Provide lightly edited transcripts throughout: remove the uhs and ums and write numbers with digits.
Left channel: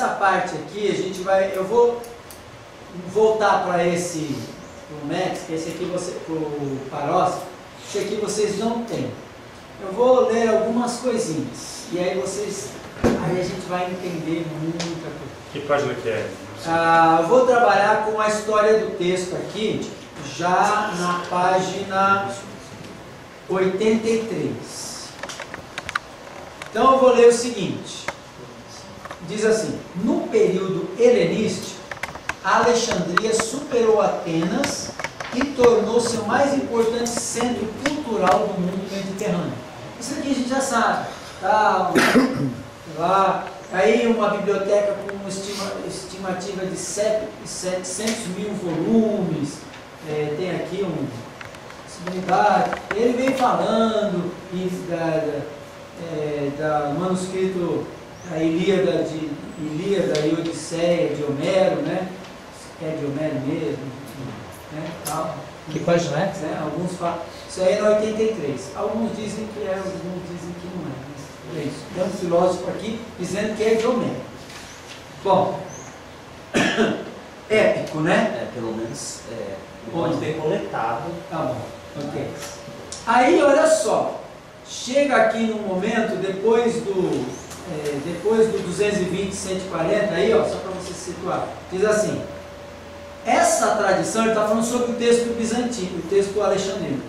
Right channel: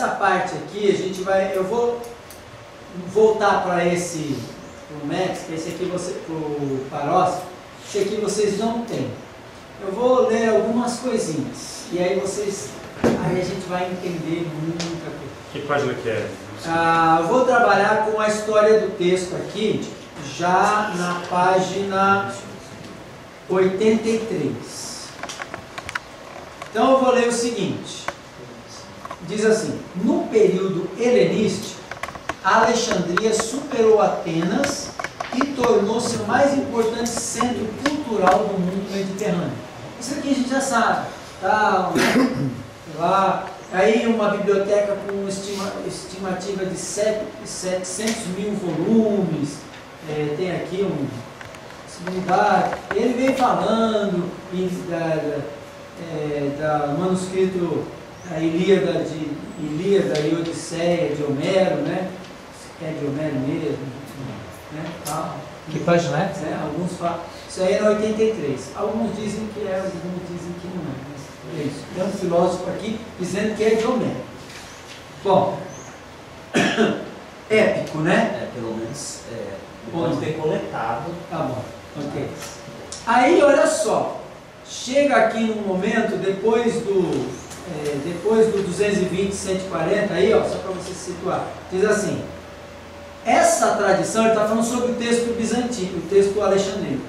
essa parte aqui, eu vou voltar para esse, pro Max, que esse aqui pro Paros, esse aqui vocês não têm. Eu vou ler algumas coisinhas, e aí a gente vai entender muita coisa. Que página que é? Eu vou trabalhar com a história do texto aqui, já na página 83. Então eu vou ler o seguinte, diz assim: no período helenístico, a Alexandria superou Atenas e tornou-se o mais importante centro cultural do mundo mediterrâneo. Isso aqui a gente já sabe, tal, sei lá. Aí uma biblioteca com estimativa de 700 mil volumes, tem aqui uma possibilidade. Ele vem falando da manuscrito da Ilíada e Odisseia de Homero, né? É de Homero mesmo, né? Tal. Que página é? Alguns falam. Isso aí é no 83. Alguns dizem que é, alguns dizem que não é. Mas é isso. Tem um filósofo aqui dizendo que é de Homero. Bom, épico, né? Pelo menos pode ter coletado. Tá bom, ok. Aí, olha só, chega aqui num momento, depois do 220, 140, aí, ó, só para você se situar, diz assim: essa tradição, ele está falando sobre o texto bizantino, o texto alexandrino.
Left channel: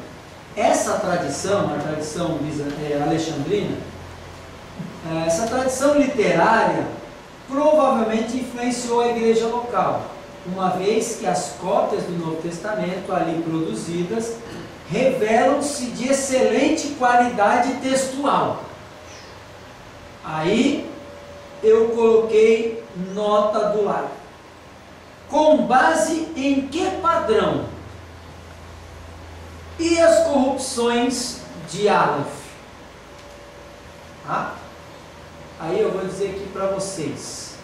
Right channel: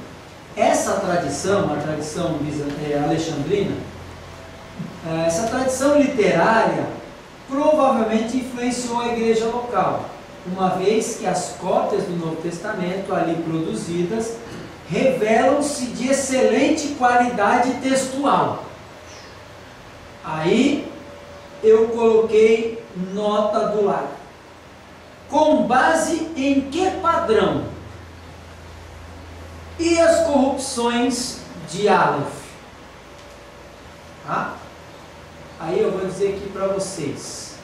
Essa tradição, a tradição alexandrina, essa tradição literária provavelmente influenciou a igreja local, uma vez que as cópias do Novo Testamento ali produzidas revelam-se de excelente qualidade textual. Aí eu coloquei nota do lado. Com base em que padrão? E as corrupções de Aleph? Tá? Aí eu vou dizer aqui para vocês.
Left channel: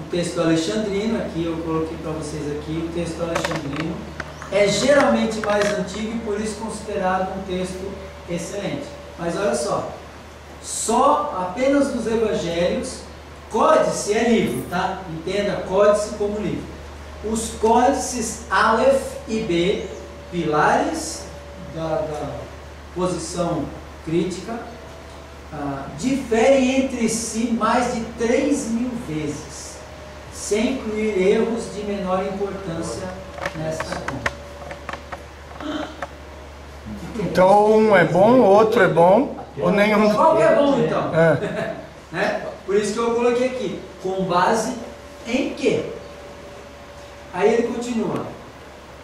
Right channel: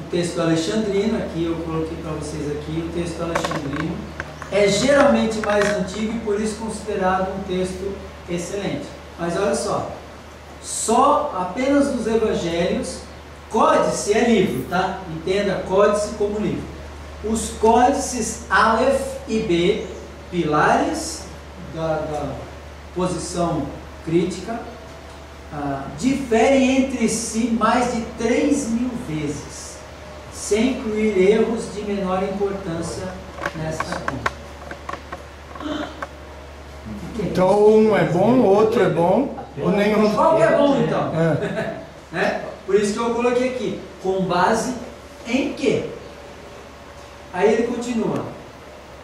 O texto alexandrino, aqui eu coloquei para vocês aqui, o texto alexandrino é geralmente mais antigo e por isso considerado um texto excelente. Mas olha só apenas nos evangelhos, códice é livro, tá? Entenda códice como livro. Os códices Aleph e B, pilares da posição crítica, diferem entre si mais de 3.000 vezes, sem incluir erros de menor importância nesta conta. Então um é bom, o outro é bom, ou nenhum. Qual que é bom então? Né? Por isso que eu coloquei aqui, com base em quê? Aí ele continua:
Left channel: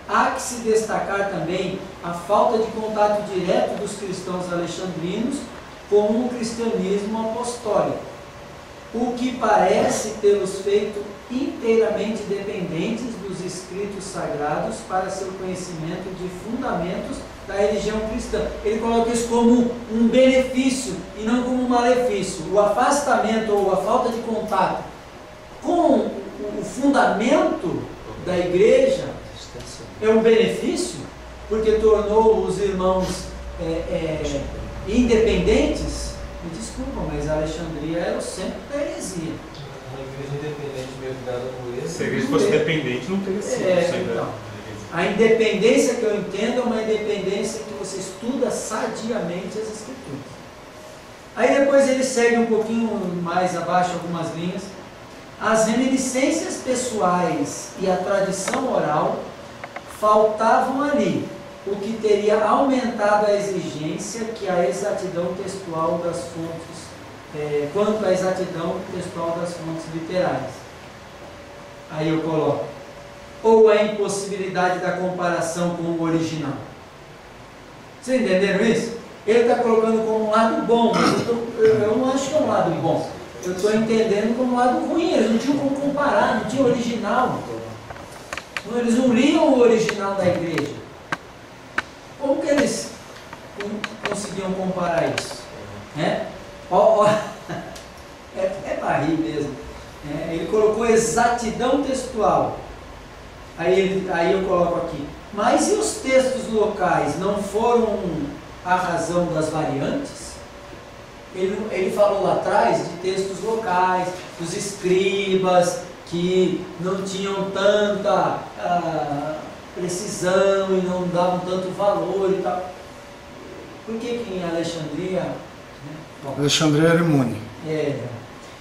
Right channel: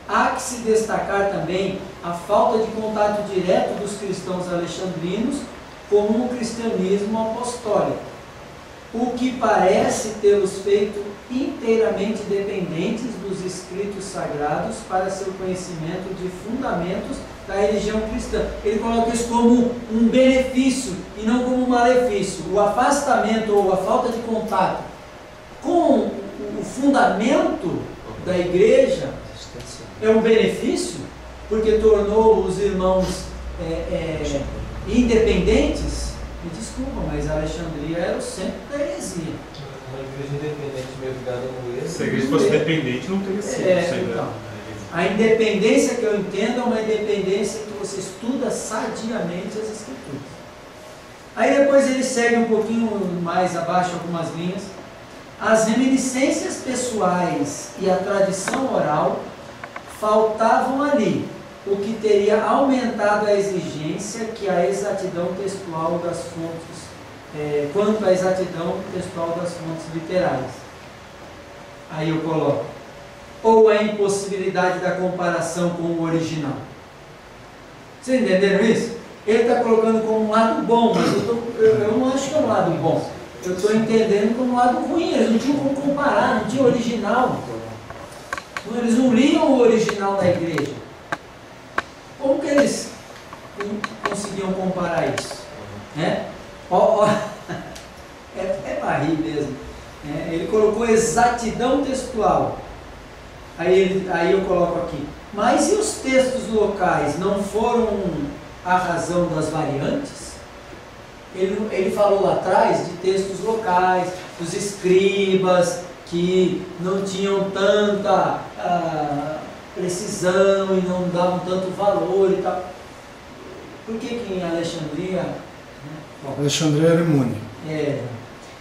há que se destacar também a falta de contato direto dos cristãos alexandrinos com o cristianismo apostólico, o que parece tê-los feito inteiramente dependentes dos escritos sagrados para seu conhecimento de fundamentos da religião cristã. Ele coloca isso como um benefício e não como um malefício. O afastamento ou a falta de contato com o fundamento da igreja é um benefício, porque tornou os irmãos independentes. Me desculpa, mas a Alexandria era o centro da heresia. Uma igreja independente mesmo ligada no erro. Se a igreja fosse dependente, não teria sido. Então, a independência que eu entendo é uma independência que você estuda sadiamente as Escrituras. Aí depois ele segue um pouquinho mais abaixo, algumas linhas. As reminiscências pessoais e a tradição oral faltavam ali, o que teria aumentado a exigência que a exatidão textual das fontes, quanto à exatidão textual das fontes literárias. Aí eu coloco: ou a impossibilidade da comparação com o original. Vocês entenderam isso? Ele está colocando como um lado bom, mas eu não acho que é um lado bom. Eu estou entendendo como um lado ruim. Eles não tinham como comparar, não tinha original. Eles não liam o original da igreja. Como que eles conseguiam comparar isso? É para rir mesmo. Ele colocou exatidão textual. Aí eu coloco aqui: mas e os textos locais não foram a razão das variantes? Ele falou lá atrás de textos locais, dos escribas, que não tinham tanta precisão e não davam tanto valor e tal. Por que em Alexandria... Bom, Alexandria era imune.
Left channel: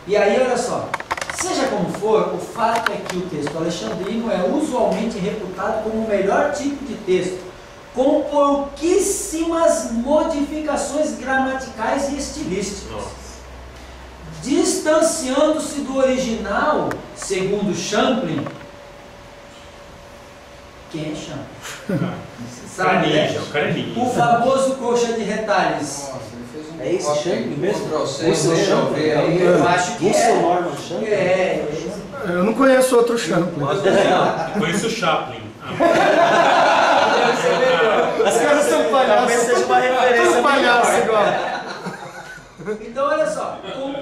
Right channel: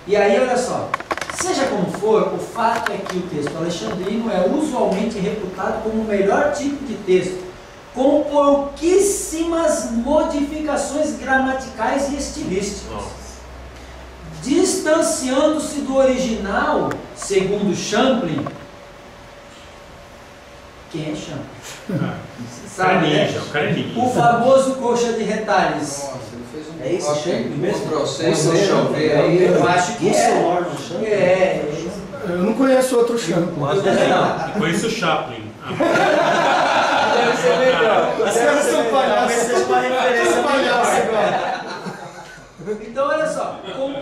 E aí, olha só, seja como for, o fato é que o texto alexandrino é usualmente reputado como o melhor tipo de texto, com pouquíssimas modificações gramaticais e estilísticas. Distanciando-se do original, segundo Champlin. Quem é Champlin? Sabe, né? O famoso coxa de retalhos. Nossa, ele fez um É esse Champlin mesmo? Eu acho que é. Eu não conheço outro Champlin. Eu conheço o Chaplin. Deve ser melhor. Os caras são palhaços. Talvez seja uma referência palhaço igual. Então, olha só, com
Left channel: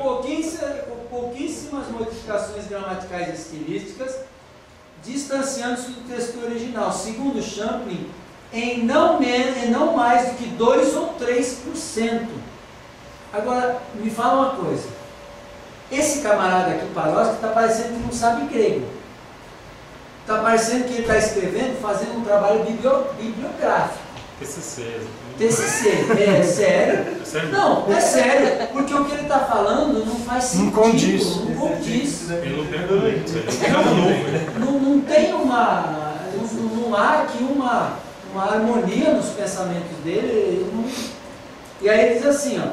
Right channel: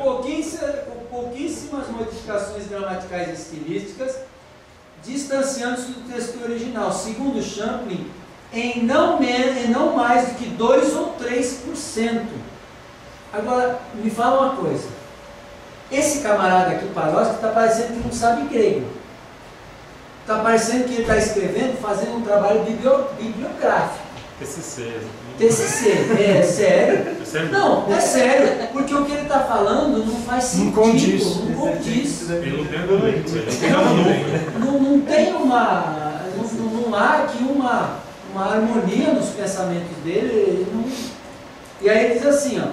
pouquíssimas modificações gramaticais e estilísticas, distanciando-se do texto original, segundo Champlin, em não mais do que 2 ou 3%. Agora, me fala uma coisa. Esse camarada aqui, Palhoski, está parecendo que não sabe grego. Está parecendo que ele está escrevendo, fazendo um trabalho bibliográfico. TCC, é sério? É sério? Não, é sério, porque o que ele está falando não faz sentido, não condiz. Ele não tem argumento, ele Não tem uma... Não há aqui uma harmonia nos pensamentos dele. E aí ele diz assim, ó,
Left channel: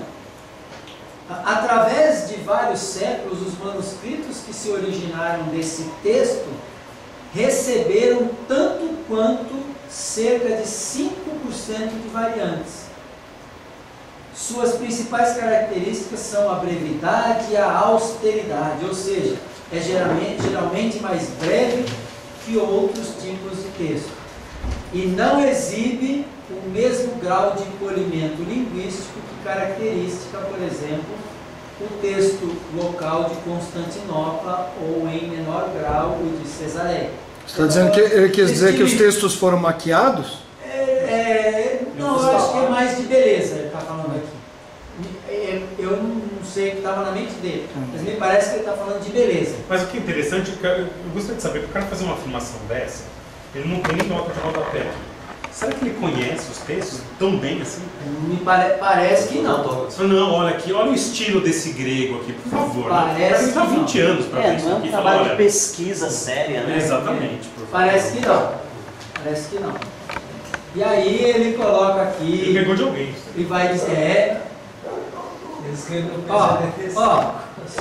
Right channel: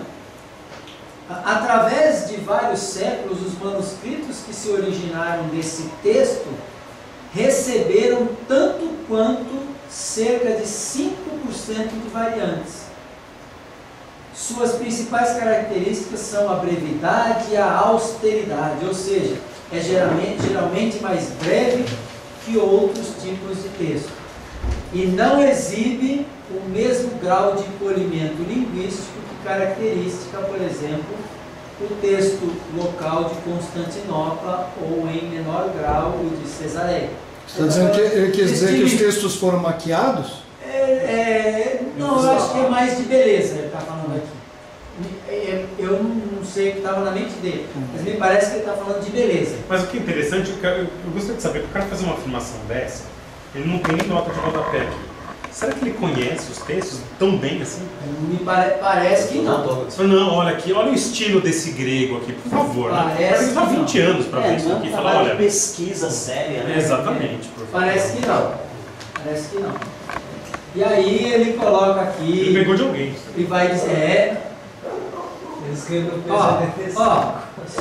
através de vários séculos, os manuscritos que se originaram desse texto receberam tanto quanto cerca de 5% de variantes. Suas principais características são a brevidade e a austeridade, ou seja, é geralmente mais breve que outros tipos de texto. E não exibe o mesmo grau de polimento linguístico que caracteriza, por exemplo, o texto local de Constantinopla ou, em menor grau, o de Cesareia. Você está dizendo que ele quis dizer que os textos foram maquiados? Não, eu acho que é mais de beleza, ele está falando aqui. Eu não sei o que estava na mente dele, mas me parece que ele está falando de beleza. Mas o que é interessante, eu gostaria de saber, para o cara fazer uma afirmação dessa, ele não tem nem nota de rodapé aqui. Será que ele conhece os textos tão bem assim? Me parece que não. Não, olha aqui, olha o estilo desse grego aqui, por favor. Parece Ele está 20 anos para ver isso não é aqui. um Fala, trabalho olha, de pesquisa séria, né? exatamente. Por favor. Parece que não. Parece que não. E aí ele coloca aqui... Ele pegou de alguém. E vai dizer... Ele escreveu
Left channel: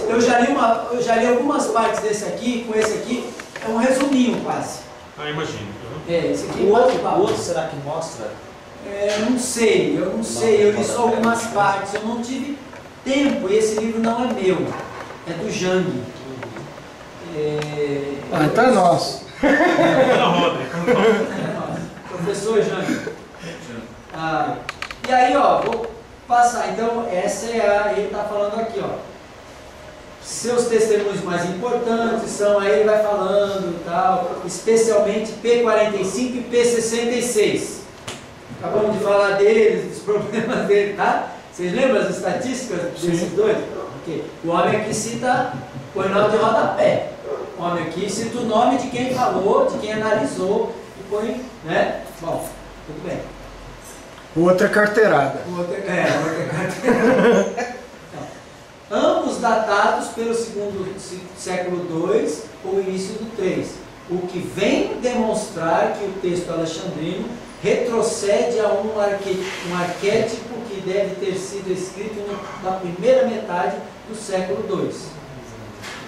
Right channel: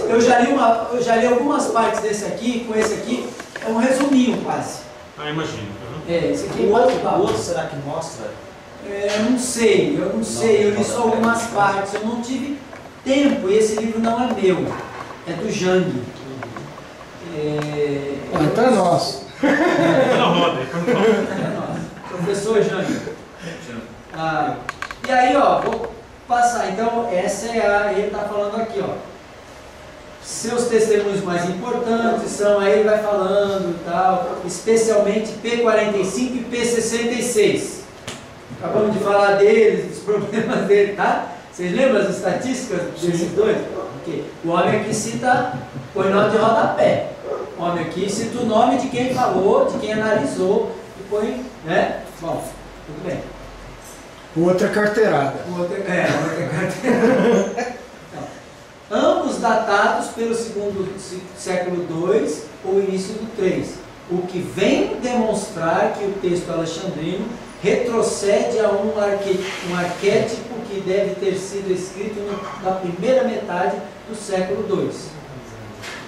eu já li algumas partes desse aqui, com esse aqui, é um resuminho quase. Ah, imagino. Esse aqui O outro será que mostra? eu não sei, eu li só algumas partes, eu não tive tempo, e esse livro não é meu, é do Jang. Então é nosso. Tá na roda. Professor Jang. E aí, vou passar, então, essa é ele está falando aqui, seus testemunhos mais importantes são, aí ele vai falando e tal, especialmente P45 e P66. Acabamos de falar deles, dos problemas dele, tá? Vocês lembram as estatísticas desses dois? Okay. O homem aqui cita, põe nota de rodapé. O homem aqui cita o nome de quem falou, de quem analisou, e põe, né? Bom, tudo bem. O outro é carteirada. O outro é carteirada. Ambos datados pelo segundo século II ou início do III, o que vem demonstrar que o texto alexandrino retrocede a um arquétipo que deve ter sido escrito na primeira metade do século II.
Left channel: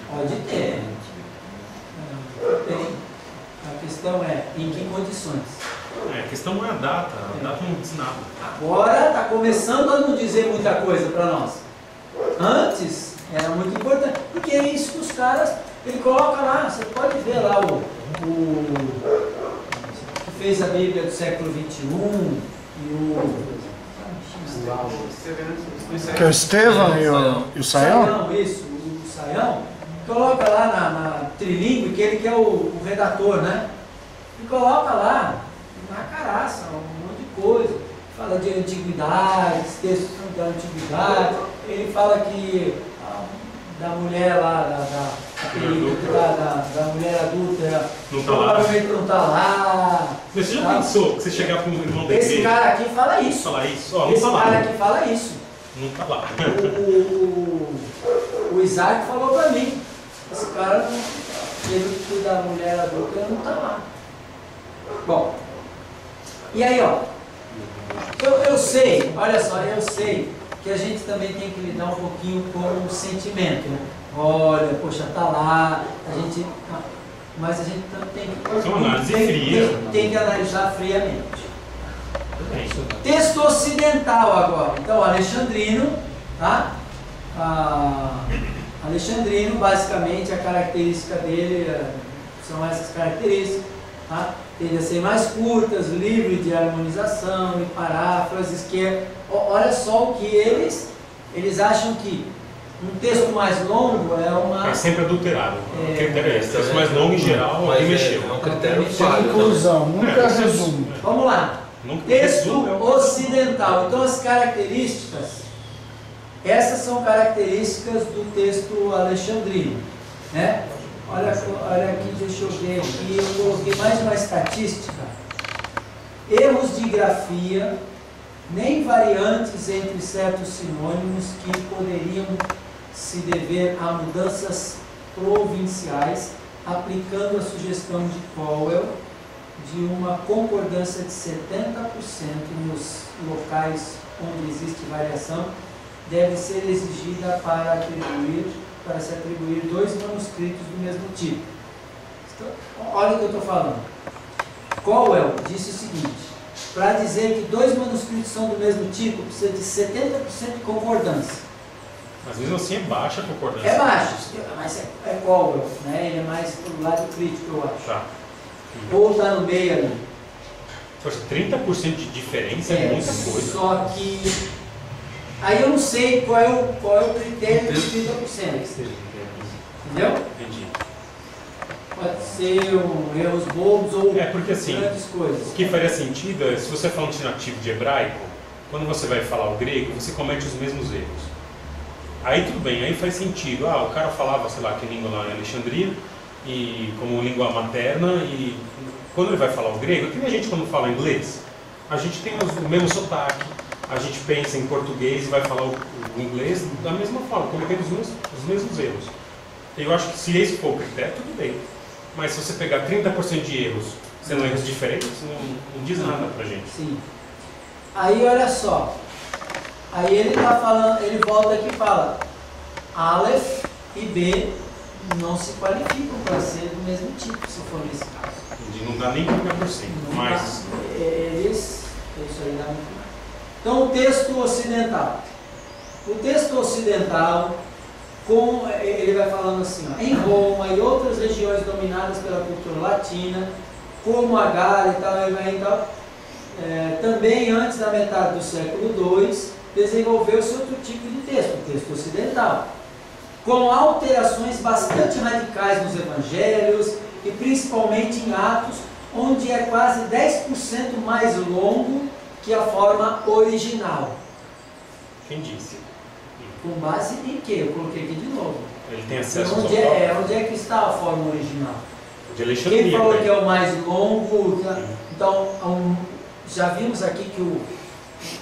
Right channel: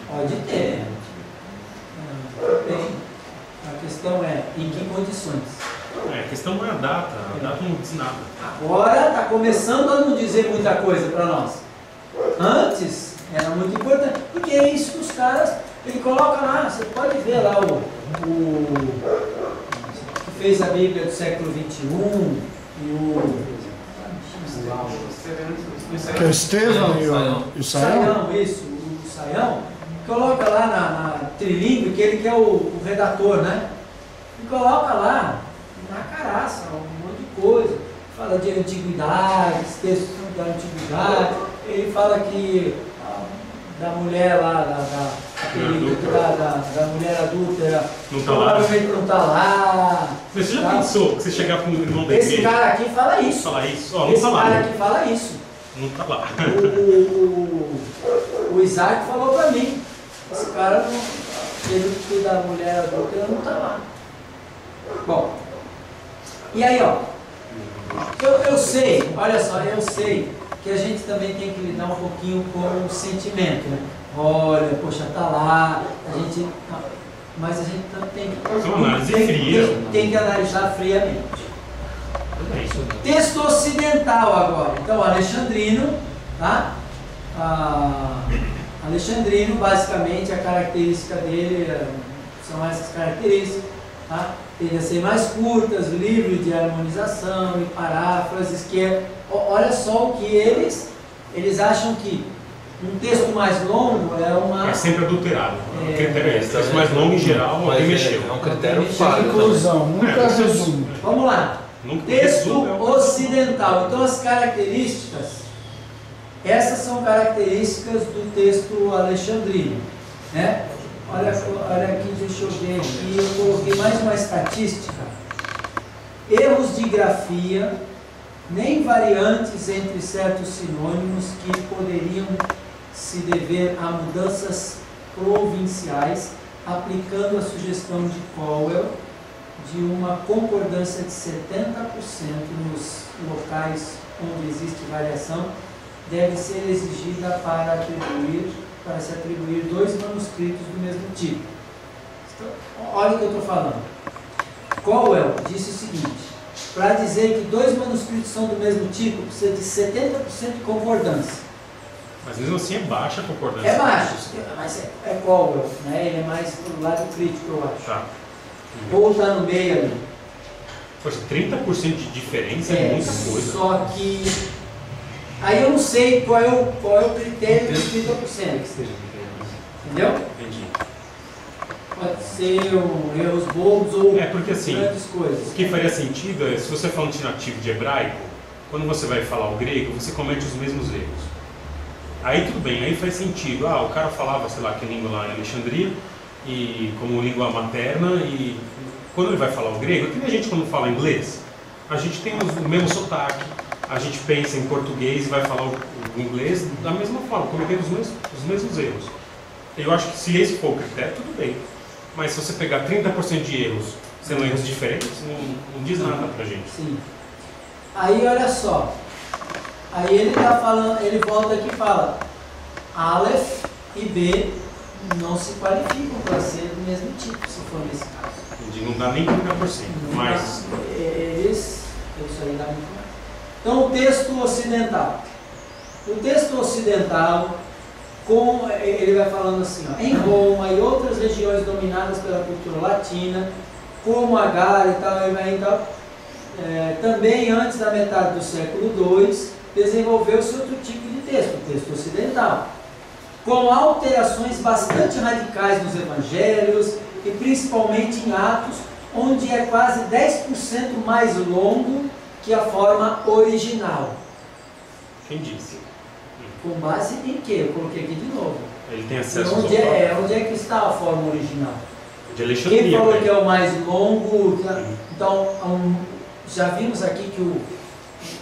Pode ter. Tem. A questão é, em que condições? A questão não é a data não diz nada. Agora está começando a não dizer muita coisa para nós. Antes era muito importante, porque é isso que os caras, ele coloca lá, você pode ver lá o que fez a Bíblia do século XXI e Que é o Estevão e o Saião? Isso, o Saião, coloca lá na trilingue, que ele que é o redator, né? E coloca lá, na caraça, um monte de coisa, fala de antiguidades, textos da antiguidade. ele fala que da mulher lá, da mulher adúltera, Não tá lá. provavelmente não está lá. Você já tá? pensou que você chegar com um irmão da Esse igreja? cara aqui fala isso. Falar isso? Ó, não Esse tá lá. cara aqui fala isso. Não tá lá. O Isaac falou para mim, esse cara não, ele que da mulher adulta não está lá. Bom, e aí ó, eu sei, olha só, eu sei que a gente também tem que lidar um pouquinho com o sentimento, né? Olha, poxa, tá lá, a gente, mas a gente também Isso é uma análise fria. tem que analisar friamente. Também. Texto ocidental agora. Então, Alexandrino, tá? Alexandrino, basicamente, a característica dele são essas características, tá? Tende a ser mais curtas, livre de harmonização e paráfrases, que olha só o que eles acham que um texto mais longo é uma... É sempre adulterado. O critério é esse. Texto mais longo, em geral, Mas alguém mexeu. É um critério Mexeu. falho. Inclusão, nunca isso é- resumo. Vamos lá. Nunca Texto resume, ocidental. Então, as características, essas são características do texto alexandrino, né? Olha aqui, deixa eu ver aqui, eu coloquei mais uma estatística. Erros de grafia, nem variantes entre certos sinônimos que poderiam se dever a mudanças provinciais, aplicando a sugestão de Cowell de uma concordância de 70% nos locais onde existe variação, deve ser exigida para se atribuir dois manuscritos do mesmo tipo. Então, olha o que eu estou falando. Cowell disse o seguinte: para dizer que dois manuscritos são do mesmo tipo, precisa de 70% de concordância. Mas mesmo assim é baixa a concordância. É baixo, mas é Cowell, né? Ele é mais pro lado crítico, eu acho. Tá. Ou está no meio ali. Poxa, 30% de diferença é muita coisa. Só que aí eu não sei qual é o critério de 30%. Entendeu? Entendi. Pode ser erros bobos ou É porque assim, grandes coisas. o que faria sentido é, se você fala um nativo de hebraico, quando você vai falar o grego, você comete os mesmos erros. Aí tudo bem, aí faz sentido. Ah, o cara falava, sei lá, que língua lá em Alexandria, e como língua materna, e quando ele vai falar o grego, que nem a gente quando fala inglês, a gente tem o mesmo sotaque, a gente pensa em português e vai falar o inglês da mesma forma, cometendo os mesmos erros. Eu acho que se esse for o critério, tudo bem. Mas se você pegar 30% de erros, sendo erros diferentes, não diz nada pra gente. Sim. Aí olha só. Aí ele está falando, ele volta aqui e fala: Aleph e B não se qualificam para ser do mesmo tipo, se for nesse caso. Não dá nem 30%, Não mas dá, isso aí dá muito mais. Então, o texto ocidental. O texto ocidental, ele vai falando assim, ó, em Roma e outras regiões dominadas pela cultura latina, como a Gália e tal, também antes da metade do século II, desenvolveu-se outro tipo de texto, o texto ocidental, com alterações bastante radicais nos evangelhos e principalmente em Atos, onde é quase 10% mais longo que a forma original. quem disse? Com base em quê? Eu coloquei aqui de novo. Ele tem acesso Onde é que está a forma original? de Alexandria. Quem falou né? que é o mais longo? Então, já vimos aqui que o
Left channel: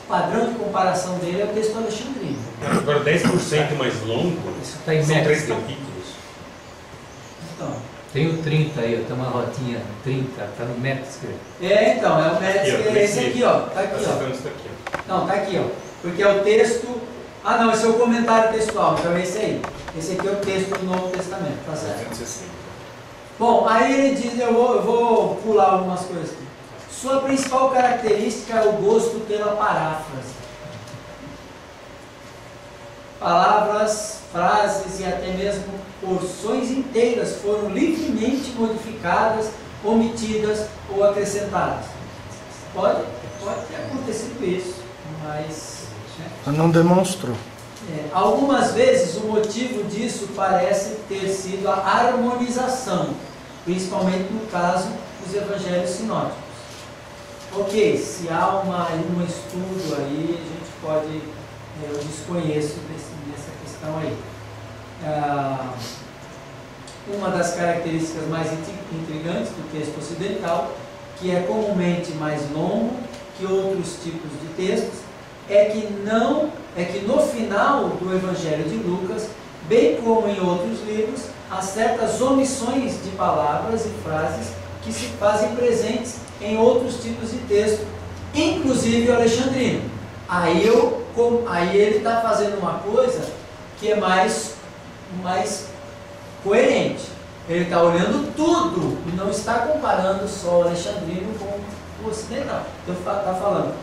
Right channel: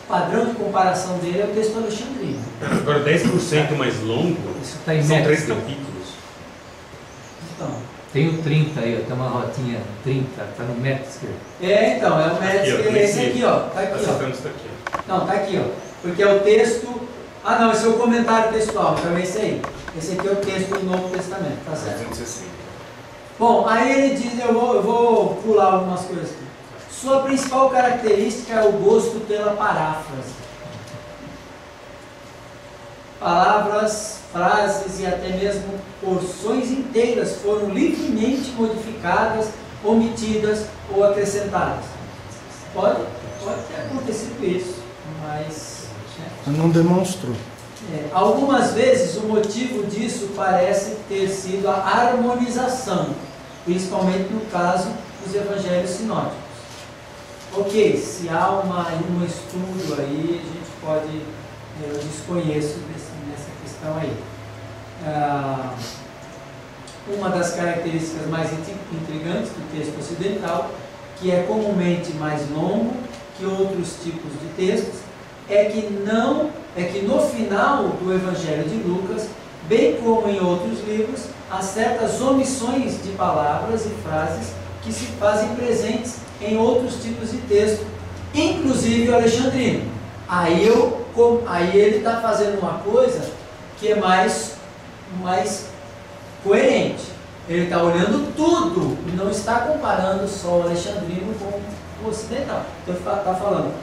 padrão de comparação dele é o texto alexandrino. Agora 10% mais longo Isso está em são 3 metros. capítulos. Então, Tem o 30 aí, ó, tem uma rotinha 30, está no metro esquerdo. então, é o médico, Aqui, ó, é esse aqui, ó. Tá Tá aqui, citando ó. isso daqui, ó. Não, tá aqui, ó. Porque é o texto. Ah, não, esse é o comentário textual, então é esse aí. Esse aqui é o texto do Novo Testamento, tá certo? 260. Bom, aí ele diz, eu vou pular algumas coisas aqui. Sua principal característica é o gosto pela paráfrase. Palavras, frases e até mesmo porções inteiras foram livremente modificadas, omitidas ou acrescentadas. Pode ter acontecido isso, mas... né? Não demonstrou. Algumas vezes o motivo disso parece ter sido a harmonização, principalmente no caso dos evangelhos sinóticos. Ok, se há um estudo aí, a gente pode, eu desconheço Então aí, uma das características mais intrigantes do texto ocidental, que é comumente mais longo que outros tipos de textos, é que no final do Evangelho de Lucas, bem como em outros livros, há certas omissões de palavras e frases que se fazem presentes em outros tipos de texto, inclusive o alexandrino. Aí ele está fazendo uma coisa que é mais coerente. Ele está olhando tudo e não está comparando só o alexandrino com o ocidental. Então está falando,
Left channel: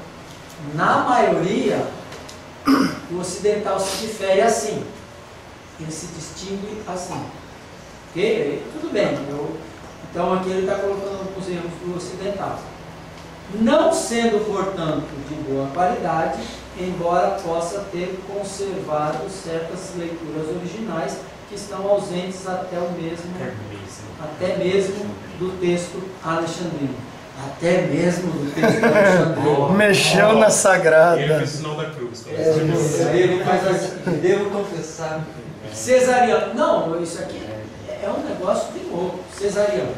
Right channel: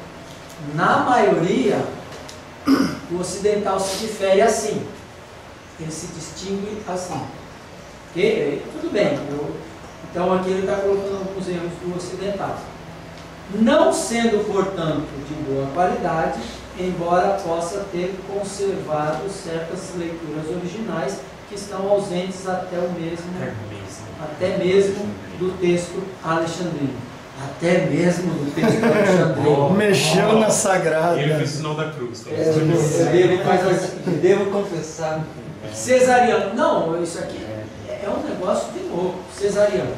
na maioria, o ocidental se difere assim. Ele se distingue assim. Ok? Tudo bem. Então aqui ele está colocando alguns erros do ocidental. Não sendo, portanto, de boa qualidade, embora possa ter conservado certas leituras originais que estão ausentes até mesmo do texto alexandrino. Até mesmo do texto alexandrino. Mexeu na sagrada. Ele fez o sinal da cruz. Devo confessar. Cesariano. Não, isso aqui é um negócio de louco. Cesariano.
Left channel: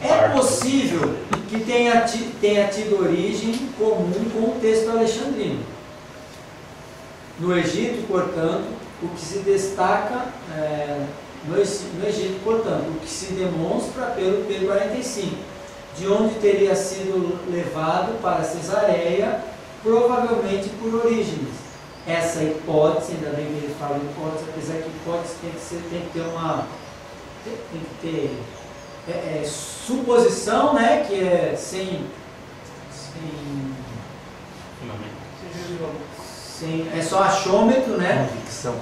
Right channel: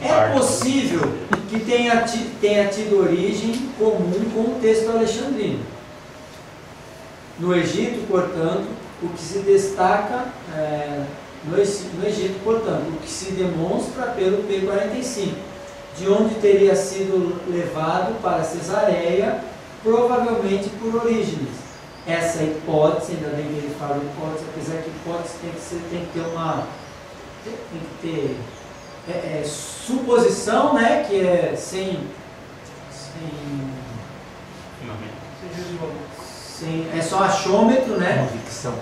É possível que tenha tido origem comum com o texto alexandrino. No Egito, portanto, o que se destaca no Egito, portanto, o que se demonstra pelo P45, de onde teria sido levado para Cesareia, provavelmente por Orígenes. Essa hipótese, ainda bem que ele fala hipótese, apesar que hipótese tem que ter suposição, né, que é sem é só achômetro, né? Convicção.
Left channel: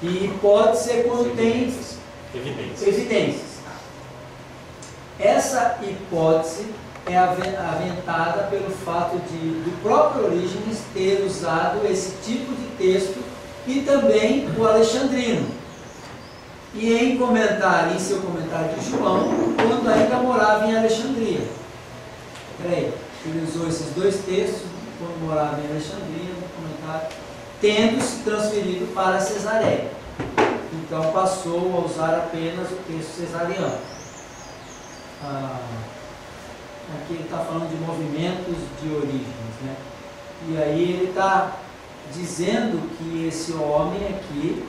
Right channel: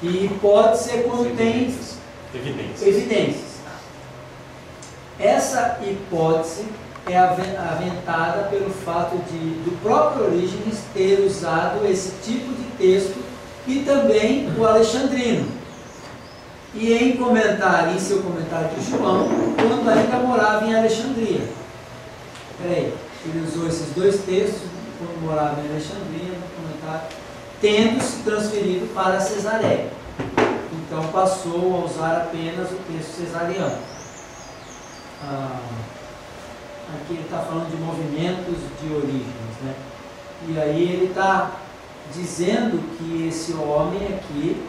E hipótese é quando tem evidências. Essa hipótese é aventada pelo fato do próprio Orígenes ter usado esse tipo de texto e também o alexandrino. E em seu comentário de João, quando ainda morava em Alexandria. Ele usou esses dois textos quando morava em Alexandria, no comentário, tendo se transferido para Cesareia. Então passou a usar apenas o texto cesariano. Aqui ele está falando de movimentos de origens, né? E aí ele está dizendo que esse homem aqui,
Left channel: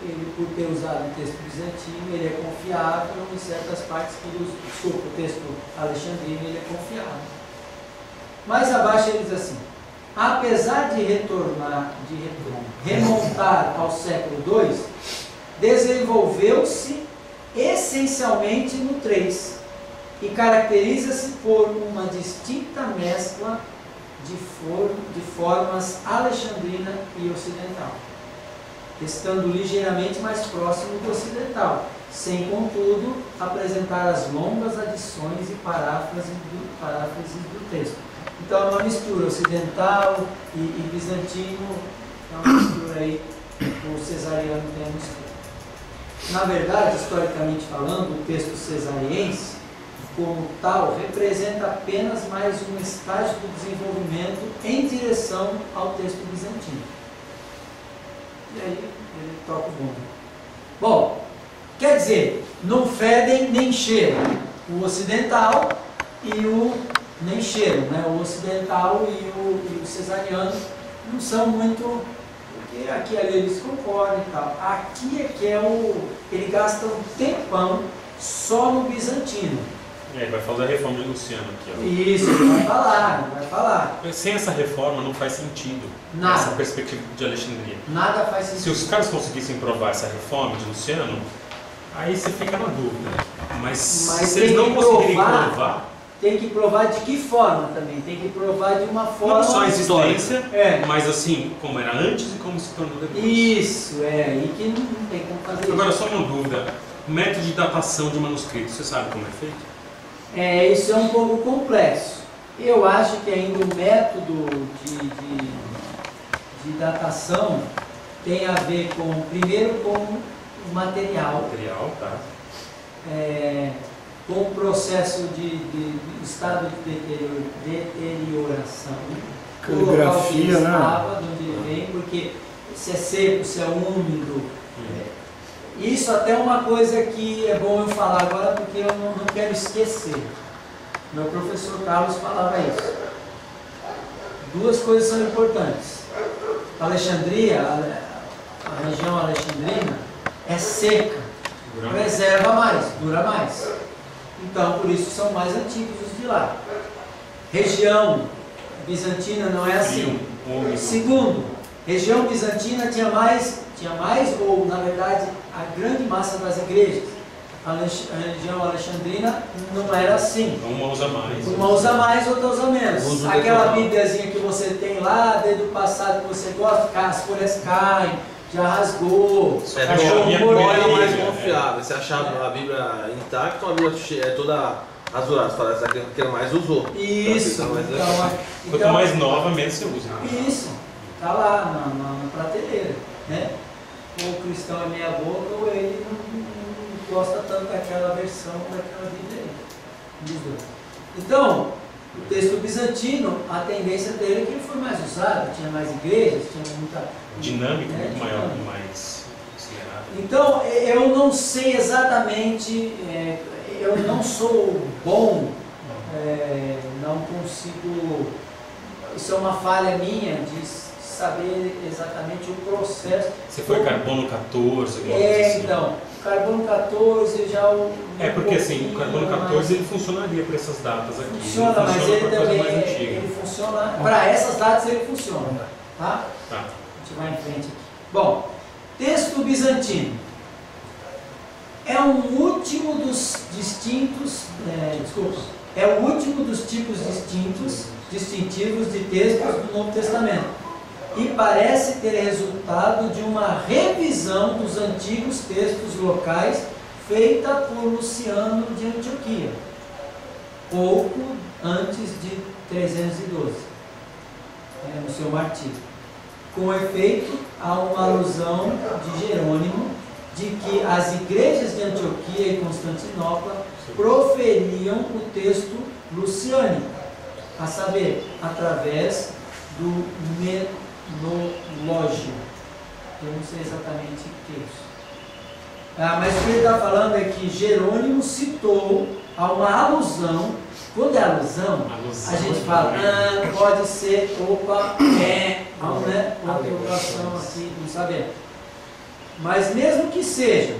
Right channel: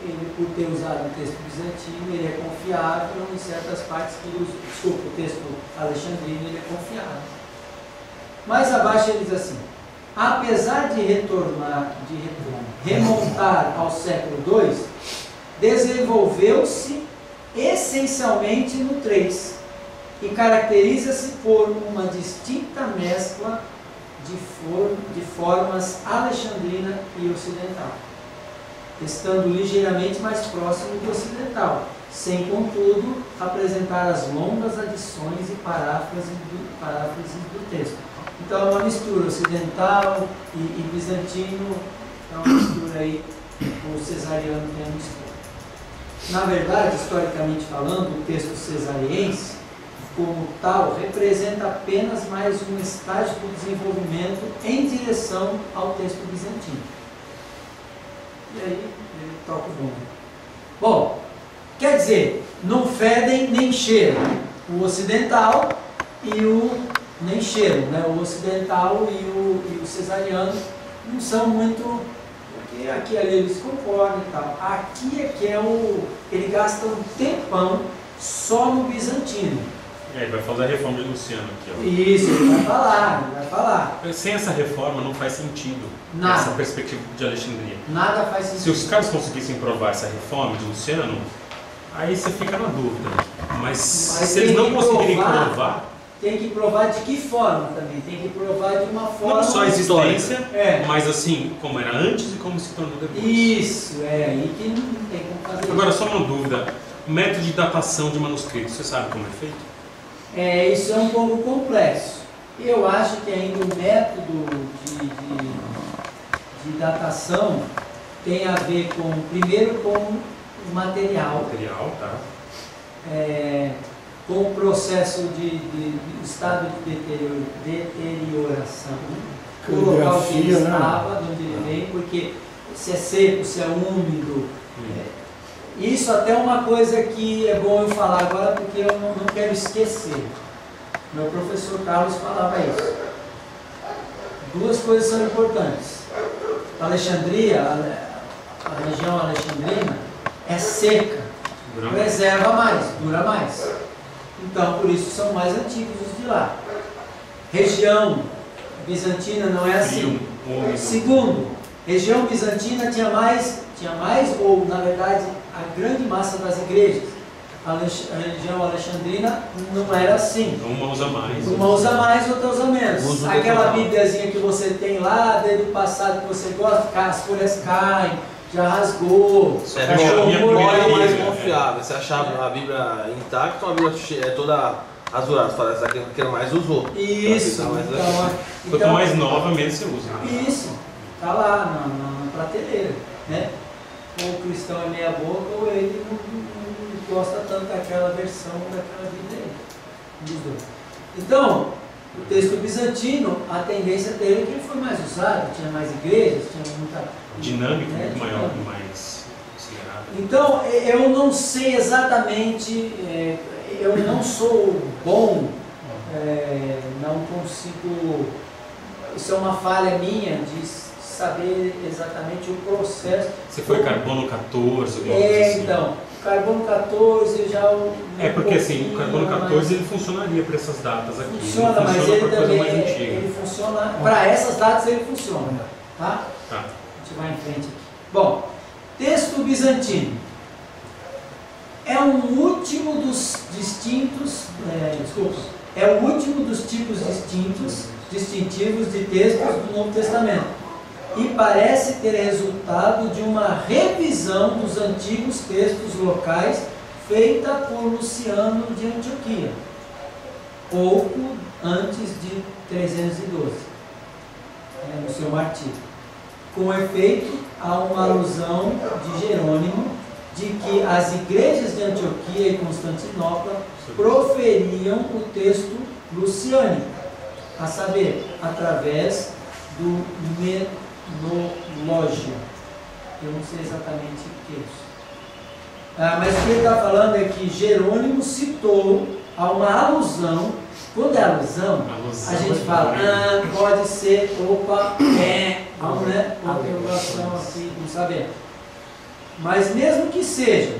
ele, por ter usado o texto bizantino, ele é confiável em certas partes que ele usa. Desculpa, o texto alexandrino ele é confiável. Mais abaixo ele diz assim: apesar de remontar ao século II, desenvolveu-se essencialmente no 3 e caracteriza-se por uma distinta mescla de formas alexandrina e ocidental, estando ligeiramente mais próximo do ocidental, sem, contudo, apresentar as longas adições e paráfrases do texto. Então é uma mistura ocidental e bizantino, é uma mistura aí, o cesariano tem a mistura. Na verdade, historicamente falando, o texto cesariense, como tal, representa apenas mais um estágio do desenvolvimento em direção ao texto bizantino. E aí ele toca o bonde. Bom, quer dizer, não fedem nem cheiram. O ocidental e o nem cheiram, né? O ocidental e o cesariano não são muito, porque aqui e ali eles concordam e tal. Aqui é que ele gasta um tempão só no bizantino. Vai fazer a reforma de Luciano aqui, ó. Isso, ele vai falar. Sem essa reforma não faz sentido Nada. essa perspectiva de Alexandria. Nada faz sentido. Se os caras conseguissem provar essa reforma de Luciano, aí você fica na dúvida. Mas se eles não conseguirem provar... Tem que provar de que forma também? Tem que provar de uma forma... Não só a existência, histórica. mas assim, como era antes e como se tornou depois. Isso, aí que não tem como fazer. Agora, só uma dúvida. Método de datação de manuscritos, você sabe como é feito? Isso é um pouco complexo. Eu acho que ainda o método de datação tem a ver primeiro com o material. Tá. Com o processo de estado de deterioração. Caligrafia, o local que ele né? estava, de onde ele vem, porque se é seco, se é úmido. Isso até é uma coisa que é bom eu falar agora, porque eu não quero esquecer. Meu professor Carlos falava isso. Duas coisas são importantes. Alexandria, a região alexandrina, é seca, preserva mais, dura mais. Então, por isso são mais antigos os de lá. Região bizantina não é assim. Segundo, região bizantina tinha mais, ou na verdade, a grande massa das igrejas. A região alexandrina não era assim. Uma usa mais. Uma usa mais, outra usa menos. Aquela bíbliazinha que você tem lá, desde o passado que você gosta, as folhas caem, já rasgou. A minha primeira É mais Bíblia, confiável. Você achava a Bíblia intacta ou a Bíblia é toda azulada? Você fala, essa aqui que mais usou. Isso. Quanto mais nova, menos você usa. Isso. Está lá na prateleira, né? Ou o cristão é meia boca, ou ele não gosta tanto daquela versão, daquela Bíblia aí. Um dos dois. Então, o texto bizantino, a tendência dele é que ele foi mais usado, tinha mais igrejas, tinha muita... Dinâmico, né, muito maior, mais acelerado. Então, eu não sei exatamente, eu não sou bom, não consigo, isso é uma falha minha de saber exatamente o processo. Você foi carbono 14, alguma coisa assim? Então, o carbono 14 já... Porque assim, o carbono 14 ele funcionaria para essas datas aqui. Funciona, mas ele pra coisa também, mais antiga. ele funciona, para essas datas ele funciona, tá? Tá. A gente vai em frente aqui. Bom, texto bizantino. É um último dos distintos, é o último dos tipos distintivos de textos do Novo Testamento. E parece ter resultado de uma revisão dos antigos textos locais feita por Luciano de Antioquia, pouco antes de 312, no seu martírio. Com efeito, há uma alusão de Jerônimo de que as igrejas de Antioquia e Constantinopla proferiam o texto luciânico, a saber, através do menologio. Eu não sei exatamente o que é isso. Mas o que ele está falando é que Jerônimo citou a uma alusão. Quando é alusão, a gente fala, pode ser, vamos, né? Uma interrogação assim, não sabemos. Mas mesmo que seja,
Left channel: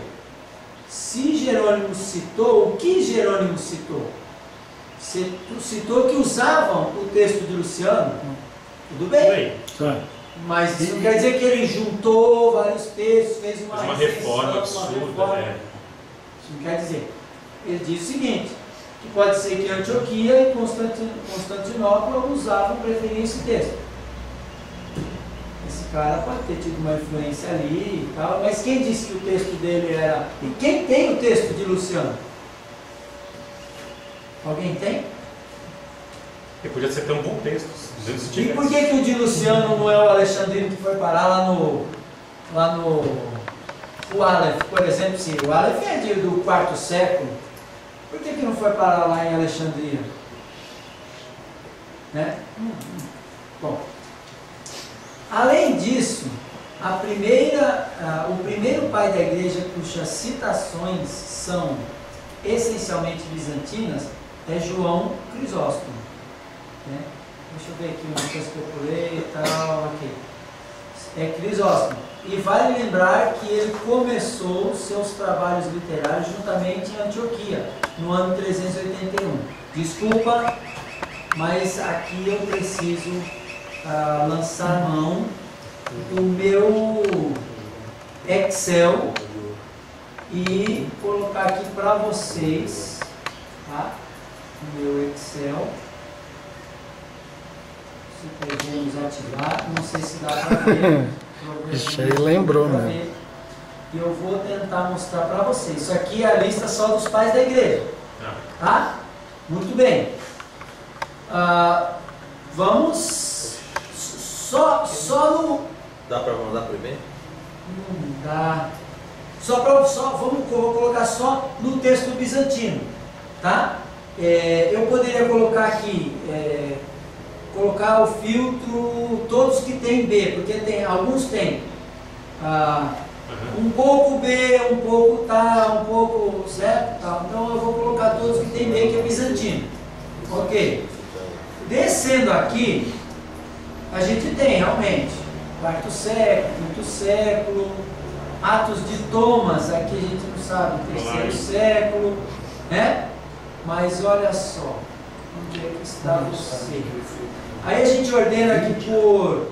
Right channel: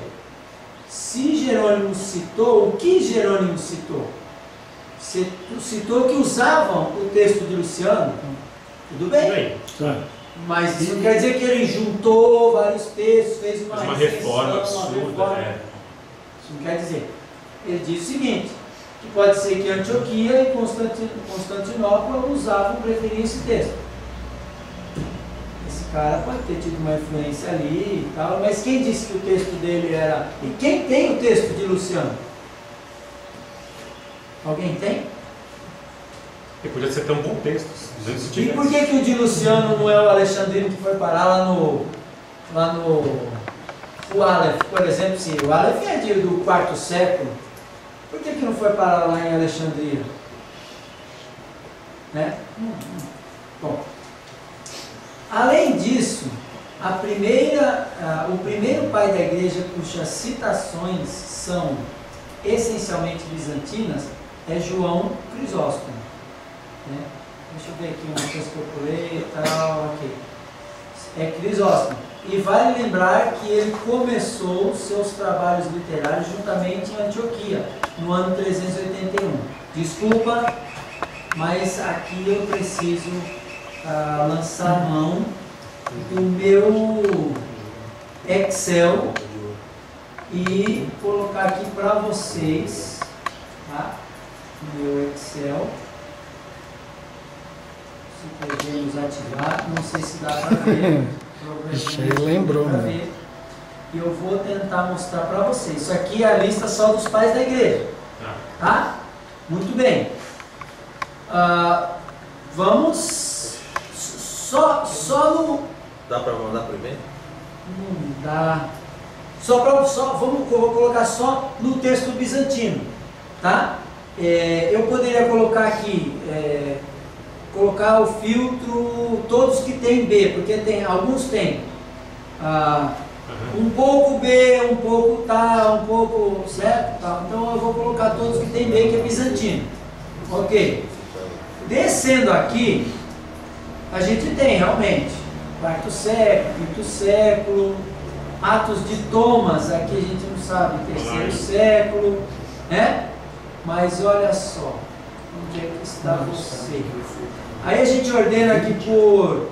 se Jerônimo citou, o que Jerônimo citou? Citou que usavam o texto de Luciano, tudo bem. Mas isso não quer dizer que ele juntou vários textos, fez uma reforma absurda. Isso não quer dizer. Ele diz o seguinte, que pode ser que Antioquia e Constantinopla usavam, preferiam esse texto. Esse cara pode ter tido uma influência ali e tal, mas quem disse que o texto dele era... E quem tem o texto de Luciano? Alguém tem? E podia ser até um bom texto. E por que o de Luciano não é o alexandrino que foi parar lá no o Aleph, por exemplo? Se o Aleph é do quarto século, por que não foi parar lá em Alexandria? Né? Bom, além disso, o primeiro pai da igreja cujas citações são essencialmente bizantinas é João Crisóstomo. Né? Deixa eu ver aqui uma coisa que eu pulei e tal, aqui. É Crisóstomo. E vale lembrar que ele começou seus trabalhos literários juntamente em Antioquia, no ano 381. Desculpa, mas aqui eu preciso lançar mão do meu Excel e colocar aqui para vocês, tá? O meu Excel. Se podemos ativar, não sei se dá para ver. Isso aí lembrou, né? E eu vou tentar mostrar para vocês. Isso aqui é a lista só dos pais da igreja. Tá? Muito bem. Vamos só no... Dá para ver? Não dá. Vou colocar só no texto bizantino. Tá? Eu poderia colocar aqui... colocar o filtro todos que tem B, porque alguns tem um pouco B, um pouco tal, um pouco certo, tal. Então eu vou colocar todos que tem B, que é bizantino. Ok. Descendo aqui, a gente tem realmente quarto século, quinto século, Atos de Thomas, aqui a gente não sabe, terceiro século, né? Mas olha só, onde é que está você? Aí a gente ordena aqui por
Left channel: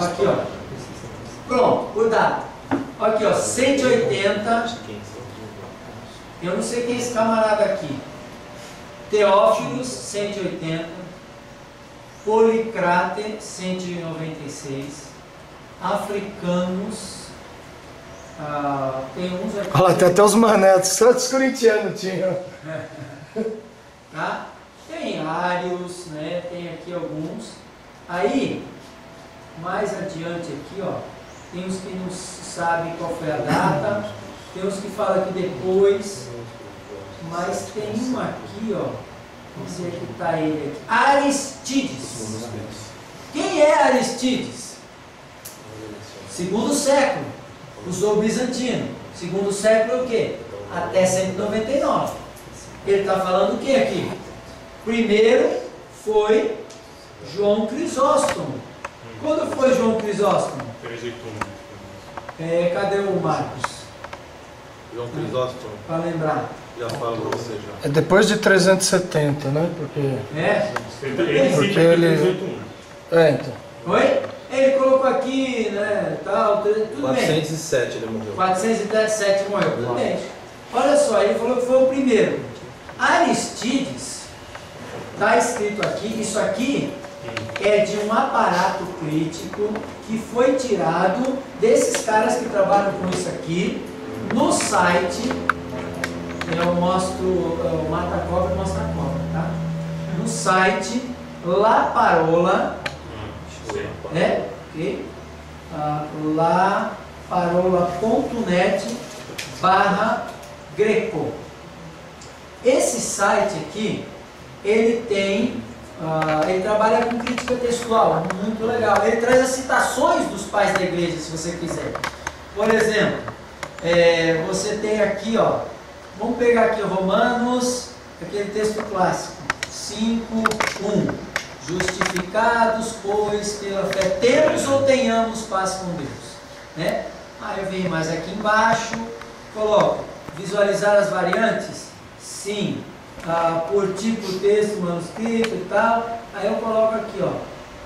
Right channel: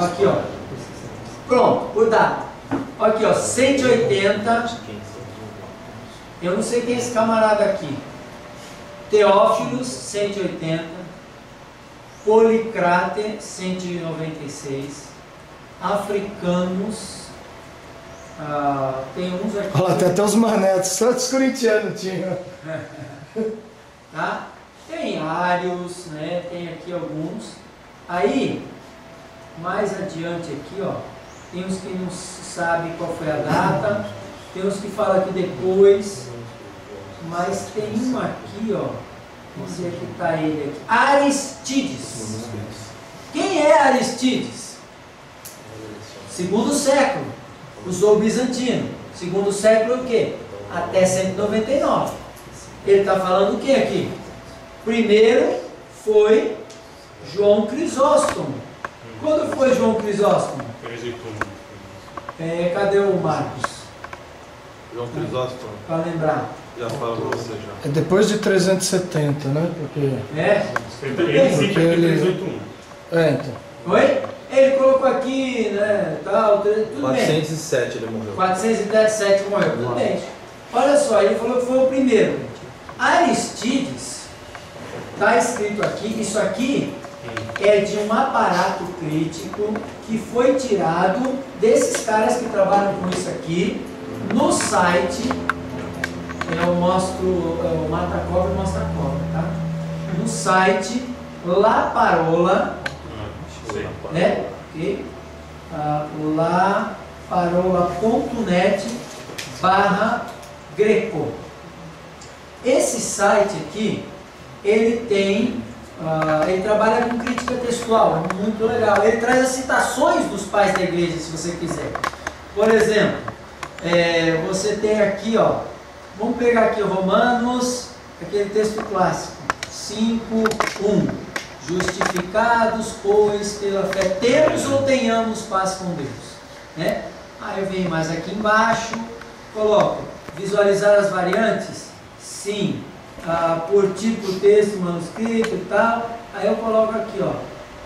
aqui, ó. Pronto, por data. Aqui, ó, 180. Eu não sei quem é esse camarada aqui. Teófilos, 180. Policrate, 196. Africanos. Tem uns aqui. Olha lá, tem até os manetos, só os corintianos tinham. Tá? Tem Ários, né? Tem aqui alguns. Aí, mais adiante aqui, ó, tem uns que não sabem qual foi a data, tem uns que falam que depois, mas tem um aqui, ó, onde é que está ele aqui? Aristides. Quem é Aristides? Segundo século, usou o bizantino. Segundo século o quê? Até 199. Ele está falando o que aqui? Primeiro foi João Crisóstomo. Quando foi João Crisóstomo? Cadê o Marcos? João Crisóstomo. Para lembrar. Já falo para você já. É depois de 370, né? Porque... Porque ele... então. Oi? Ele colocou aqui, né, tal, tudo 407 bem. ele morreu. 407 morreu, tudo bem. Olha só, ele falou que foi o primeiro. Aristides, está escrito aqui, isso aqui é de um aparato crítico que foi tirado desses caras que trabalham com isso aqui, no site, eu mostro, o mata-cobra mostra a cobra, tá? No site La Parola, né? Okay. laparola.net/greco. Esse site aqui, ele tem, ele trabalha com crítica textual, muito legal. Ele traz as citações dos pais da igreja, se você quiser. Por exemplo, você tem aqui, ó, vamos pegar aqui Romanos, aquele texto clássico, 5:1. Justificados, pois, pela fé, temos ou tenhamos paz com Deus, né? Aí eu venho mais aqui embaixo, coloco, visualizar as variantes? Sim. Por tipo, texto, manuscrito e tal. Aí eu coloco aqui, ó,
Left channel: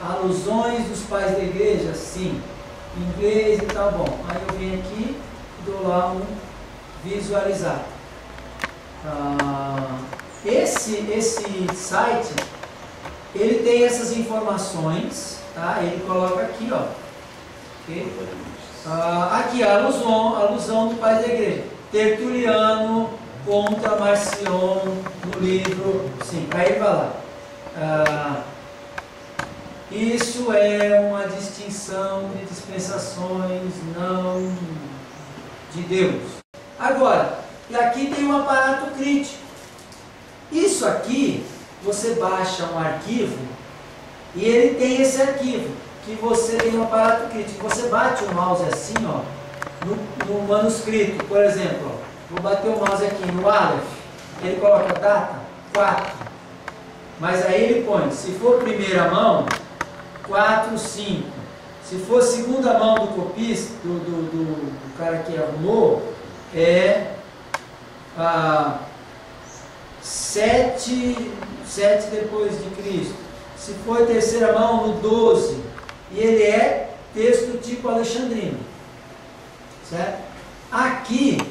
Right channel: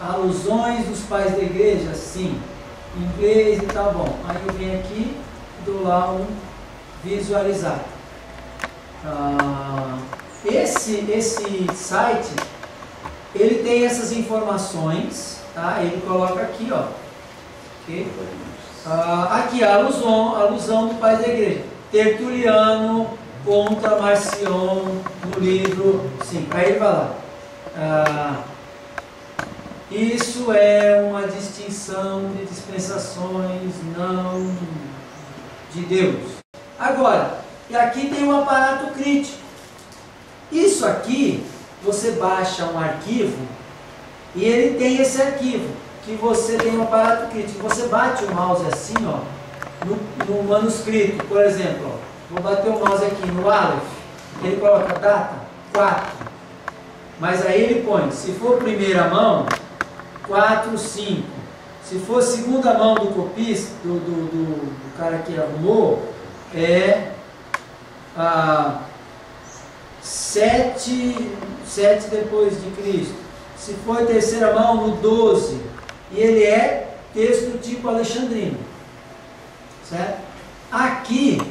alusões dos pais da igreja? Sim. Inglês e tal, bom. Aí eu venho aqui e dou lá um visualizar. Esse site, ele tem essas informações, tá? Ele coloca aqui, ó. Okay? Aqui a alusão do pai da igreja. Tertuliano contra Marcion no livro 5. Aí ele vai lá. Isso é uma distinção de dispensações não de Deus. Agora, e aqui tem um aparato crítico. Isso aqui, você baixa um arquivo e ele tem esse arquivo, que você tem um aparato crítico. Você bate o mouse assim, ó, no manuscrito, por exemplo, ó, vou bater o mouse aqui no Aleph, ele coloca a data 4, mas aí ele põe, se for primeira mão, 4, 5, se for segunda mão do copista, do cara que arrumou, é 7 depois de Cristo. Se for terceira mão, no 12. E ele é texto tipo alexandrino. Certo? Aqui,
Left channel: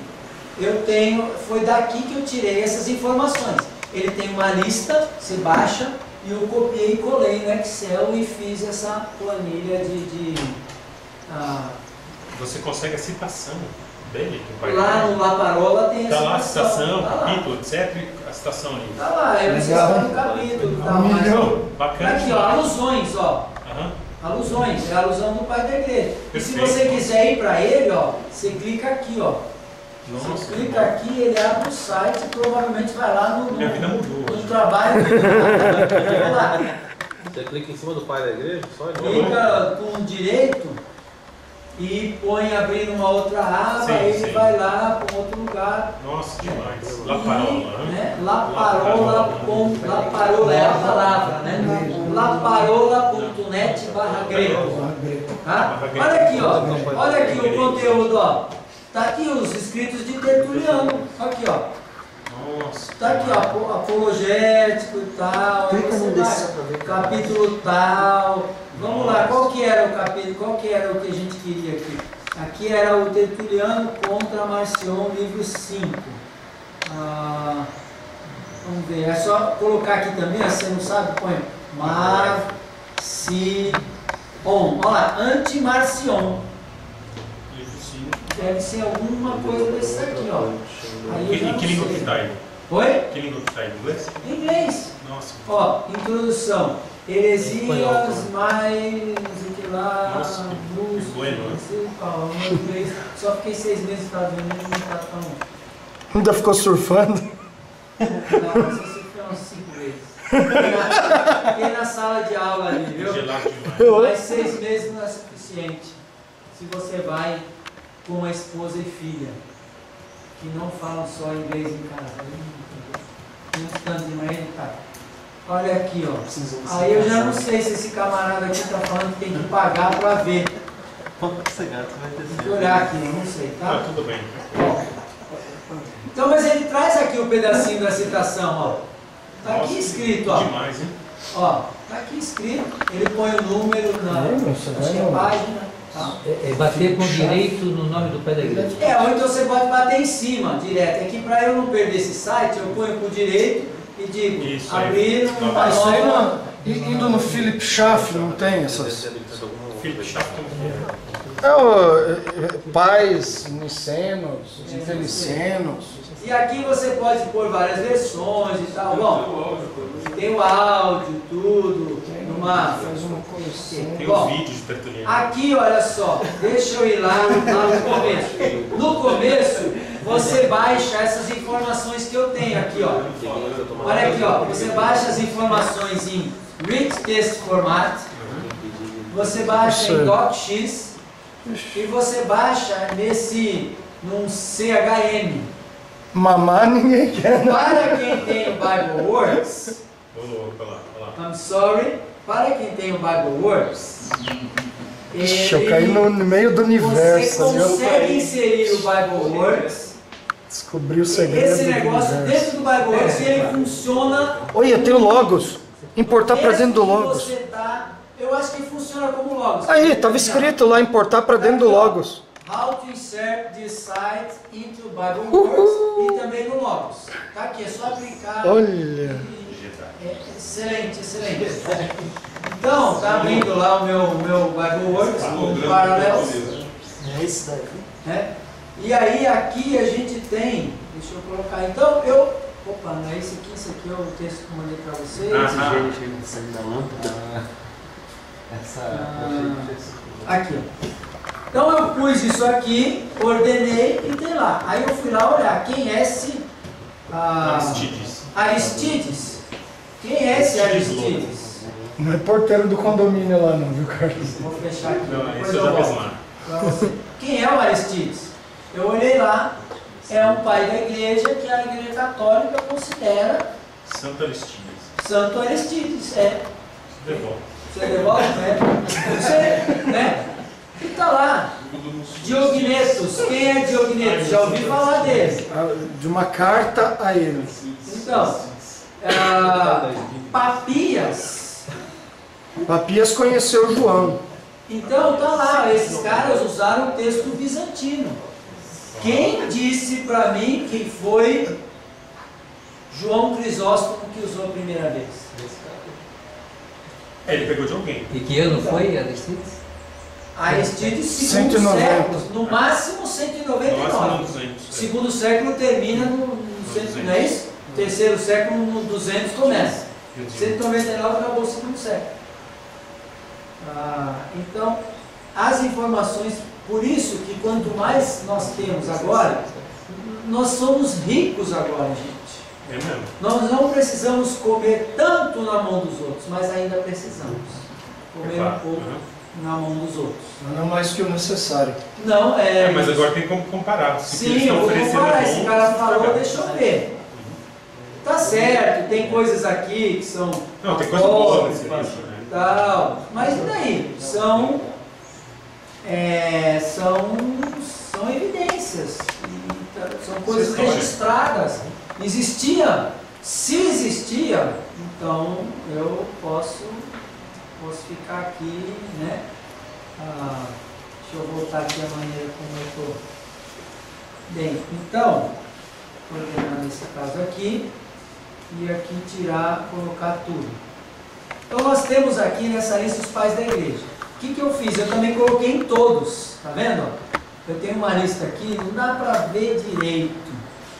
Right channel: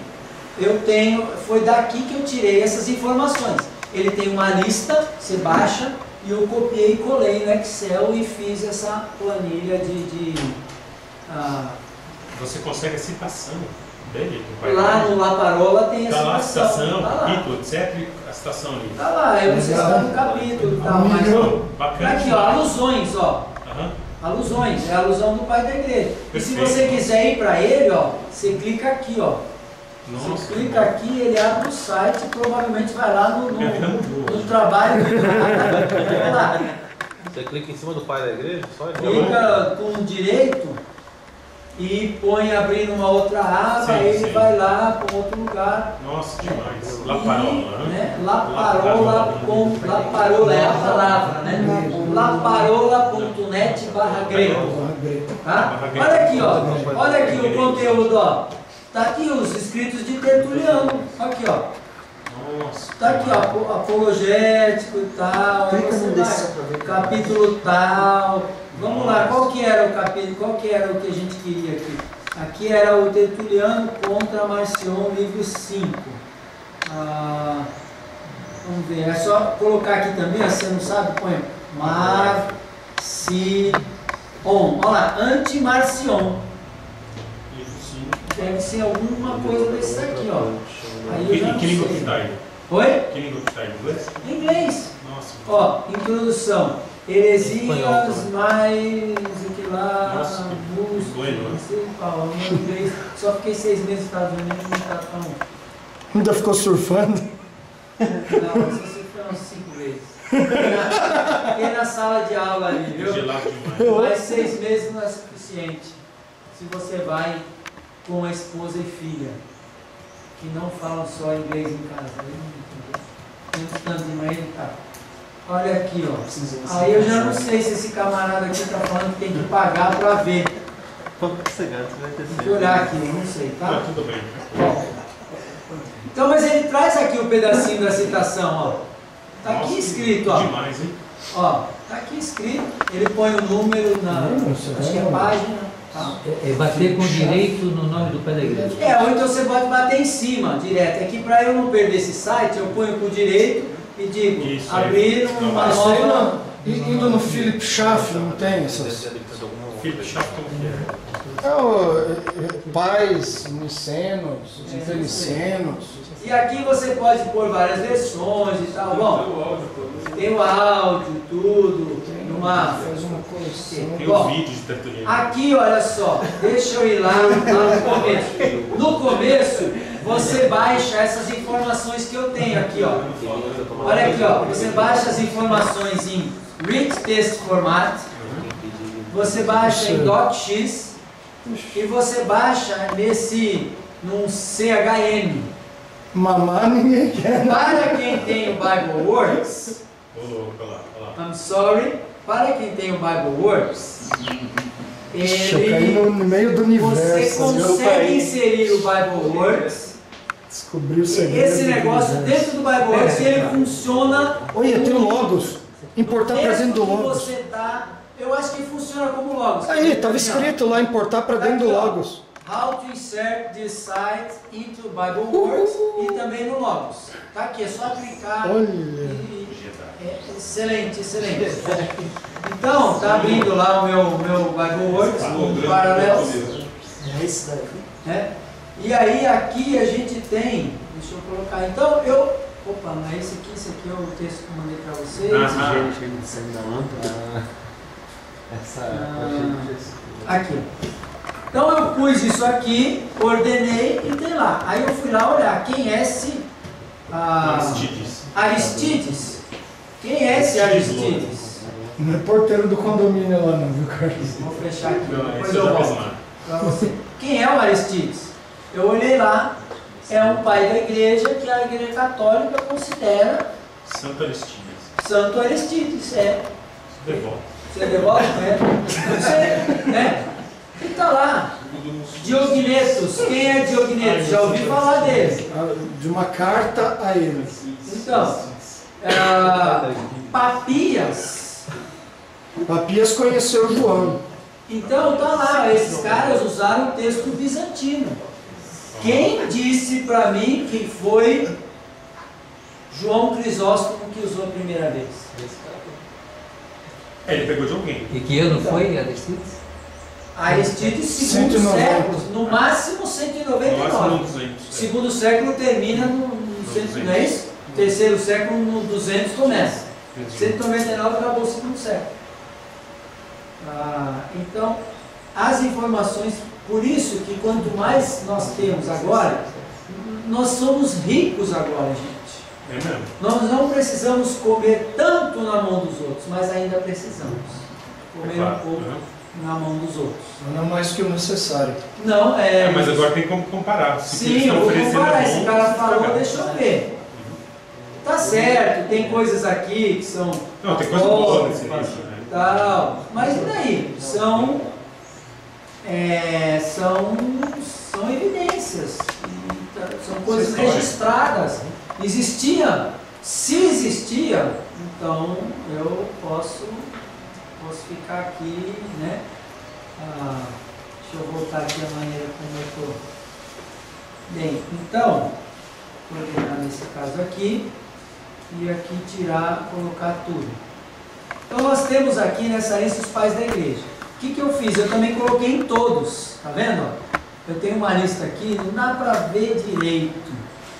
eu tenho, foi daqui que eu tirei essas informações. Ele tem uma lista, você baixa, e eu copiei e colei no Excel e fiz essa planilha Você consegue a citação dele? Lá no Laparola tem tá lá a citação, tá capítulo, etc. A citação ali. Tá lá, eu não sei se tá no capítulo e tal, mas bacana. aqui, ó, alusões, ó. Uhum. Alusões, é a alusão do pai da igreja. Perfeito. E se você quiser ir para ele, ó, você clica aqui, ó. Nossa, você clica aqui, ele abre o site e provavelmente vai lá minha vida mudou. no trabalho. Vai lá. Você clica em cima do pai da igreja, só ele. Clica com direito e põe abrindo uma outra aba, Sim, ele sim. vai lá para um outro lugar. Nossa, demais. E, La Parola, né? né? La Parola é a palavra, né? laparola.net/grego. Tá? Olha aqui, ó. Olha aqui o conteúdo, ó. Tá aqui os escritos de Tertuliano. Aqui, ó. Nossa. Tá aqui, ó, apologético e tal. Aí você vai, capítulo tal. Vamos lá, qual que era o capítulo? Qual que era o que a gente queria aqui? Aqui era o Tertuliano contra Marcion, livro 5. Vamos ver, é só colocar aqui também, se você não sabe, põe Marcion. Olha lá, anti-Marcion. Livro 5. Deve ser alguma coisa desse aqui, ó. Aí eu já não Que língua sei. que tá aí? Oi? Que língua que tá aí? Inglês? Em inglês. Nossa. Ó, introdução. Heresias, mais o que lá, Nossa, que Busto, bueno, né? não sei qual, meu inglês. Só fiquei 6 meses nos Estados Unidos e não tá tão. Ainda ficou surfando? Não, só se foi umas 5 vezes. Fiquei na sala de aula ali, viu? Gelado demais. Mas 6 meses não é suficiente. Se você vai com a esposa e filha, que não falam só inglês em casa. Tem um tanto de manhã, tá? Olha aqui, ó. Aí eu já não sei se esse camarada aqui tá falando que tem que pagar para ver. Tem que olhar aqui, eu não sei, Tá, tá? tudo bem. Então, mas ele traz aqui o pedacinho da citação, ó. Tá aqui Nossa, escrito, ó. Demais, hein? Ó, tá aqui escrito. Ele põe o número na. Acho que é página. Tá? É bater com direito no nome do pai da igreja. Ou então você pode bater em cima, direto. É que para eu não perder esse site, eu ponho com direito e digo, Isso aí. abrir uma Isso aí nova. não. Indo no Philip Schaff, não tem essas. Felipe Chato, como que é? Pais nicenos, intelicenos. E aqui você pode pôr várias versões e tal. Bom, tem o áudio, tudo. Faz uma coleção. Tem Bom, os vídeos de Tertuliano. aqui, olha só, deixa eu ir lá no começo. No começo, você baixa essas informações que eu tenho aqui, ó. Olha aqui, ó. Você baixa as informações em Rich Text Format, você baixa em DocX e você baixa num CHM. Mamar ninguém quer. Para quem tem o BibleWorks, Olha lá, olha lá. I'm sorry, para quem tem o BibleWorks, Ixi, eu caí no meio do você universo. consegue inserir o BibleWorks, Descobri o segredo. esse negócio do universo. dentro do BibleWorks, e ele funciona. Olha, tem o Logos. Importar para dentro do que Logos. você tá, eu acho que funciona como Logos. Aí, estava escrito lá, importar para dentro do Logos. How to insert this site into BibleWorks e também no Logos. Tá aqui, é só clicar. Olha. Excelente, excelente. Então, tá abrindo lá o meu BibleWorks com paralelos. É isso daí. Né? E aí aqui a gente tem, deixa eu colocar, então opa, não é esse aqui é o texto que eu mandei para vocês. Saindo da lâmpada. Aqui, ó. Então eu pus isso aqui, ordenei e tem lá. Aí eu fui lá olhar quem é esse Aristides. Quem é esse Aristides? Não é porteiro do condomínio lá não, viu, Carlos? Vou fechar aqui, Não, depois isso eu eu já fiz volto lá. pra você. Quem é o Aristides? Eu olhei lá, é um pai da igreja que a igreja católica considera Santo Aristides. Santo Aristides, Devolve. Você devolve, né? Você, né? E tá lá. Diognetos. Quem é Diognetos? Já ouvi falar dele. De uma carta a ele. Então, Papias. Papias conheceu João. Então tá lá, esses caras usaram o texto bizantino. Quem disse para mim que foi João Crisóstomo que usou a primeira vez? Ele pegou de alguém. E que ano foi Aristides? Aristides, segundo 190. século, no máximo 199. Nossa, 200. Segundo século termina no 100, não é isso? Terceiro século no 200 começa. 199 acabou o segundo século. Então, as informações, por isso que quanto mais nós temos agora, nós somos ricos agora, gente. É mesmo? Nós não precisamos comer tanto na mão dos outros, mas ainda precisamos comer um pouco na mão dos outros. Não mais que o necessário. Não, mas agora tem como comparar. Sim, eu vou comparar. Esse cara falou, deixa eu ver. Tá certo, tem coisas aqui que são... Não, tem coisa boa nesse livro, né? Tal, mas e daí? São evidências, são coisas registradas. Existia, se existia, então eu posso ficar aqui, né? Deixa eu voltar aqui a maneira como eu estou. Bem, então, vou ordenar nesse caso aqui, e aqui tirar, colocar tudo. Então nós temos aqui nessa lista os pais da igreja. O que eu fiz? Eu também coloquei em todos, tá vendo? Eu tenho uma lista aqui, não dá para ver direito.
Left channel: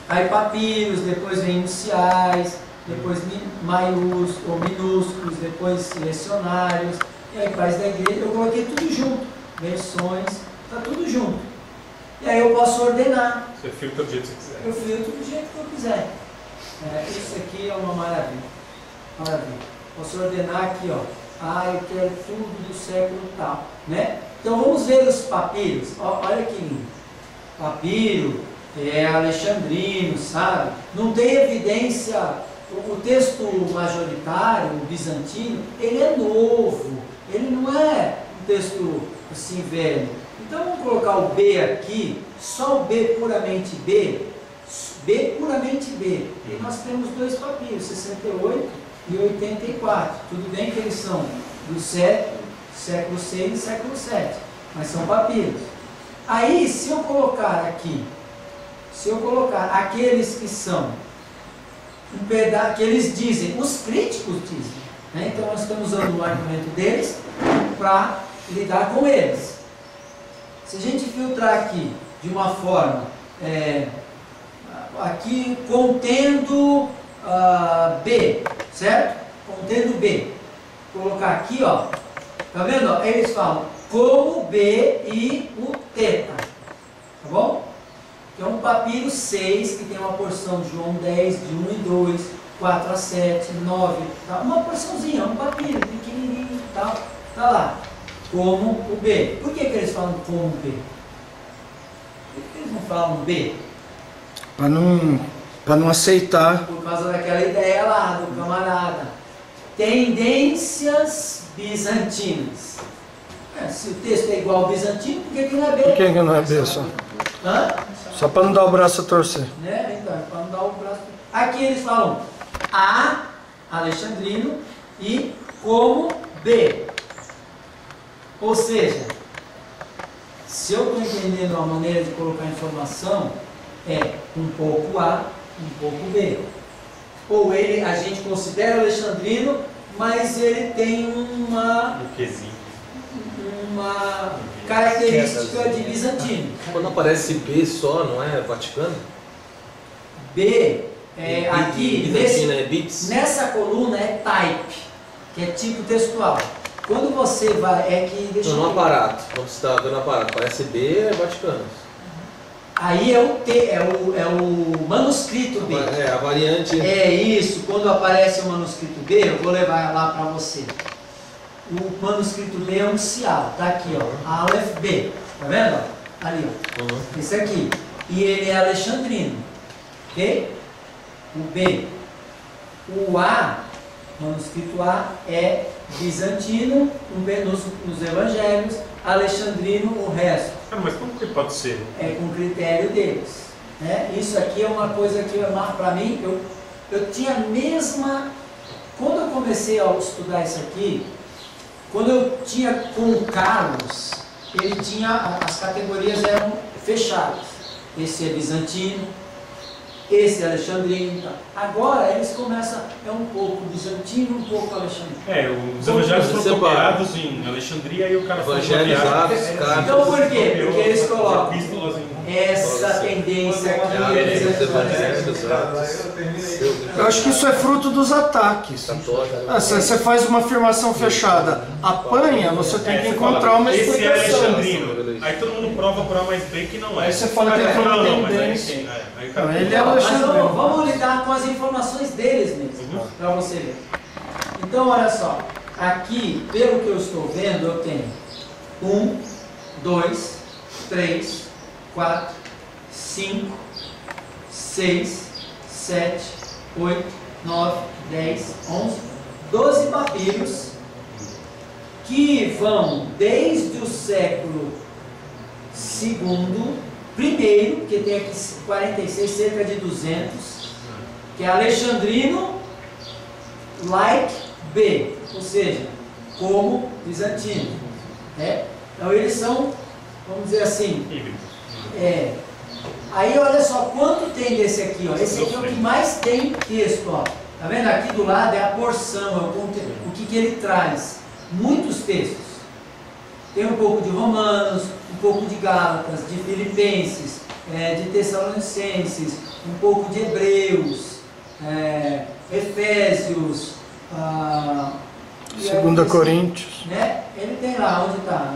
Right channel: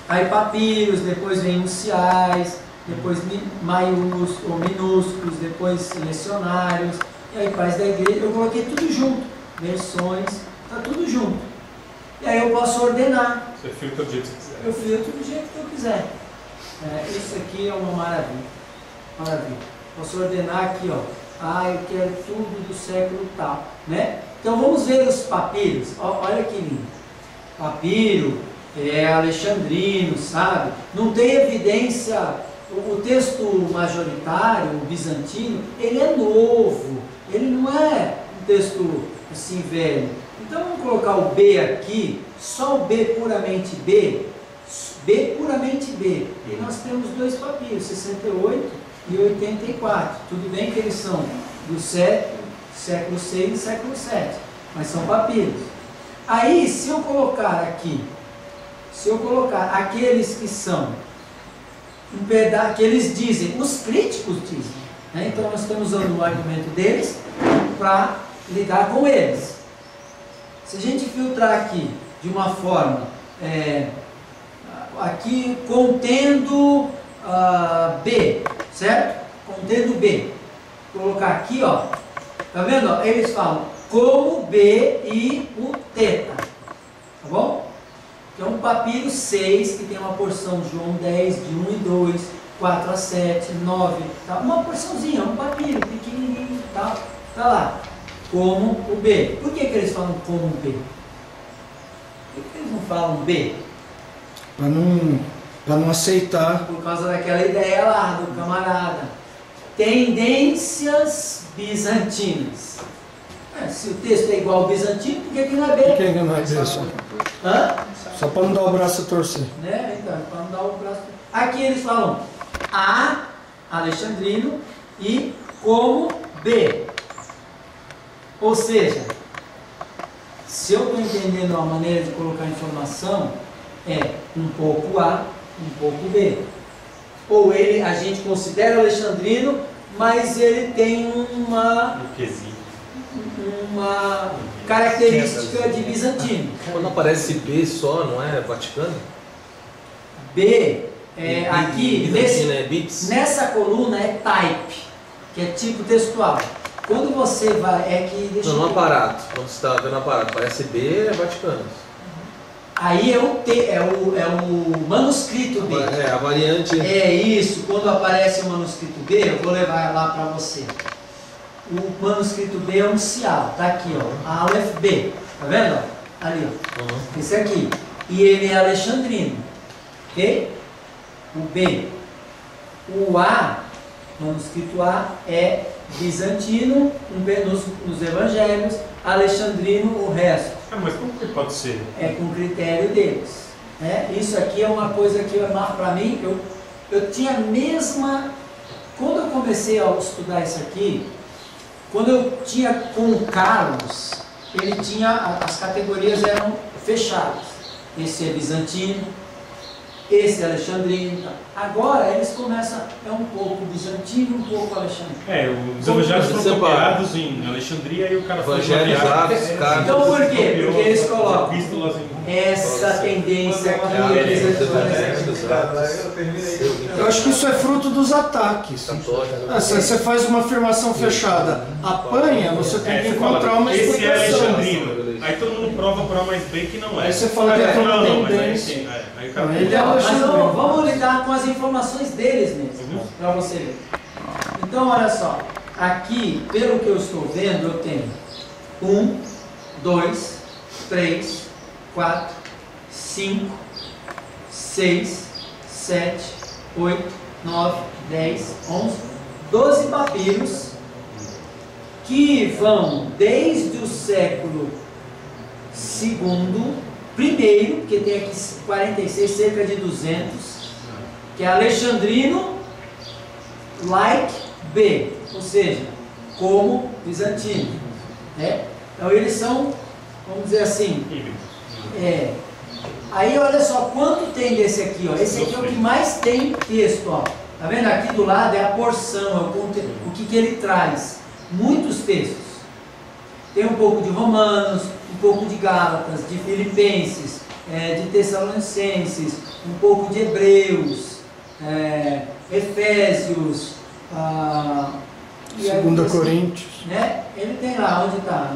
Aí papiros, depois vem iniciais, depois maiúsculos ou minúsculos, depois lecionários, e aí pais da igreja, eu coloquei tudo junto, versões, tá tudo junto. E aí eu posso ordenar. Você filtra do jeito que você quiser. Eu filtro do jeito que eu quiser. Isso aqui é uma maravilha. Maravilha. Posso ordenar aqui, ó. Eu quero tudo do século tal, né? Então vamos ver os papiros. Olha que lindo. Papiro alexandrino, sabe? Não tem evidência. O texto majoritário, o bizantino, ele é novo. Ele não é um texto assim velho. Então vamos colocar o B aqui, só o B puramente B. B puramente B. E nós temos dois papiros, 68 e 84. Tudo bem que eles são do século 6 e século 7, mas são papiros. Aí, se eu colocar aqui, aqueles que são um pedaço, que eles dizem, os críticos dizem, né? Então nós estamos usando o argumento deles para lidar com eles. Se a gente filtrar aqui de uma forma, aqui contendo B, certo? Contendo B. Colocar aqui, ó, tá vendo? Ó, eles falam como B e o teta, tá bom? Que é um papiro 6, que tem uma porção de João 10, de 1 e 2, 4 a 7, 9, tá? Uma porçãozinha, um papiro pequenininho, tá lá. Como o B. Por que eles falam como B? Por que eles não falam B? Para não aceitar. Por causa daquela ideia lá do camarada. Tendências bizantinas. Se o texto é igual ao bizantino, por que não é B? Por que não é B só? Só para não dar o braço a torcer. Né? Então, para não dar o braço a torcer. Aqui eles falam A, alexandrino, e como B. Ou seja, se eu estou entendendo a maneira de colocar informação, é um pouco A, um pouco B. Ou a gente considera alexandrino, mas ele tem uma característica de bizantino. Quando aparece B só, não é Vaticano? B, aqui, nessa coluna é type, que é tipo textual. Quando você vai, no aparato, quando você está vendo o aparato, parece B, é Vaticano. Aí é o manuscrito B. A variante. É isso, quando aparece o manuscrito B, eu vou levar lá para você. O manuscrito B é unicial, tá aqui, ó, Aleph B, tá vendo? Ali, ó, esse aqui. E ele é alexandrino, ok? O B. O A, manuscrito A, é bizantino, nos evangelhos, alexandrino, o resto. Mas como que pode ser? É com critério deles. Né? Isso aqui é uma coisa que, para mim, eu tinha a mesma... Quando eu comecei a estudar isso aqui, quando eu tinha com o Carlos, ele tinha... As categorias eram fechadas. Esse é bizantino, esse é alexandrino. Tá? Agora eles começam, um pouco bizantino, um pouco alexandrino. Os evangelhos foram separados em Alexandria e o cara foi Então por quê? Porque eles colocam essa tendência aqui. Eu acho que isso é fruto dos ataques. Você faz uma afirmação fechada, apanha, você tem que encontrar uma explicação. Esse é alexandrino. Aí todo mundo prova por A mais B que não é. Aí você fala que tem uma não, mas aí tendência. sim. Aí o cara... Ele é Mas Alexandrino. vamos lidar com as informações deles mesmo, para você ver. Então, olha só. Aqui, pelo que eu estou vendo, eu tenho 1, 2, 3, 4, 5, 6, 7, 8, 9, 10, 11, 12 papiros que vão desde o século II, primeiro, porque tem aqui 46, cerca de 200, que é Alexandrino like B, ou seja, como bizantino. Né? Então eles são, vamos dizer assim, aí olha só quanto tem desse aqui, ó. Esse aqui é o que mais tem texto, ó. Tá vendo? Aqui do lado é a porção, é o que ele traz. Muitos textos. Tem um pouco de Romanos, um pouco de Gálatas, de Filipenses, de Tessalonicenses, um pouco de Hebreus, Efésios, Segunda Coríntios. Né? Ele tem lá, onde está?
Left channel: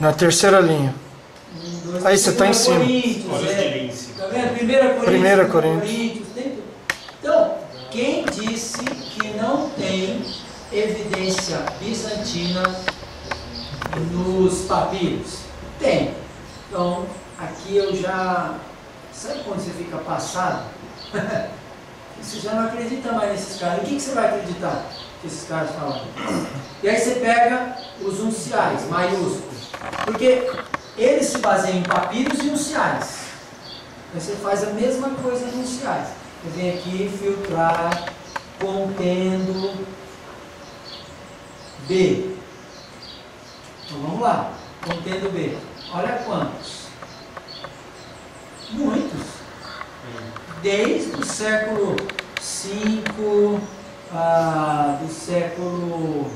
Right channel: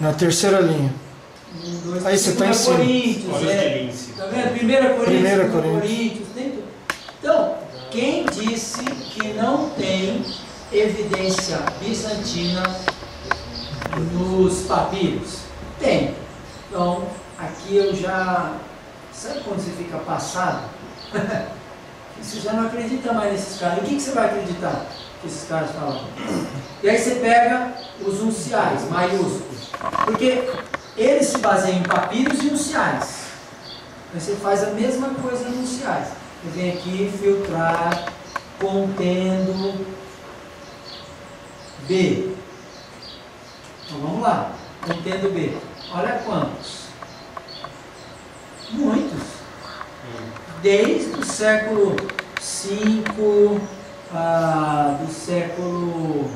Na terceira linha. Aí você está em cima. Tá vendo? 1 Coríntios, tem tudo. Então, quem disse que não tem evidência bizantina nos papiros? Tem. Então, aqui eu já... Sabe quando você fica passado? Você já não acredita mais nesses caras. O que você vai acreditar que esses caras falam? E aí você pega os unciais, maiúsculos. Porque eles se baseiam em papiros e unciais. Aí você faz a mesma coisa nos unciais. Você vem aqui filtrar, contendo B. Então vamos lá. Contendo B. Olha quantos. Muitos. Desde o século V, do século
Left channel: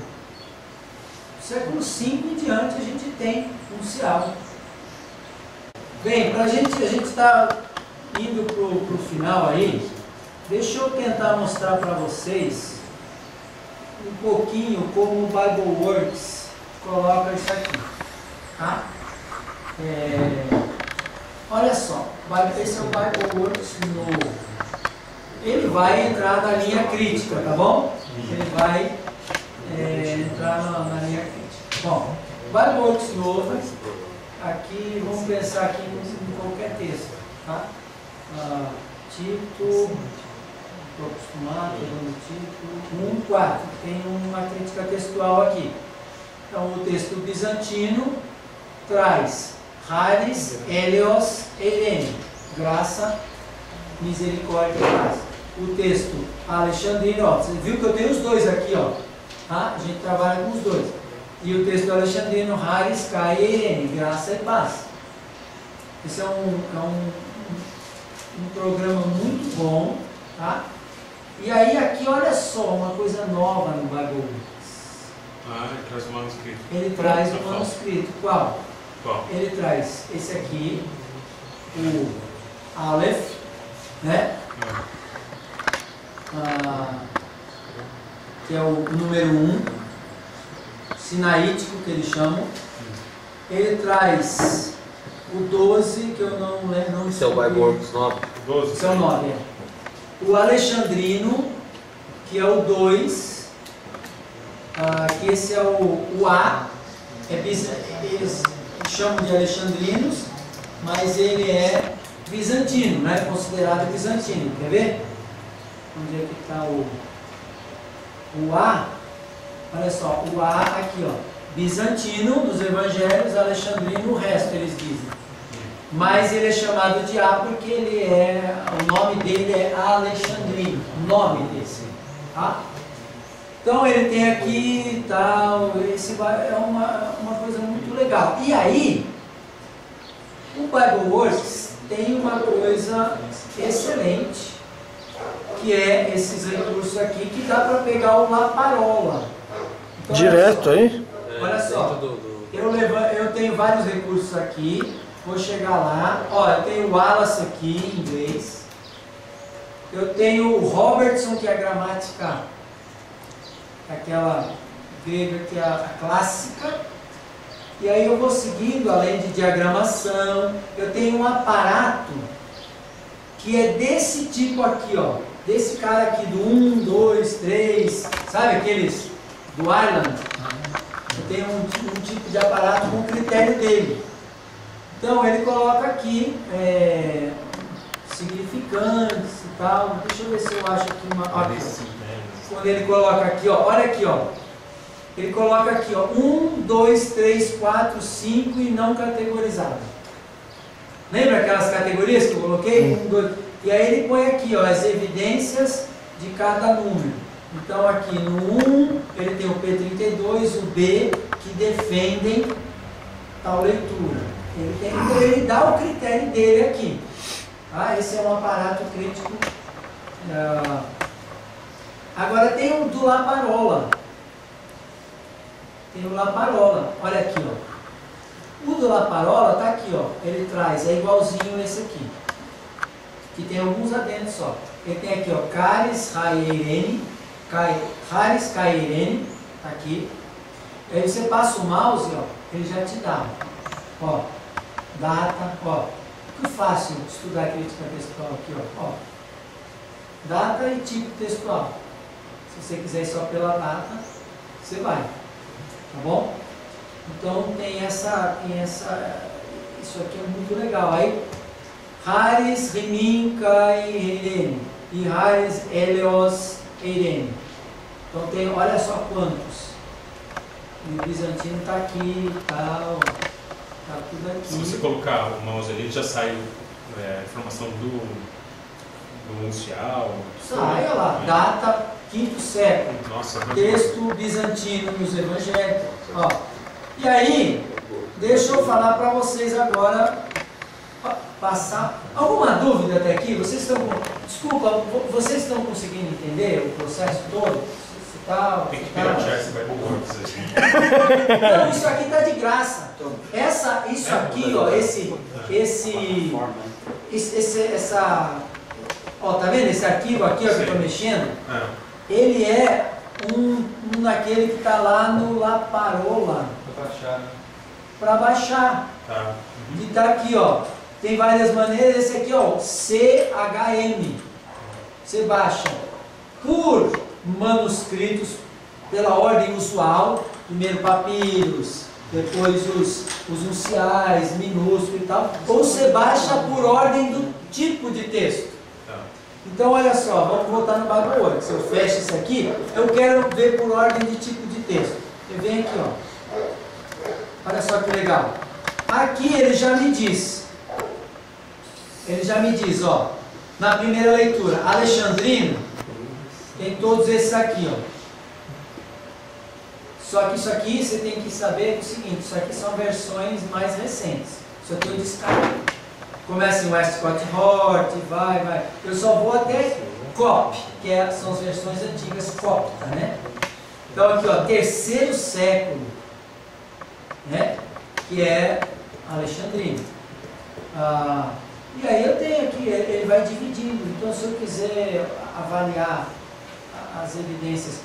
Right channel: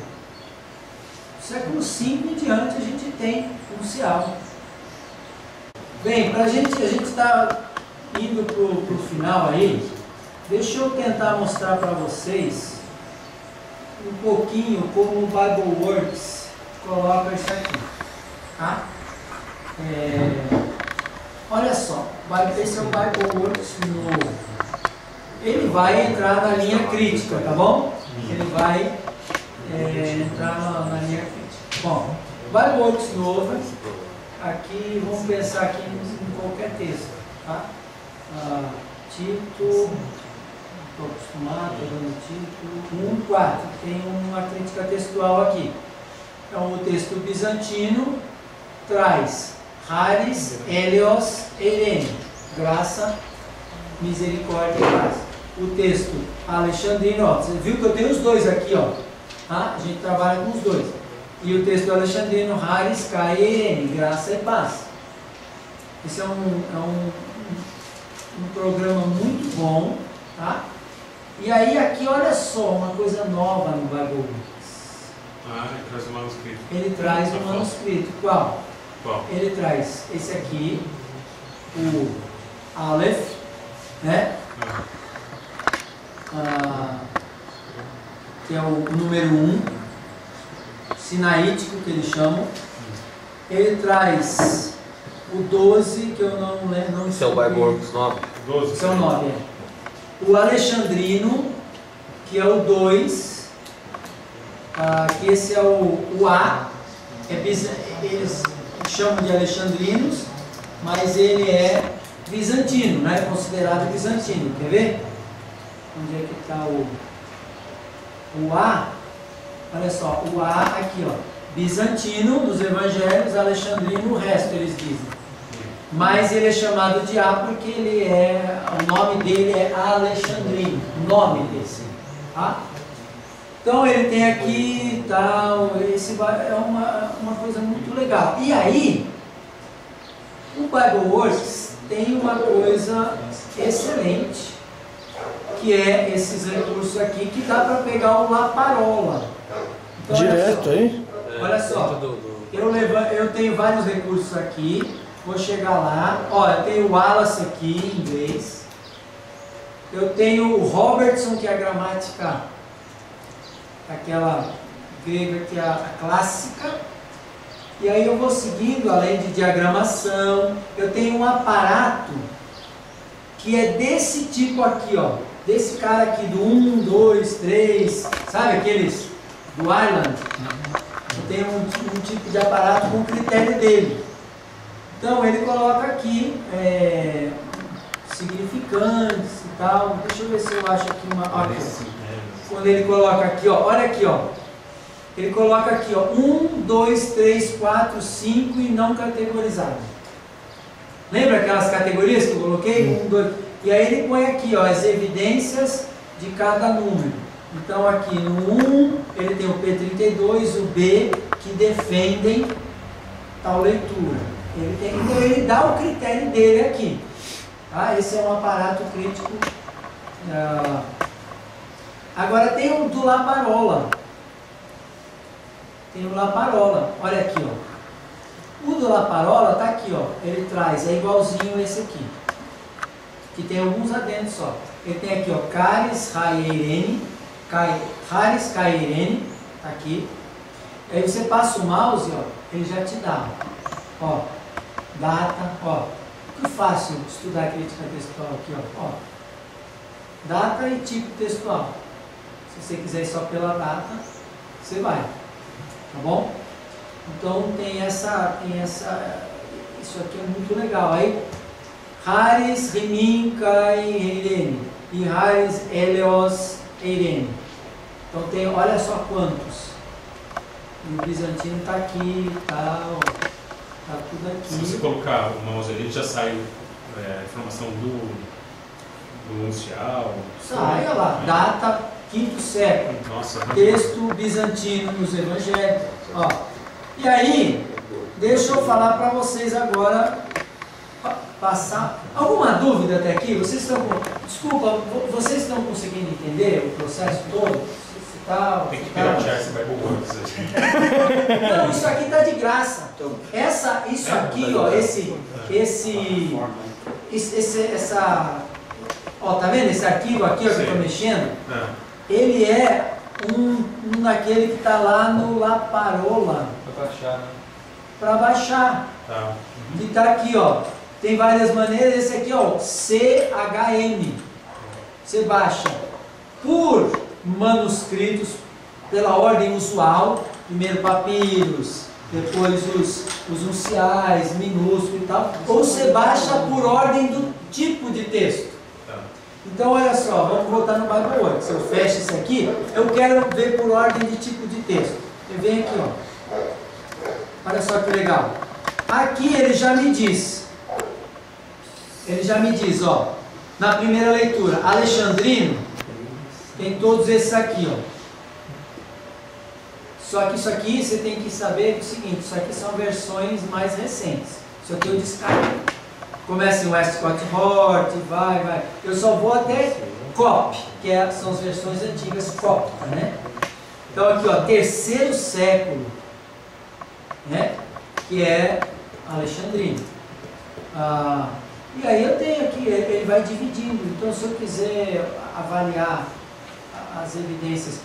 V em diante a gente tem uncial. Bem, a gente está indo para o final aí. Deixa eu tentar mostrar para vocês um pouquinho como o BibleWorks coloca isso aqui. Tá? Olha só, esse é o BibleWorks novo. Ele vai entrar na linha crítica, tá bom? Ele vai entrar na linha crítica. Bom, BibleWorks novo, aqui, vamos pensar aqui em qualquer texto, tá? Tito, estou acostumado, dando Tito, 1:4, tem uma crítica textual aqui. Então, o texto bizantino traz Haris, Helios, Eirene, graça, misericórdia e paz. O texto alexandrino, ó, você viu que eu tenho os dois aqui, ó. Tá? A gente trabalha com os dois. E o texto alexandrino, Haris, Kai, Eirene, graça e paz. Esse é um programa muito bom, tá? E aí aqui, olha só, uma coisa nova no BibleWorks. Ele traz o manuscrito. Ele traz o manuscrito. Qual? Ele traz esse aqui, o Aleph, né? Que é o número 1, sinaítico que eles chamam. Ele traz o 12, que eu não lembro. Esse é o BibleWorks 9. 12. Esse é o 9, O alexandrino, que é o 2, que esse é o A, eles chamam de alexandrinos, mas ele é bizantino, né? Considerado bizantino. Quer ver? Onde é que está o A? Olha só, o A aqui, ó. Bizantino nos evangelhos, alexandrino, o resto eles dizem. Mas ele é chamado de A porque o nome dele é Alexandrino, o nome desse, tá? Então ele tem aqui tal, esse é uma coisa muito legal. E aí, o BibleWorks tem uma coisa excelente, que é esses recursos aqui, que dá para pegar o Laparola. Então, direto aí? Olha só, eu tenho vários recursos aqui, vou chegar lá. Ó, eu tenho o Wallace aqui em inglês. Eu tenho o Robertson, que é a gramática, aquela grega que é a clássica. E aí eu vou seguindo, além de diagramação, eu tenho um aparato que é desse tipo aqui, ó. Desse cara aqui, do 1, 2, 3, sabe aqueles do Ireland? Eu tenho um tipo de aparato com o critério dele. Então ele coloca aqui significantes e tal. Deixa eu ver se eu acho aqui uma. Aqui, quando ele coloca aqui, ó, olha aqui, ó. Ele coloca aqui, ó, 1, 2, 3, 4, 5 e não categorizado. Lembra aquelas categorias que eu coloquei? 1, 2. E aí ele põe aqui, ó, as evidências de cada número. Então aqui no 1 ele tem o P32, o B, que defendem tal leitura. Então ele dá o critério dele aqui. Tá? Esse é um aparato crítico. Agora tem o do Laparola. Tem o Laparola. Olha aqui, ó. O do Laparola está aqui, ó. Ele traz, é igualzinho esse aqui. Que tem alguns adendos só. Ele tem aqui, ó, Caris Cairene, Caris Cairene, tá aqui. Aí você passa o mouse, ó, ele já te dá, ó, data, ó. Que fácil estudar crítica textual aqui, ó. Data e tipo textual. Se você quiser ir só pela data, você vai, tá bom? Então tem isso aqui é muito legal. Aí Haris Rimin Kai Eirene e Haris Helios Eirene. Então tem, olha só quantos. E o bizantino está aqui e tal. Está tudo aqui. Se você colocar o mouse ali, já sai a informação do uncial. Sai, olha lá, data 5º século. Nossa, texto bizantino nos evangelhos. Ó. E aí, deixa eu falar para vocês agora. Passar. Alguma dúvida até aqui? Vocês estão desculpa, vocês estão conseguindo entender o processo todo? Tem que piratear esse Bible Works. Não, isso aqui está de graça. Isso aqui, ó, ó, tá vendo esse arquivo aqui, ó, que eu estou mexendo? Ele é um daquele que está lá no Laparola. Para baixar, né? Para baixar. Tá. Que está aqui, ó. Tem várias maneiras. Esse aqui, ó, CHM. Você baixa por manuscritos, pela ordem usual. Primeiro papiros, depois os unciais, minúsculo e tal. Ou você baixa por ordem do tipo de texto. Então, olha só, vamos voltar no Bible Works. Eu fecho isso aqui, eu quero ver por ordem de tipo de texto. Eu venho aqui, ó. Olha só que legal. Aqui ele já me diz. Ó, na primeira leitura, Alexandrino, tem todos esses aqui, ó. Só que isso aqui você tem que saber o seguinte, isso aqui são versões mais recentes. Isso aqui eu descarto. Começa em Westcott Hort, vai. Eu só vou até Cop, que são as versões antigas cópita, né? Então aqui, ó, 3º século, né? Que é Alexandrino. E aí eu tenho aqui, ele vai dividindo. Então se eu quiser avaliar as evidências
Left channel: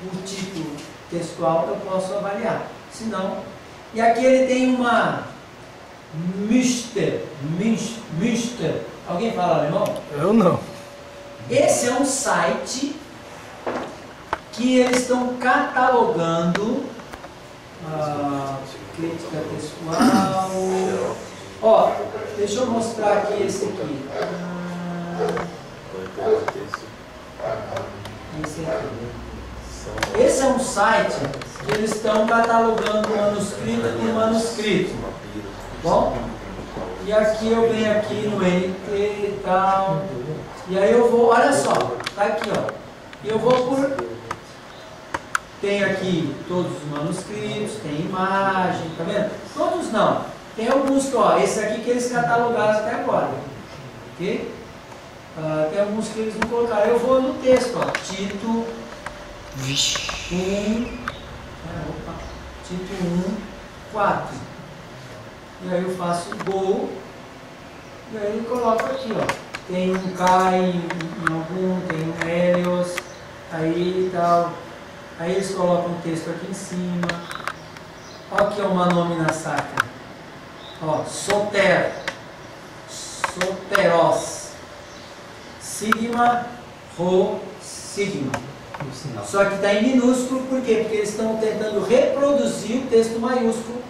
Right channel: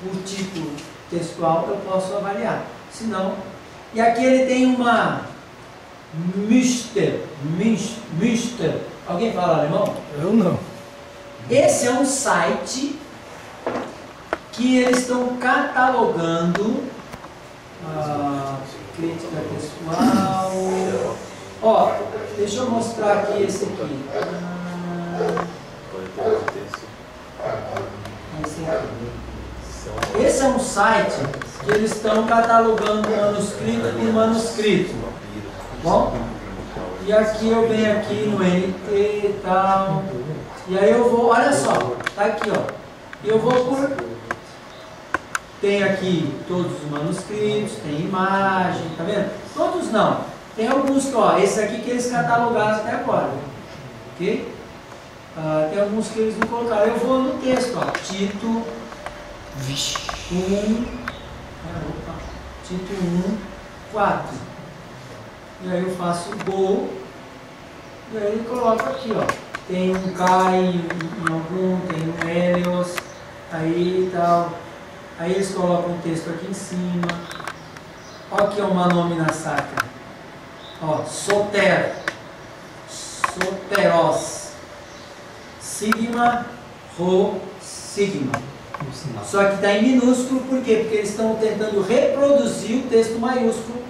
por tipo textual, eu posso avaliar. Se não, e aqui ele tem uma Münster. Alguém fala alemão? Eu não. Esse é um site que eles estão catalogando crítica textual. Ó, deixa eu mostrar aqui esse aqui. Esse é um site que eles estão catalogando manuscrito por manuscrito. Bom? E aqui eu venho aqui no NT e tal. E aí eu vou, olha só, tá aqui, ó. E eu vou por. Tem aqui todos os manuscritos, tem imagem, tá vendo? Todos não. Tem alguns que, ó, esse aqui que eles catalogaram até agora. Ok? Tem alguns que eles não colocaram. Eu vou no texto, ó. Tito 1. Tito 1, 4. E aí eu faço Go. E aí ele coloca aqui, ó. Tem um Kai em algum, tem um Helios, aí e tal. Aí eles colocam o texto aqui em cima. Olha aqui uma nômina sacra. Ó, soter, soteros, sigma, rho, sigma. No sinal. Só que está em minúsculo, por quê? Porque eles estão tentando reproduzir o texto maiúsculo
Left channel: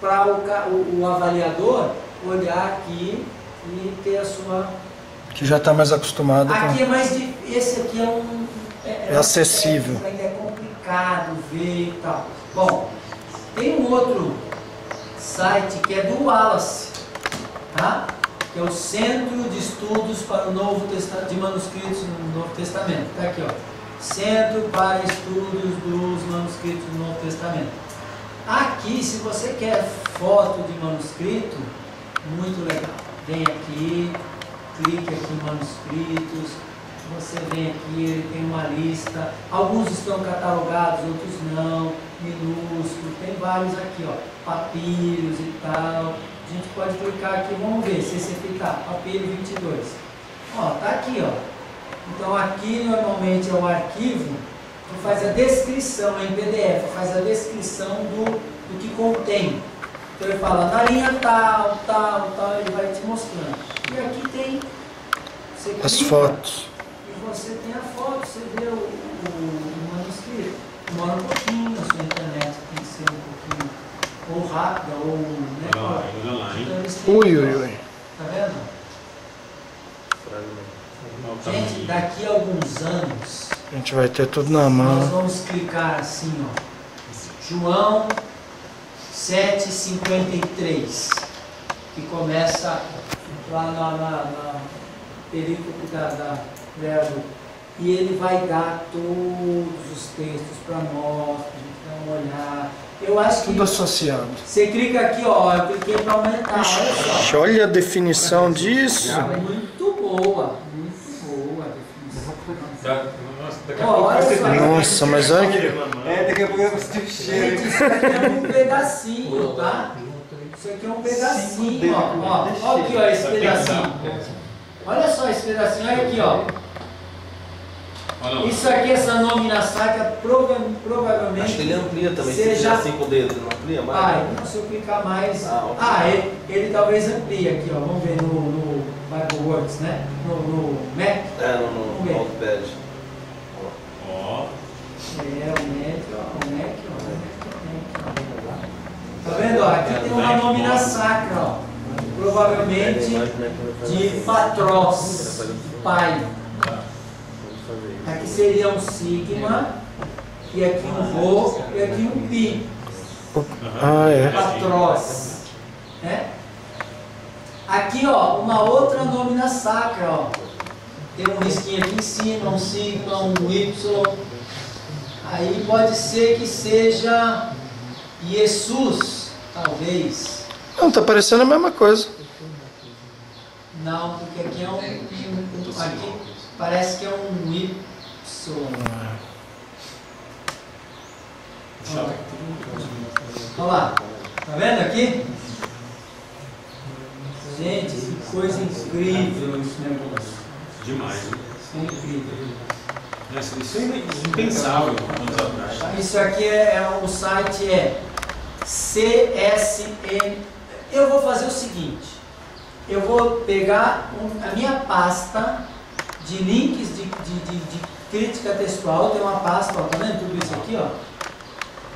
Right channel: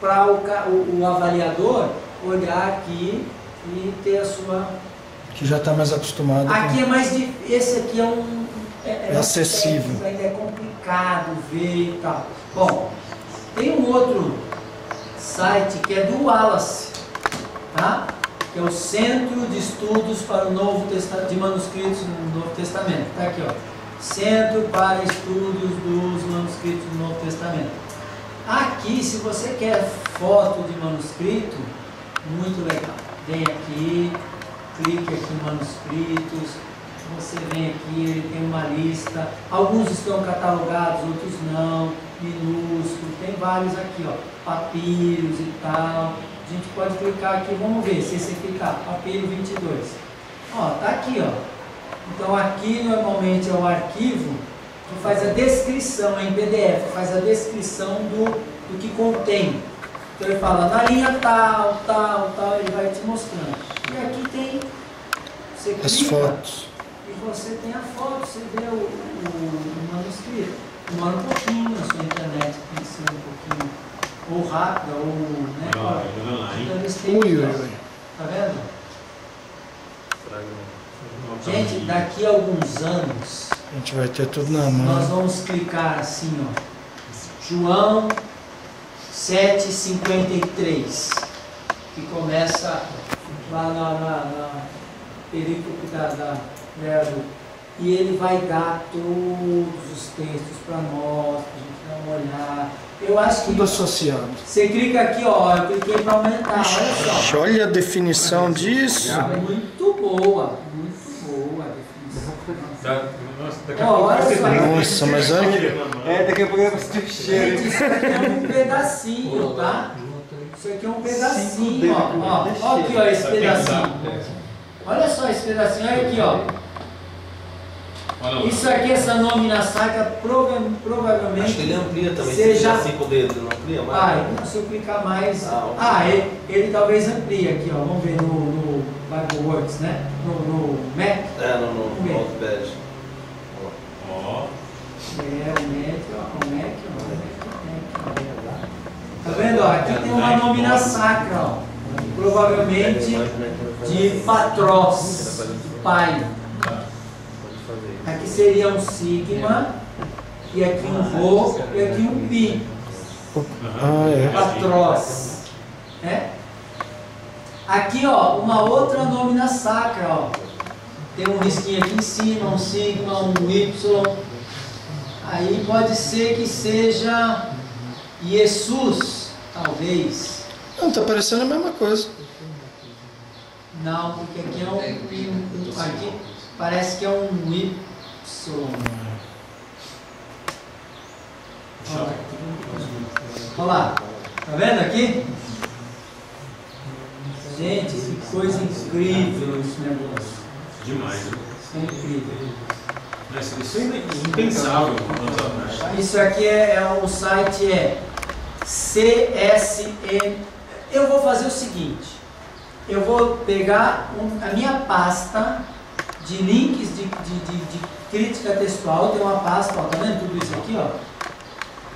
para o avaliador olhar aqui e ter a sua... Que já está mais acostumado Aqui com... é mais difícil, esse aqui é um... É acessível. Ainda é complicado ver e tal. Bom, tem um outro site que é do Wallace, tá? Que é o Centro de Estudos para o Novo Testamento, de Manuscritos no Novo Testamento. Está aqui, ó. Centro para Estudos dos Manuscritos do Novo Testamento. Aqui, se você quer foto de manuscrito, muito legal. Vem aqui, clique aqui em manuscritos, você vem aqui, ele tem uma lista. Alguns estão catalogados, outros não, minúsculo, tem vários aqui, ó, papiros e tal. A gente pode clicar aqui, vamos ver se esse aqui tá, papiro 22. Ó, tá aqui, ó. Então aqui normalmente é o arquivo que faz a descrição em PDF, faz a descrição do que contém. Então ele fala na linha tal, tal, tal, ele vai te mostrando. E aqui tem, você As clica, fotos. e você tem a foto, você vê o manuscrito. Demora um pouquinho, a sua internet tem que ser um pouquinho ou rápida ou... Né, Olha lá, hein? então eles têm Ui, aqui, ui, ó. ui. Tá vendo? Olha o Gente, tamanho. daqui a alguns anos, A gente vai ter tudo na nós mão. vamos clicar assim, ó. João 7,53, que começa lá na perícope da verbo. E ele vai dar todos os textos para nós, para a gente dar uma olhada. Eu acho que Tudo associado. você clica aqui, ó, eu cliquei para aumentar, olha só. Olha a definição disso. Muito boa a definição. Nossa, daqui a Ó, pouco vai olha ser só. Nossa, mas olha que... Daqui a pouco eu vou sentir o cheiro. Gente, isso aqui é um pedacinho, tá? Isso aqui é um pedacinho, ó. Ó aqui, ó, esse pedacinho. Olha só esse pedacinho, olha aqui, ó. Olha lá. Isso aqui, essa nômina sacra, provavelmente... Acho que ele amplia também. Você Se já- assim com o dedo, ele não amplia mais? Ah, se eu clicar mais... Ah, ok. Ele talvez amplie aqui, ó. Vamos ver no BibleWorks, né? No Mac. É, no Vamos ver. Notepad. Ó. É, o Mac, ó. O Mac, ó. Tá vendo, ó? Aqui tem uma nômina sacra, ó. Provavelmente de Patros, pai. Aqui seria um sigma, e aqui um rho, e aqui um pi. Ah, é. Patros. Né? Aqui, ó, uma outra nômina sacra, ó. Tem um risquinho aqui em cima, um sigma, um y. Aí pode ser que seja Jesus, talvez. Não, tá parecendo a mesma coisa. Não, porque aqui é aqui parece que é um Y. Olha lá, tá vendo aqui? Gente, que coisa incrível esse negócio. Demais. Isso é incrível. Isso é impensável anos atrás. Isso aqui o site é CSN. Eu vou fazer o seguinte. Eu vou pegar a minha pasta de links de crítica textual. Tem uma pasta, ó, tá vendo tudo isso aqui, ó?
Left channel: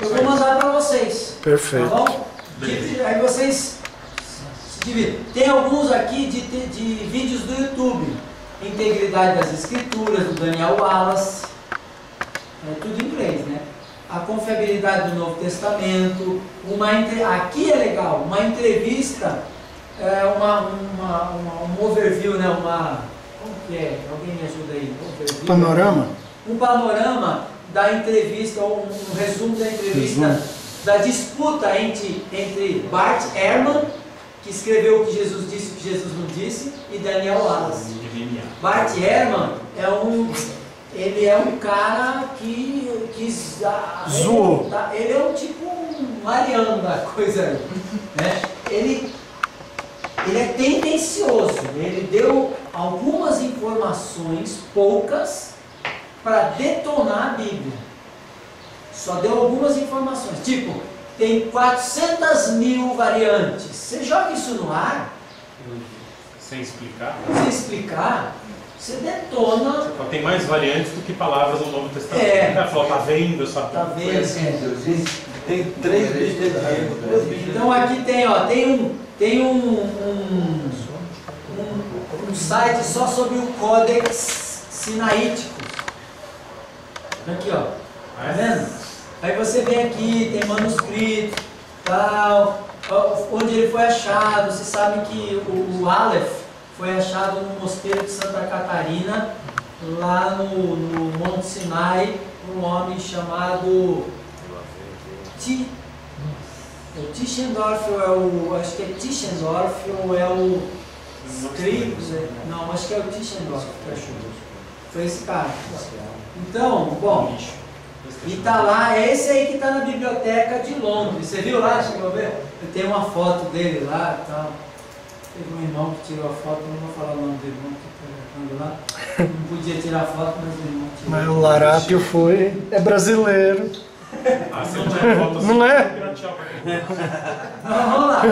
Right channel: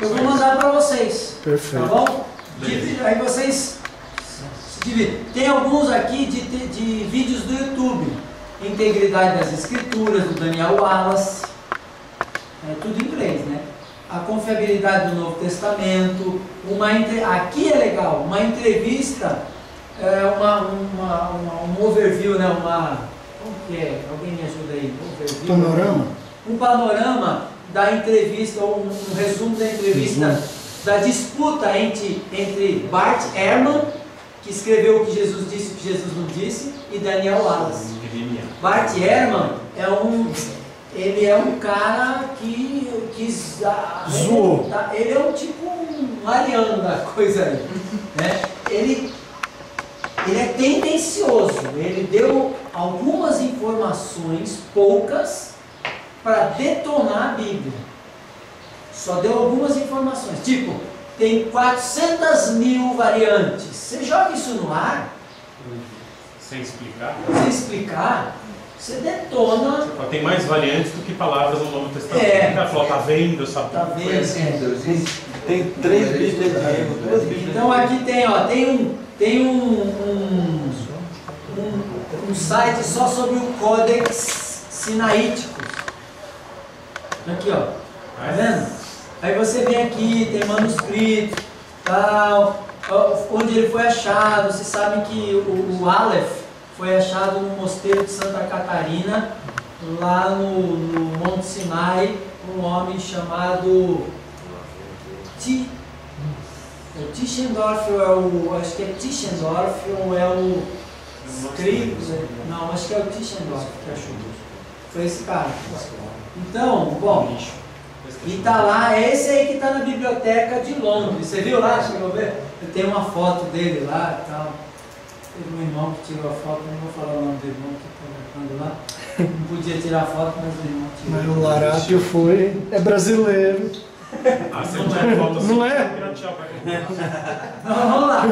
Eu vou mandar para vocês. Perfeito. Tá bom? Aí vocês se dividem. Tem alguns aqui de vídeos do YouTube. Integridade das Escrituras, do Daniel Wallace. É tudo em inglês, né? A confiabilidade do Novo Testamento. Aqui é legal, uma entrevista, um overview, né? Como que é? Alguém me ajuda aí? Overview. Panorama? Um panorama da entrevista, ou um resumo da entrevista, da disputa entre Bart Ehrman, que escreveu o que Jesus disse e o que Jesus não disse, e Daniel Wallace. Bart Ehrman ele é um cara que zoou. Ele é um tipo um ariano da coisa aí, né? Ele é tendencioso, ele deu algumas informações, poucas, para detonar a Bíblia. Só deu algumas informações, tipo, tem 400.000 variantes. Você joga isso no ar, Sem explicar. sem explicar, você detona. Tem mais variantes do que palavras no Novo Testamento. É. O cara falou, tá vendo? Tá vendo? Tem 3 Bíblias de rego, 2 Bíblias. Então aqui tem, ó, tem um site só sobre o Códex Sinaítico. Aqui, ó. Tá vendo? Aí você vem aqui, tem manuscrito, tal, onde ele foi achado. Você sabe que o Aleph foi achado no mosteiro de Santa Catarina, lá no Monte Sinai, por um homem chamado Tischendorf, acho que é Tischendorf, ou é o não, acho que é o Tischendorf que achou. Foi esse cara. Então, bom, e tá lá, é esse aí que tá na biblioteca de Londres. Você viu lá? Chegou a ver? Tem uma foto dele lá e tal. Teve um irmão que tirou a foto, não vou falar o nome do irmão que está lá. Não podia tirar foto, mas o irmão tirou. Mas o Larápio é brasileiro. Você não tinha foto assim, Não é? Não, vamos lá.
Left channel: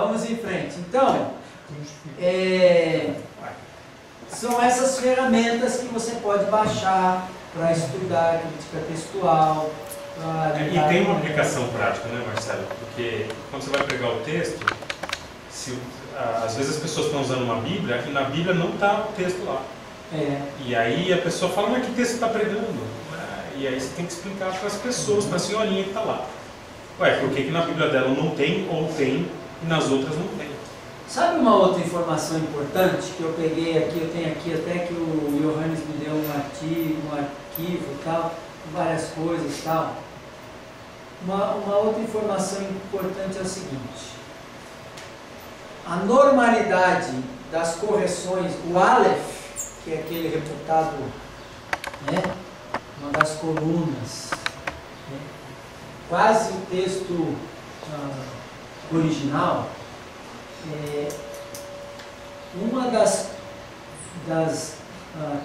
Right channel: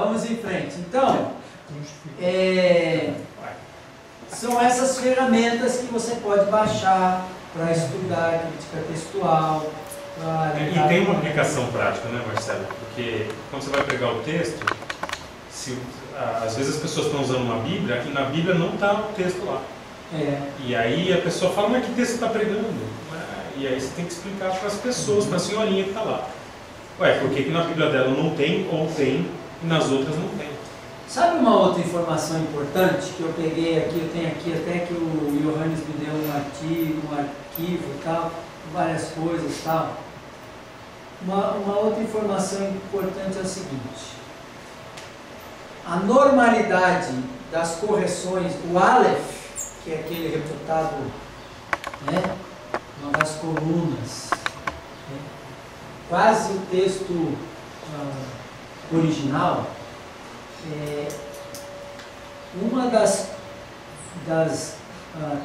Vamos em frente. Então, são essas ferramentas que você pode baixar para estudar crítica textual. E tem uma aplicação prática, né, Marcelo? Porque quando você vai pregar o texto, às vezes as pessoas estão usando uma Bíblia e na Bíblia não está o texto lá. E aí a pessoa fala, mas que texto está pregando? E aí você tem que explicar para as pessoas, para a senhorinha que está lá. Ué, por que na Bíblia dela não tem ou tem e nas outras não tem? Sabe uma outra informação importante que eu peguei aqui, eu tenho aqui até que o Johannes me deu um arquivo e tal, várias coisas e tal. Uma outra informação importante é o seguinte: a normalidade das correções, o Aleph, que é aquele reputado, né, uma das colunas, né, quase o texto original, uma das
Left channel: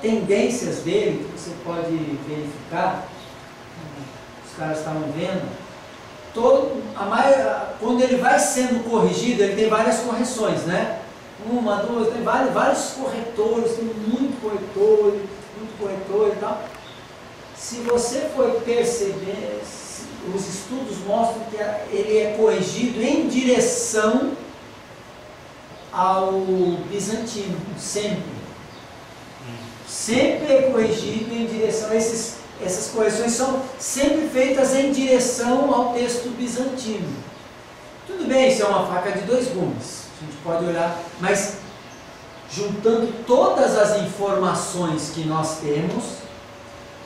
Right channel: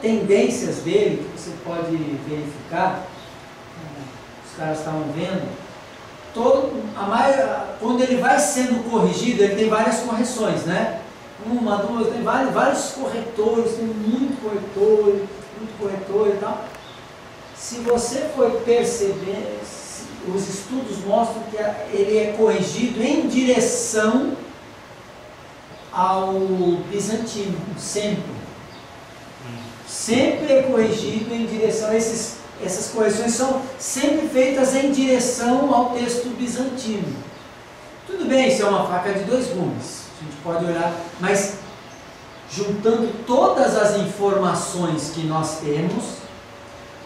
tendências dele, que você pode verificar, os caras estavam vendo, quando ele vai sendo corrigido, ele tem várias correções, né? Uma, duas, tem vários corretores, tem muito corretor e tal. Se você for perceber, os estudos mostram que ele é corrigido em direção ao bizantino, sempre. Sempre é corrigido em direção a essas correções são sempre feitas em direção ao texto bizantino. Tudo bem, isso é uma faca de dois gumes, a gente pode olhar, mas juntando todas as informações que nós temos,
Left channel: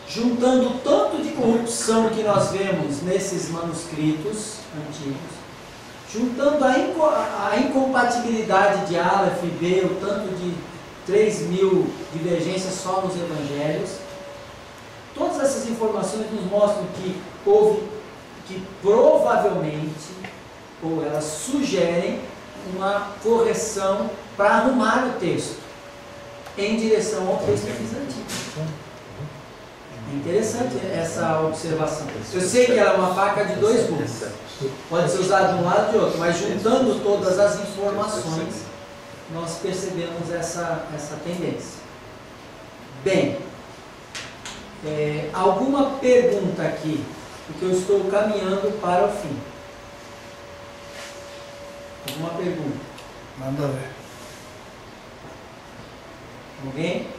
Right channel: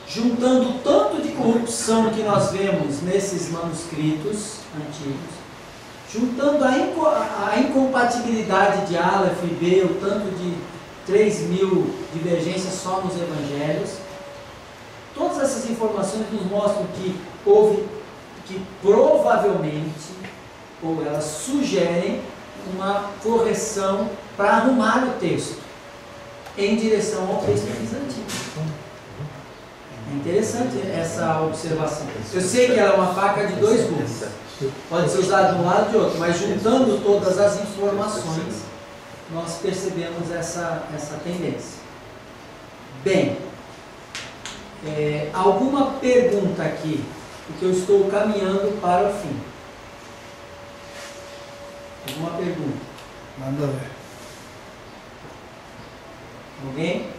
juntando o tanto de corrupção que nós vemos nesses manuscritos antigos, juntando a incompatibilidade de Aleph e B, o tanto de 3.000 divergências só nos evangelhos, todas essas informações nos mostram que provavelmente, ou elas sugerem uma correção para arrumar o texto em direção ao texto bizantino. É interessante essa observação. Eu sei que ela é uma faca de dois gumes, pode ser usada de um lado e de outro, mas juntando todas as informações, nós percebemos essa tendência. Bem, alguma pergunta aqui, porque eu estou caminhando para o fim. Alguma pergunta? Nada a ver. Alguém?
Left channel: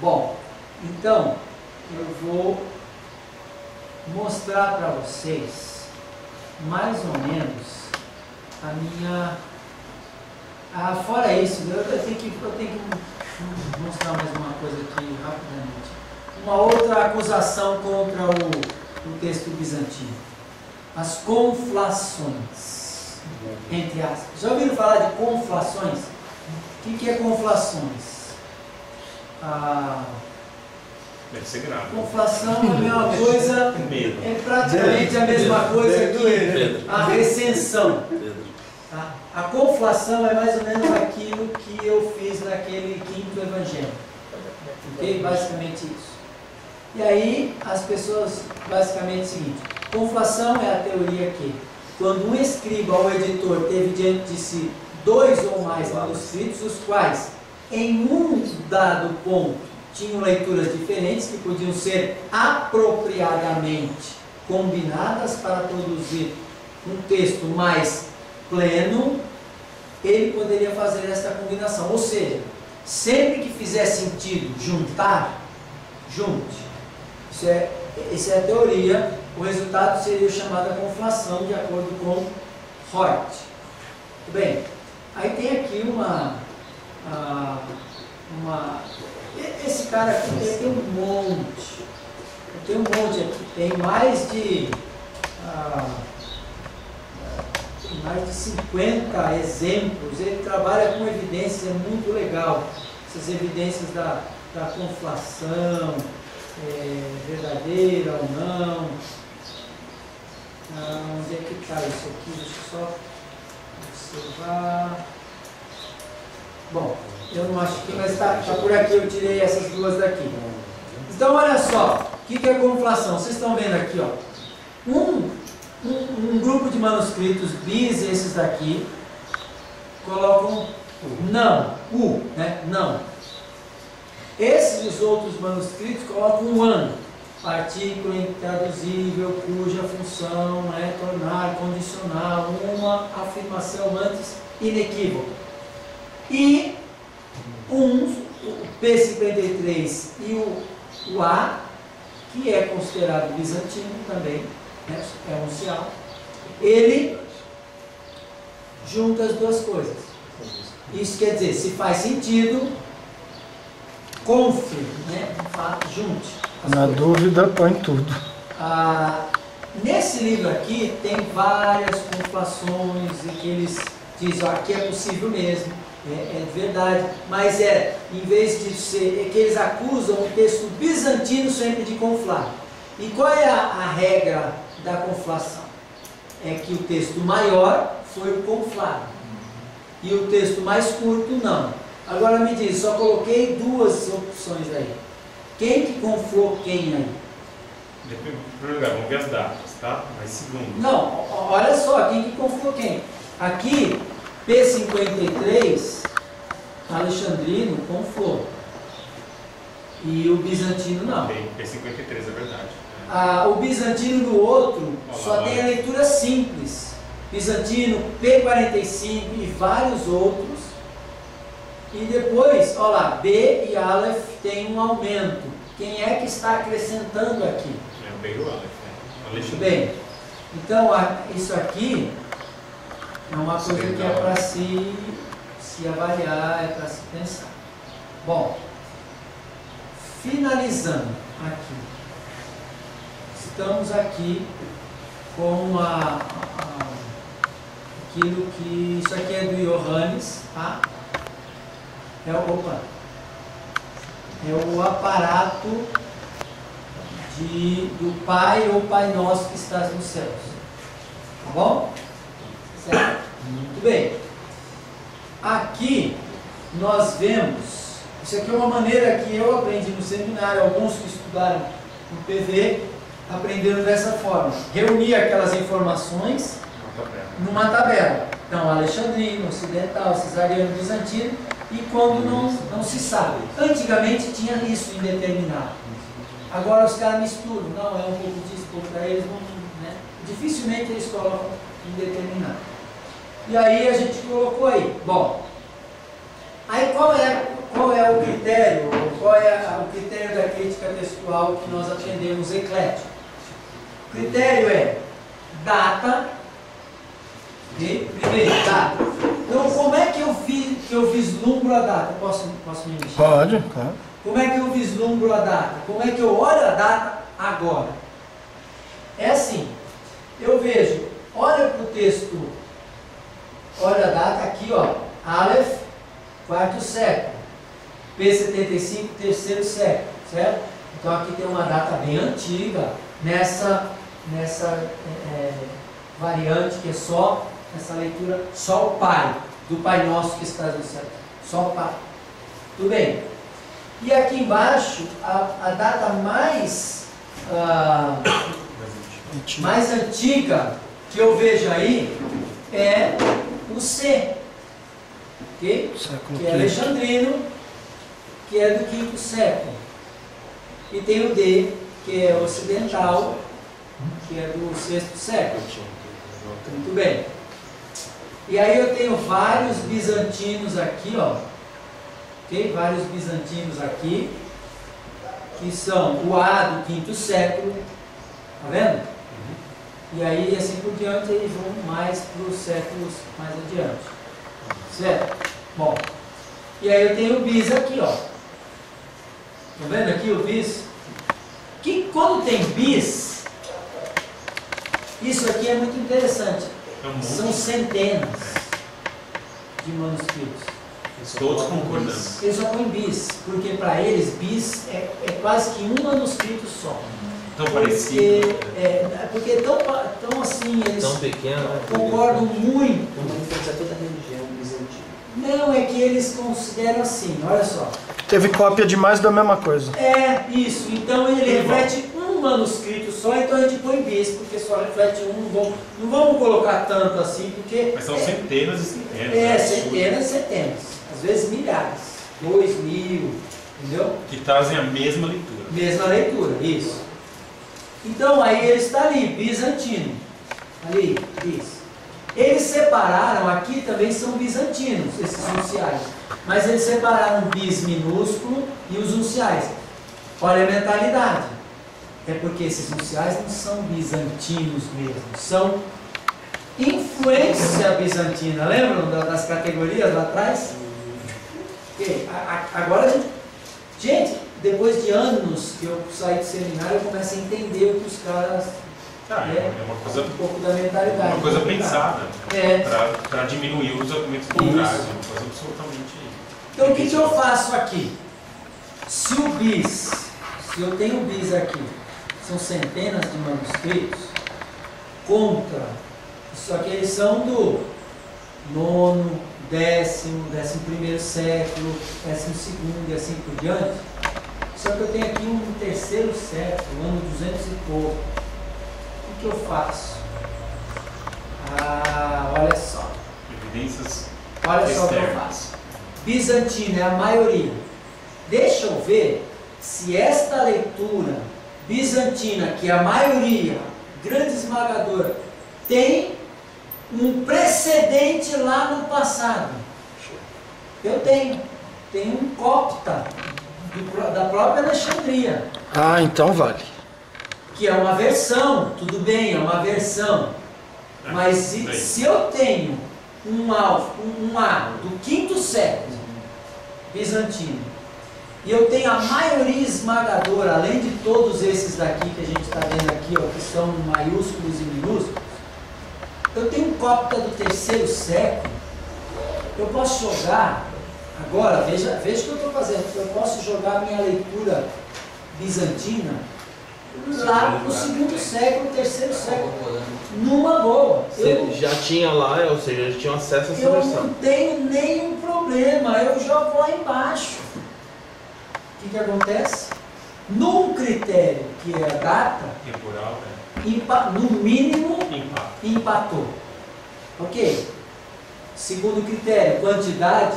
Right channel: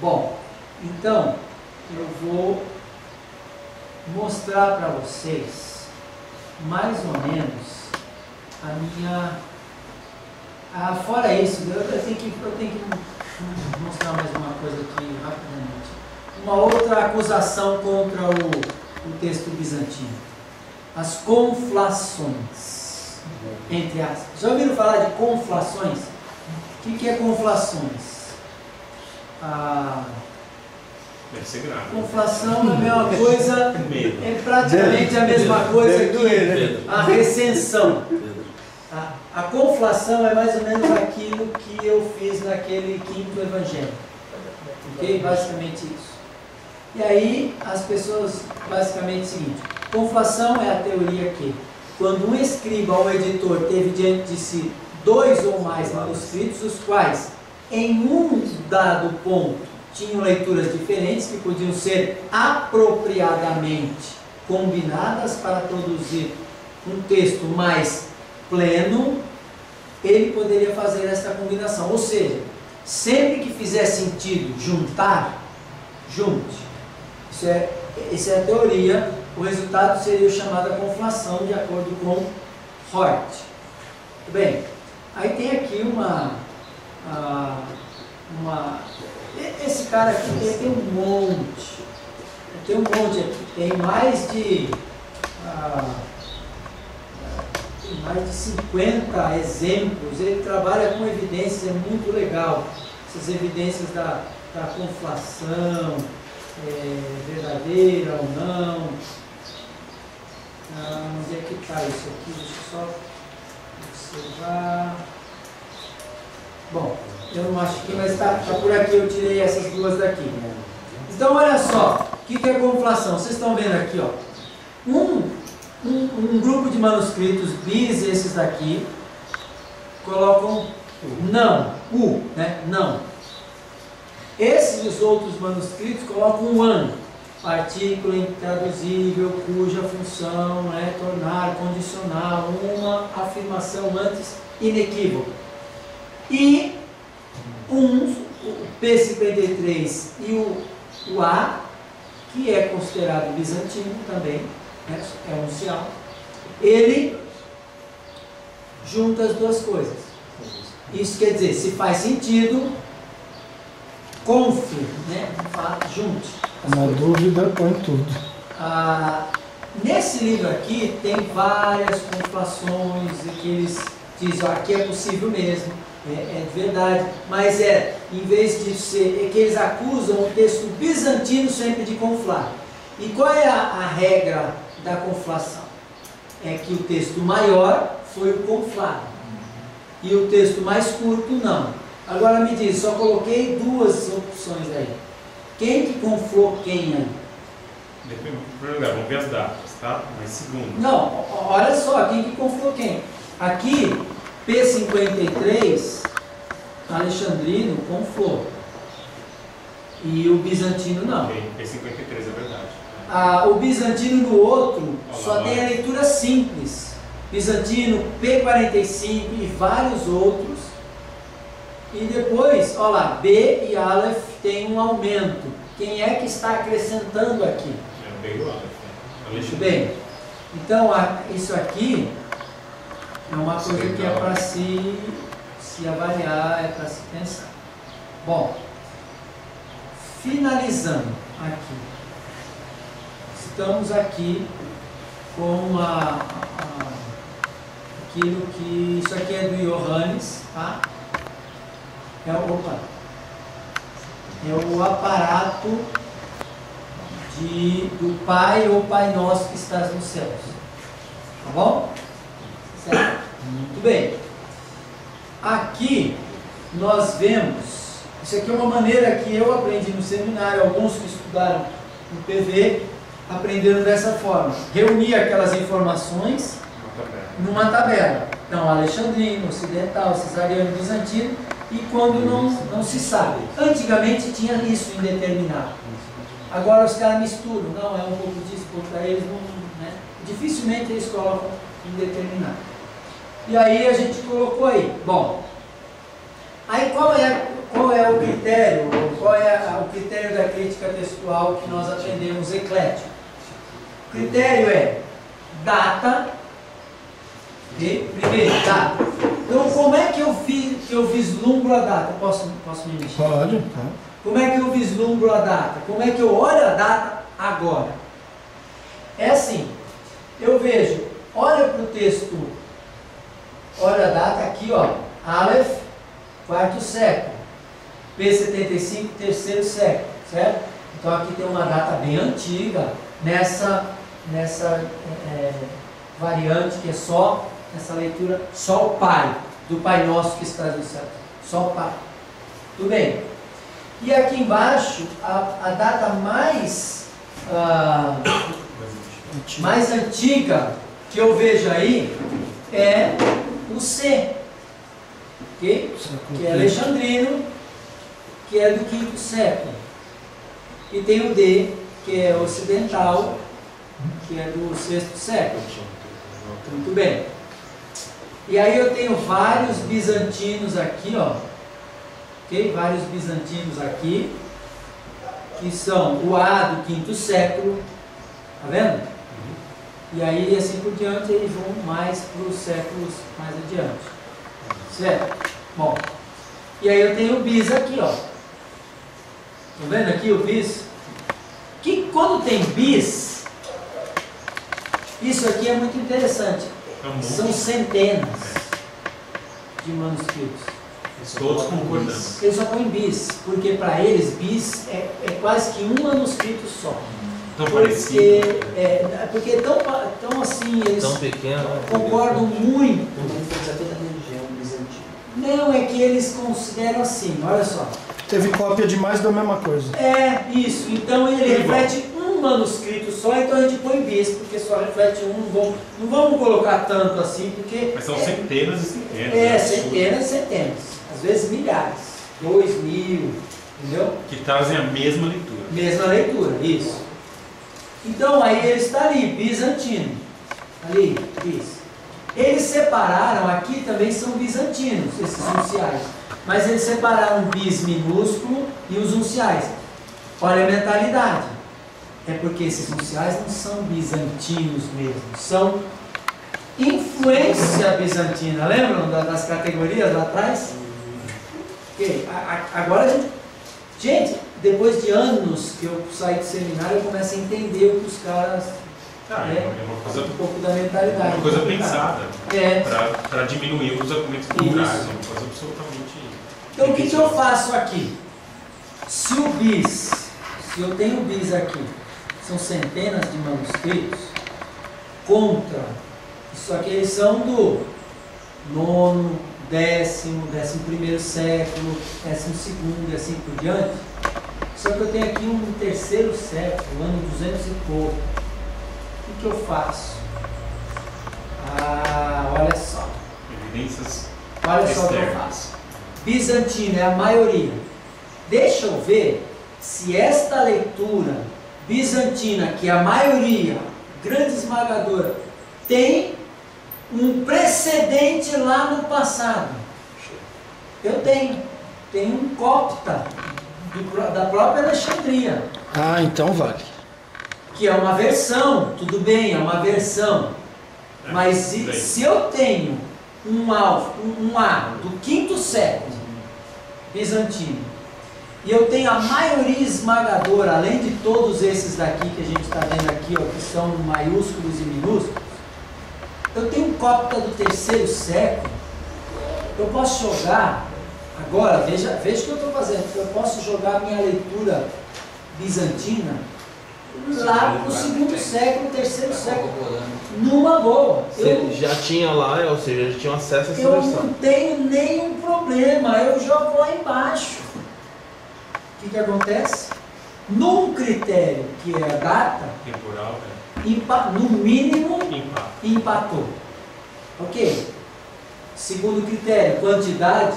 Bom, então eu vou mostrar para vocês mais ou menos a minha... fora isso, eu tenho que mostrar mais uma coisa aqui rapidamente. Uma outra acusação contra o texto bizantino. As conflações, entre aspas. Já ouviram falar de conflações? O que é conflações? Deve ser grave. Conflação é a mesma coisa, é praticamente a mesma coisa que a recensão. A conflação é mais ou menos aquilo que eu fiz naquele quinto evangelho. Ok? Basicamente isso. E aí as pessoas, basicamente é o seguinte: Conflação é a teoria que, quando um escriba ou editor teve diante de si 2 ou mais manuscritos, os quais, em um dado ponto, tinham leituras diferentes, que podiam ser apropriadamente combinadas para produzir um texto mais pleno, ele poderia fazer esta combinação. Ou seja, sempre que fizer sentido juntar, junte. Essa é a teoria. O resultado seria o chamado conflação, de acordo com Hort. Muito bem. Aí tem aqui esse cara aqui tem um monte. Tem um monte aqui. Tem mais de 50 exemplos. Ele trabalha com evidências, é muito legal. Essas evidências da conflação, verdadeira ou não. Onde é que está isso aqui? Deixa eu só observar. Bom, eu não acho que, mas está por aqui, eu tirei essas duas daqui. Então, olha só, o que é conflação? Vocês estão vendo aqui, ó, um grupo de manuscritos bis, esses daqui, colocam não, né? Não. Esses os outros manuscritos colocam one, artículo intraduzível, cuja função é tornar condicional uma afirmação antes inequívoca. E o P53 e o A, que é considerado bizantino também, né, é um uncial, ele junta as duas coisas. Isso quer dizer, se faz sentido, confie, né, junte. Na dúvida, põe tudo. Nesse livro aqui tem várias conflações que eles dizem, aqui é possível mesmo, é verdade, mas em vez de ser, que eles acusam o texto bizantino sempre de conflar. E qual é a regra da conflação? É que o texto maior foi o conflado e o texto mais curto não. Agora me diz, só coloquei duas opções aí. Quem que conflou quem aí? Em primeiro lugar, vamos ver as datas, tá? Mas segundo. Não, olha só, quem que conflou quem? Aqui, P53, Alexandrino conflou. E o bizantino não. Ok, P53 é verdade. O bizantino no outro só tem a leitura simples. Bizantino, P45 e vários outros. E depois, olha lá, B e Aleph tem um aumento. Quem é que está acrescentando aqui? É o B e o Aleph, né? Muito bem. Então, isso aqui é uma coisa que é para se avaliar, é para se pensar. Bom, finalizando aqui. Estamos aqui com aquilo que... Isso aqui é do Johannes, tá? É o aparato do Pai ou Pai Nosso que estás nos céus. Tá bom? Certo? Muito bem. Aqui nós vemos... Isso aqui é uma maneira que eu aprendi no seminário. Alguns que estudaram no PV aprenderam dessa forma. Reunir aquelas informações numa tabela. Então, alexandrino, ocidental, cesariano, bizantino, e quando não se sabe. Antigamente tinha isso indeterminado. Agora os caras misturam. Não, é um pouco disso, um pouco daí, eles não... Né? Dificilmente eles colocam indeterminado. E aí a gente colocou aí. Bom, aí qual é o critério? Qual é o critério da crítica textual que nós aprendemos eclético? O critério é data e primeiro, data. Então, como é que eu vislumbro a data? Posso me mexer? Pode, tá. Como é que eu vislumbro a data? Como é que eu olho a data agora? É assim, eu vejo, olha para o texto, olha a data aqui, ó, Aleph, 4º século, P75, 3º século, certo? Então aqui tem uma data bem antiga, nessa variante que é só, nessa leitura, só o Pai, do Pai Nosso que está no céu, só o Pai. Tudo bem? E aqui embaixo, a data mais mais antiga que eu vejo aí é o C, okay? Que é alexandrino, que é do 5º século. E tem o D, que é ocidental, que é do 6º século. Muito bem. E aí eu tenho vários bizantinos aqui, ó. Ok? Vários bizantinos aqui, que são o A do 5º século. Tá vendo? E aí, assim por diante, eles vão mais para os séculos mais adiante. Certo? Bom. E aí eu tenho o bis aqui, ó. Tá vendo aqui o bis? Que quando tem bis, isso aqui é muito interessante. São centenas de manuscritos. Todos concordando. Eles só põem bis, porque para eles bis é quase que um manuscrito só. Tão parecido. Porque tão assim, eles Tão pequeno, né? concordam muito. Então influencia toda a religião bizantina. Não, é que eles consideram assim, olha só. Teve cópia de mais da mesma coisa. É, isso. Então ele reflete um manuscrito só, então a gente põe bis, porque só reflete um. Não vamos colocar tanto assim, porque... Mas são centenas e centenas. Centenas e centenas. Às vezes milhares. 2.000, entendeu? Que trazem a mesma leitura. Mesma leitura, isso. Então aí ele está ali, bizantino. Ali, bis. Eles separaram, aqui também são bizantinos, esses unciais. Mas eles separaram o bis minúsculo e os unciais. Olha a mentalidade. É porque esses unciais não são bizantinos mesmo, são influência bizantina. Lembram das categorias lá atrás? Okay. Agora, gente, depois de anos que eu saí do seminário, eu começo a entender o que os caras... É uma coisa, um pouco da mentalidade. uma coisa pensada, né? Para diminuir os argumentos contrários. É uma coisa absolutamente... Então o que eu faço aqui? Se eu tenho o bis aqui, são centenas de manuscritos, contra, isso aqui eles são do 9º, 10º, 11º século, 12º e assim por diante. Só que eu tenho aqui um 3º século, ano 200 e pouco. O que eu faço? Olha só. Evidências Olha só o que eu faço. Bizantino é a maioria. Deixa eu ver se esta leitura bizantina, que é a maioria, grande esmagadora, tem um precedente lá no passado. Eu tenho. Tem um copta da própria Alexandria. Ah, então vale. Que é uma versão, tudo bem, é uma versão. Mas se eu tenho um A do 5º século bizantino, e eu tenho a maioria esmagadora, além de todos esses daqui que a gente está vendo aqui, ó, que são maiúsculos e minúsculos, eu tenho um copta do 3º século, eu posso jogar, agora, veja o que eu estou fazendo, eu posso jogar a minha leitura bizantina lá para o 2º século, 3º século, numa boa. Você já tinha lá, ou seja, já tinha acesso a essa Eu versão. não tenho nenhum problema, eu jogo lá embaixo. O que acontece? Num critério que é a data, temporal, no mínimo empate. empatou. Ok? Segundo critério, quantidade,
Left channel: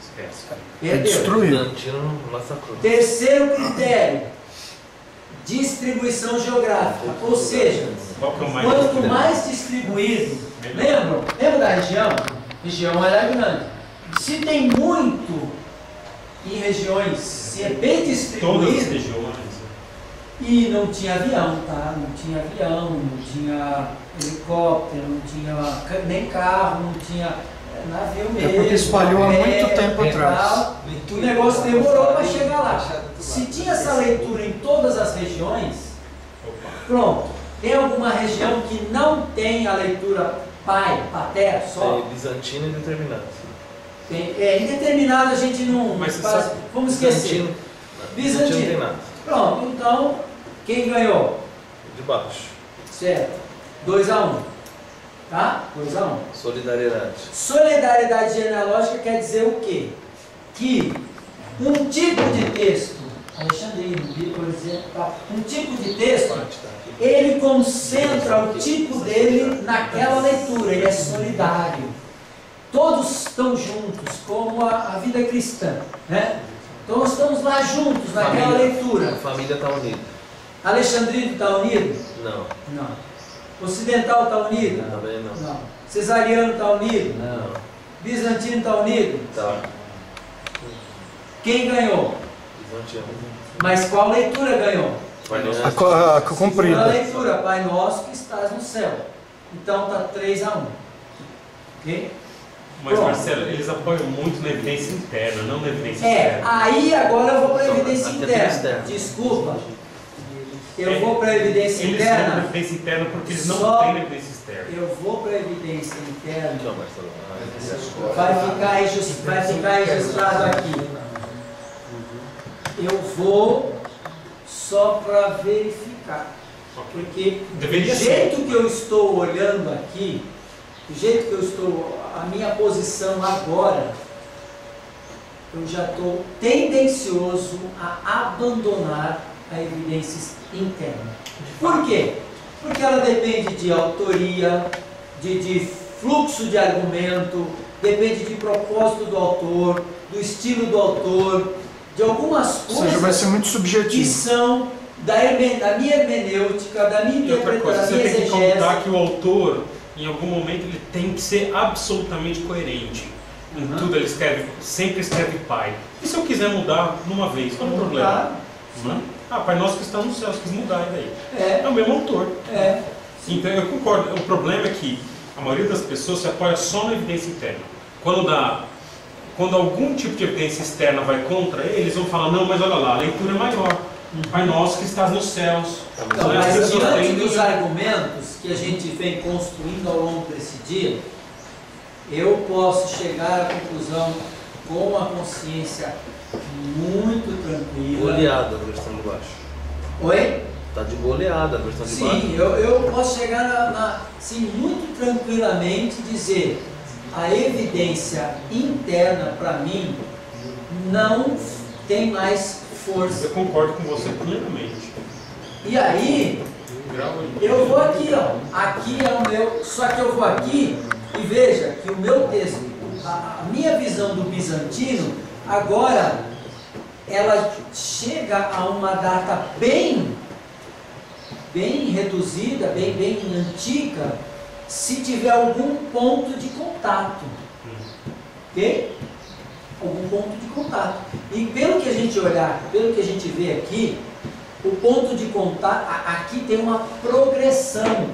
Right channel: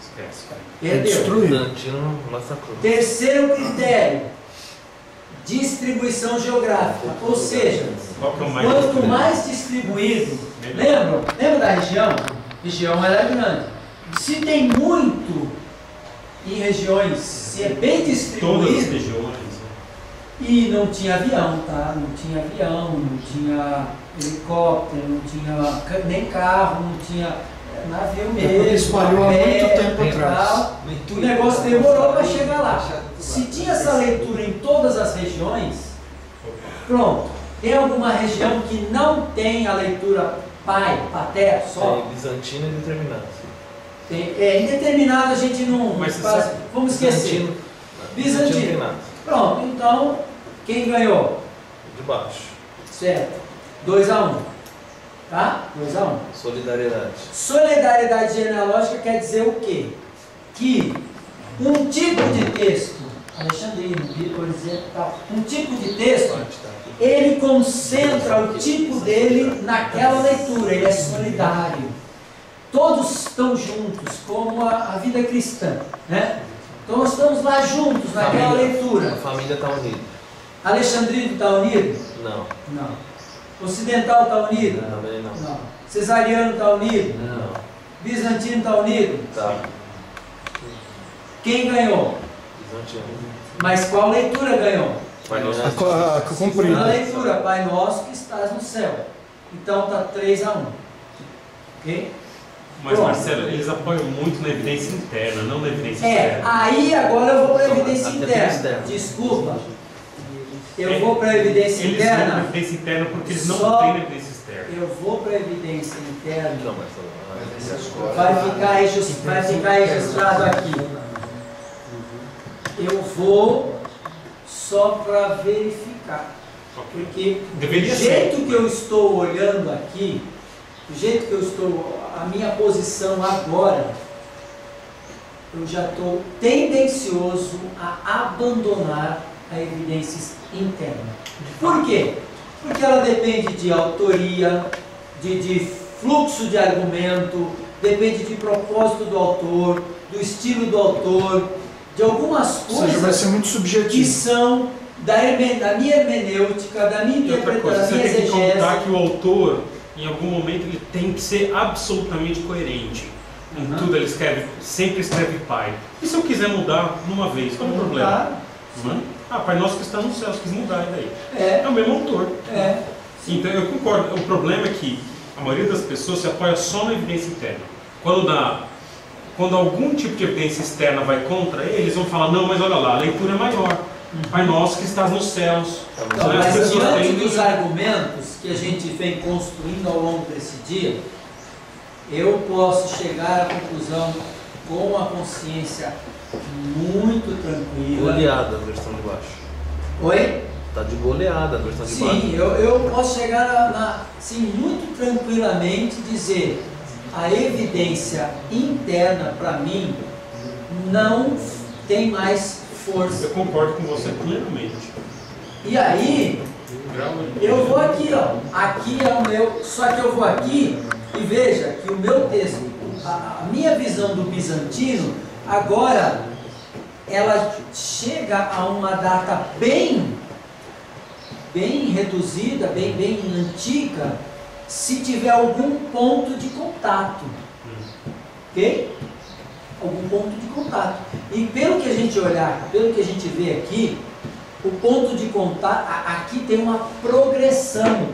Esquece. perdeu. Destruiu. Bizantino massacrou. Terceiro critério, distribuição geográfica. Ou seja, Qual que é o mais quanto mais distribuído, lembra da região? Região ela é grande. Se tem muito em regiões, se é bem Todas as distribuído, regiões. e não tinha avião, tá? Não tinha avião, não tinha helicóptero, não tinha nem carro, não tinha navio mesmo. Porque espalhou há muito tempo atrás. O negócio demorou para chegar lá. Se tinha essa leitura em todas as regiões, pronto. Tem alguma região que não tem a leitura pai, pater, só? É bizantino e determinado. Indeterminado a gente não Mas faz. Vamos esquecer. Bizantino tem Bizantino. nada. Pronto, então, quem ganhou? De baixo. Certo. 2-1. Tá? 2-1. Solidariedade. Solidariedade genealógica quer dizer o quê? Que um tipo de texto Alexandrino, por exemplo, tal. Um tipo de texto, ele concentra o tipo dele naquela leitura, ele é solidário. Todos estão juntos, como a vida cristã, né? Então nós estamos lá juntos naquela leitura. A família está unida. Alexandrino está unido? Não. Não. Ocidental está unido? Também não. Não. Cesariano está unido? Não. Bizantino está unido? Tá. Quem ganhou? Bizantino. Mas qual leitura ganhou? A comprida. A leitura, Pai Nosso que estás no céu. Então está 3-1. Ok? Mas, Pronto. Marcelo, eles apoiam muito na evidência interna, não na evidência externa. Aí agora eu vou para a evidência Até interna. externa. Desculpa. Eu vou para a evidência Eles vão na interna. evidência interna porque eles não Só- têm na evidência externa. Eu vou para a evidência interna. Não, Marcelo. Vai ficar registrado aqui. Eu vou só para verificar. Porque Deveria do jeito que eu estou olhando aqui, do jeito que eu estou, a minha posição agora, eu já estou tendencioso a abandonar a evidência interna. Por quê? Porque ela depende de autoria, de fluxo de argumento, depende de propósito do autor, do estilo do autor, de algumas Ou seja, vai coisas ser muito que subjetivo. são da minha hermenêutica, da minha E outra coisa, interpretação, da você minha tem que contar exegese. que o autor, em algum momento, ele tem que ser absolutamente coerente. Em Uhum. tudo ele escreve, sempre escreve Pai. E se eu quiser mudar numa vez, qual é o problema? Claro. Não é? Ah, Pai Nosso que está no céu, se quis mudar, e daí? É, É o mesmo autor. é. Então eu concordo. O problema é que a maioria das pessoas se apoia só na evidência interna. Quando algum tipo de evidência externa vai contra ele, eles vão falar, não, mas olha lá, a leitura é maior. Pai Nosso que estás nos céus. Então, Né? As mas pessoas diante tendem dos a- argumentos que a gente vem construindo ao longo desse dia, eu posso chegar à conclusão com a consciência muito tranquila. Goleada a versão de baixo. Oi? Tá de goleada a versão de baixo. Sim, eu posso chegar assim, muito tranquilamente dizer a evidência interna para mim não tem mais força. Eu concordo com você plenamente. E aí Grau eu vou aqui, ó. Aqui é o meu. Só que eu vou aqui e veja que o meu texto, a minha visão do bizantino, agora ela chega a uma data bem reduzida, bem antiga, se tiver algum ponto de contato. Ok? Algum ponto de contato. E pelo que a gente olhar, pelo que a gente vê aqui, o ponto de contato, aqui tem uma progressão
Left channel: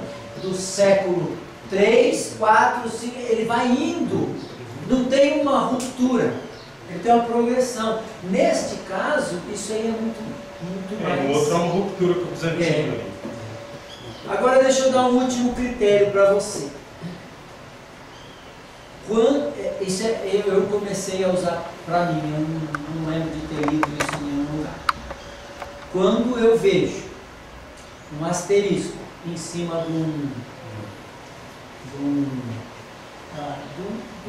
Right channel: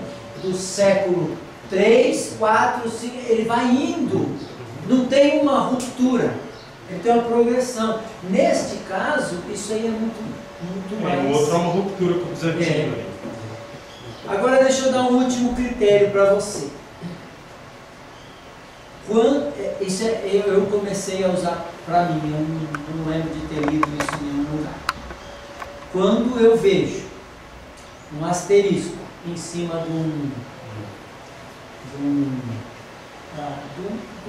do século 3, 4, 5, ele vai indo, não tem uma ruptura, ele tem uma progressão. Neste caso, isso aí é muito mais. O outro é uma ruptura com o bizantino. Agora deixa eu dar um último critério para você. Eu comecei a usar para mim, eu não lembro de ter lido isso em nenhum lugar. Quando eu vejo um asterisco em cima de um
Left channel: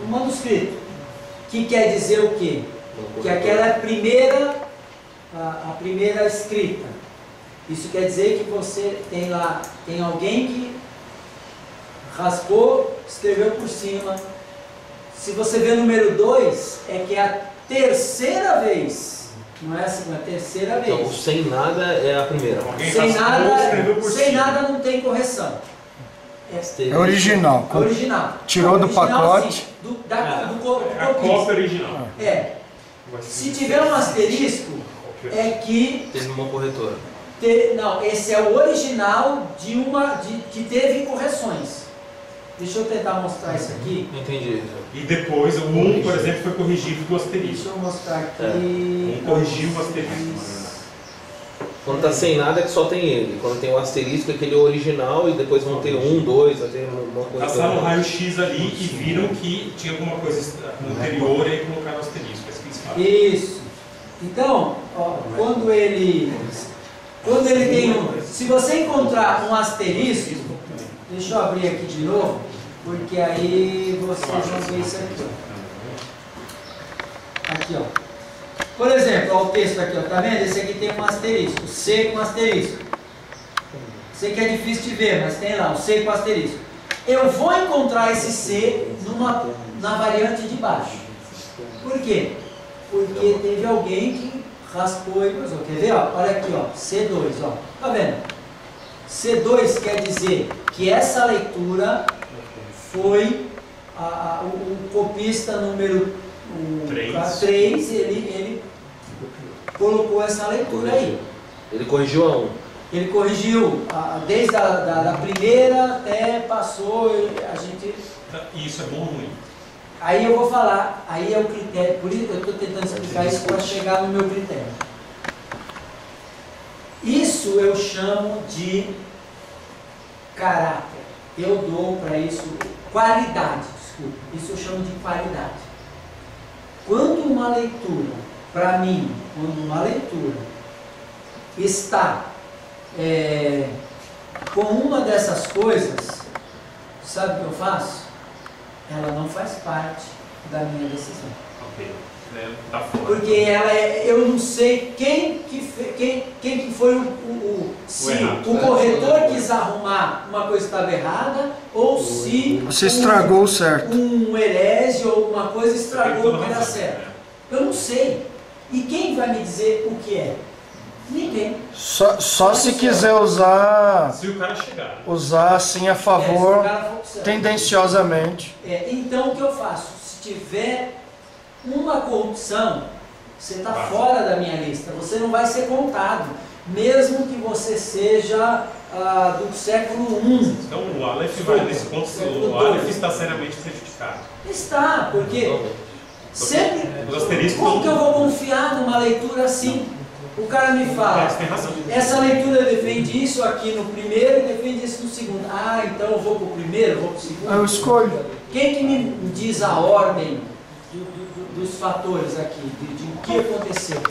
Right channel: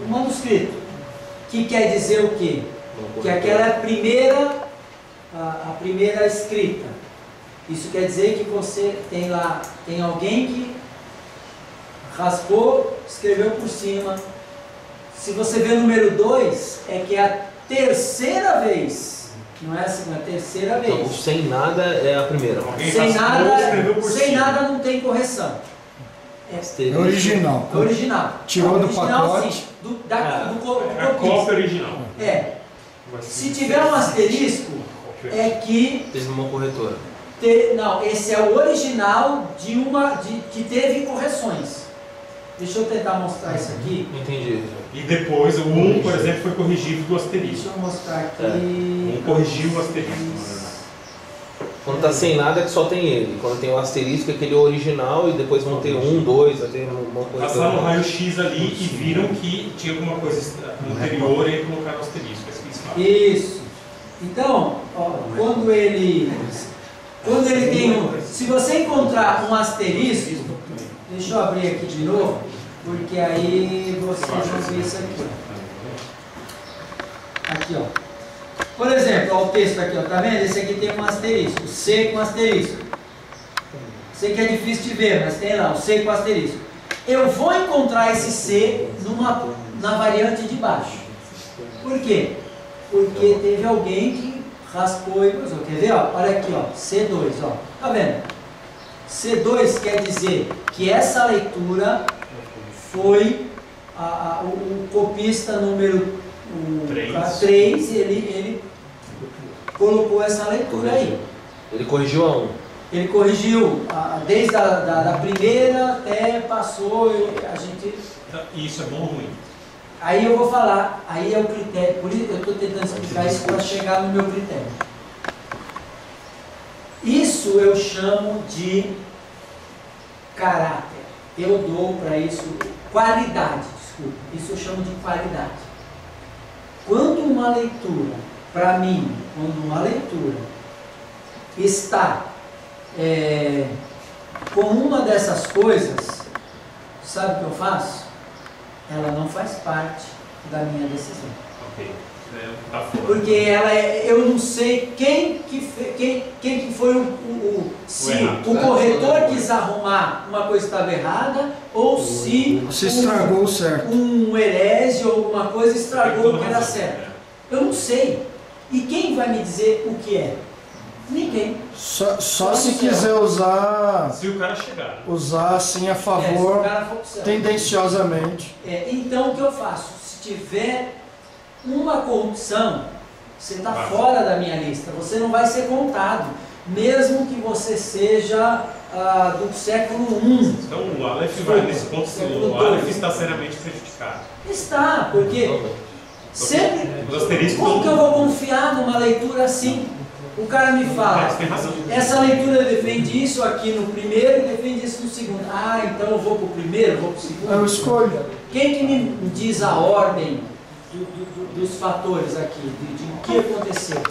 manuscrito, que quer dizer o quê? Que aquela é a primeira escrita. Isso quer dizer que você tem alguém que raspou, escreveu por cima. Se você vê o número 2, é que é a terceira vez, não é a segunda, é a terceira vez. Então, sem nada é a primeira. Alguém Sem raspou, escreveu por sem cima. nada não tem correção. É original. É original. Tirou do Original, pacote. sim, do É a copista. cópia original. É. Vai ser Se tiver um asterisco, é que Teve uma corretora. não, esse é o original que teve correções. Deixa eu tentar mostrar isso aqui. Entendi. E depois o 1, por exemplo, foi corrigido do Deixa asterisco. eu mostrar aqui. Um corrigiu o asterisco. Quando tá sem nada é que só tem ele. Quando tem o asterisco é aquele original e depois vão ter 1, 2, vai ter uma corretora. Passaram um raio-x ali e viram que tinha alguma coisa anterior e aí colocaram o asterisco. É isso que eles falam. Isso. Então, ó, quando ele tem se você encontrar um asterisco, deixa eu abrir aqui de novo, porque aí vocês vão ver isso aqui. Ó. Aqui, ó. Por exemplo, ó, o texto aqui, ó, tá vendo? Esse aqui tem um asterisco, C com asterisco. Sei que é difícil de ver, mas tem lá, o C com asterisco. Eu vou encontrar esse C na variante de baixo. Por quê? Porque teve alguém que raspou e usou. Quer ver? Ó? Olha aqui, ó, C2, ó. Tá vendo? C2 quer dizer que essa leitura foi o copista número 3, ele colocou essa leitura aí. Ele corrigiu a 1. Ele corrigiu desde a primeira até passou, a gente... E isso é bom ou ruim? Aí eu vou falar, aí é o critério, por isso eu estou tentando explicar isso para chegar no meu critério. Isso eu chamo de caráter. Eu dou para isso qualidade, desculpa. Isso eu chamo de qualidade. Quando uma leitura, para mim, quando uma leitura está com uma dessas coisas, sabe o que eu faço? Ela não faz parte da minha decisão. Ok. Tá fora. Porque eu não sei quem que foi se o corretor quis arrumar uma coisa que estava errada, ou se Você estragou o certo. um herege ou alguma coisa estragou o que era certo. Eu não sei. E quem vai me dizer o que é? Ninguém. Só se quiser usar Se o cara chegar. usar assim a favor, se o cara for pro céu. tendenciosamente. Então o que eu faço? Se tiver uma corrupção, você está fora da minha lista, você não vai ser contado, mesmo que você seja do século I. Então o Aleph vai nesse ponto, o Aleph está seriamente prejudicado. Está, porque sempre. Os asteriscos. Como que eu vou confiar numa leitura assim? O cara me fala, Tem razão. essa leitura defende isso aqui no primeiro e defende isso no segundo. Ah, então eu vou para o primeiro, eu vou para o segundo. Eu escolho. Quem que me diz a ordem dos fatores aqui, de o que aconteceu?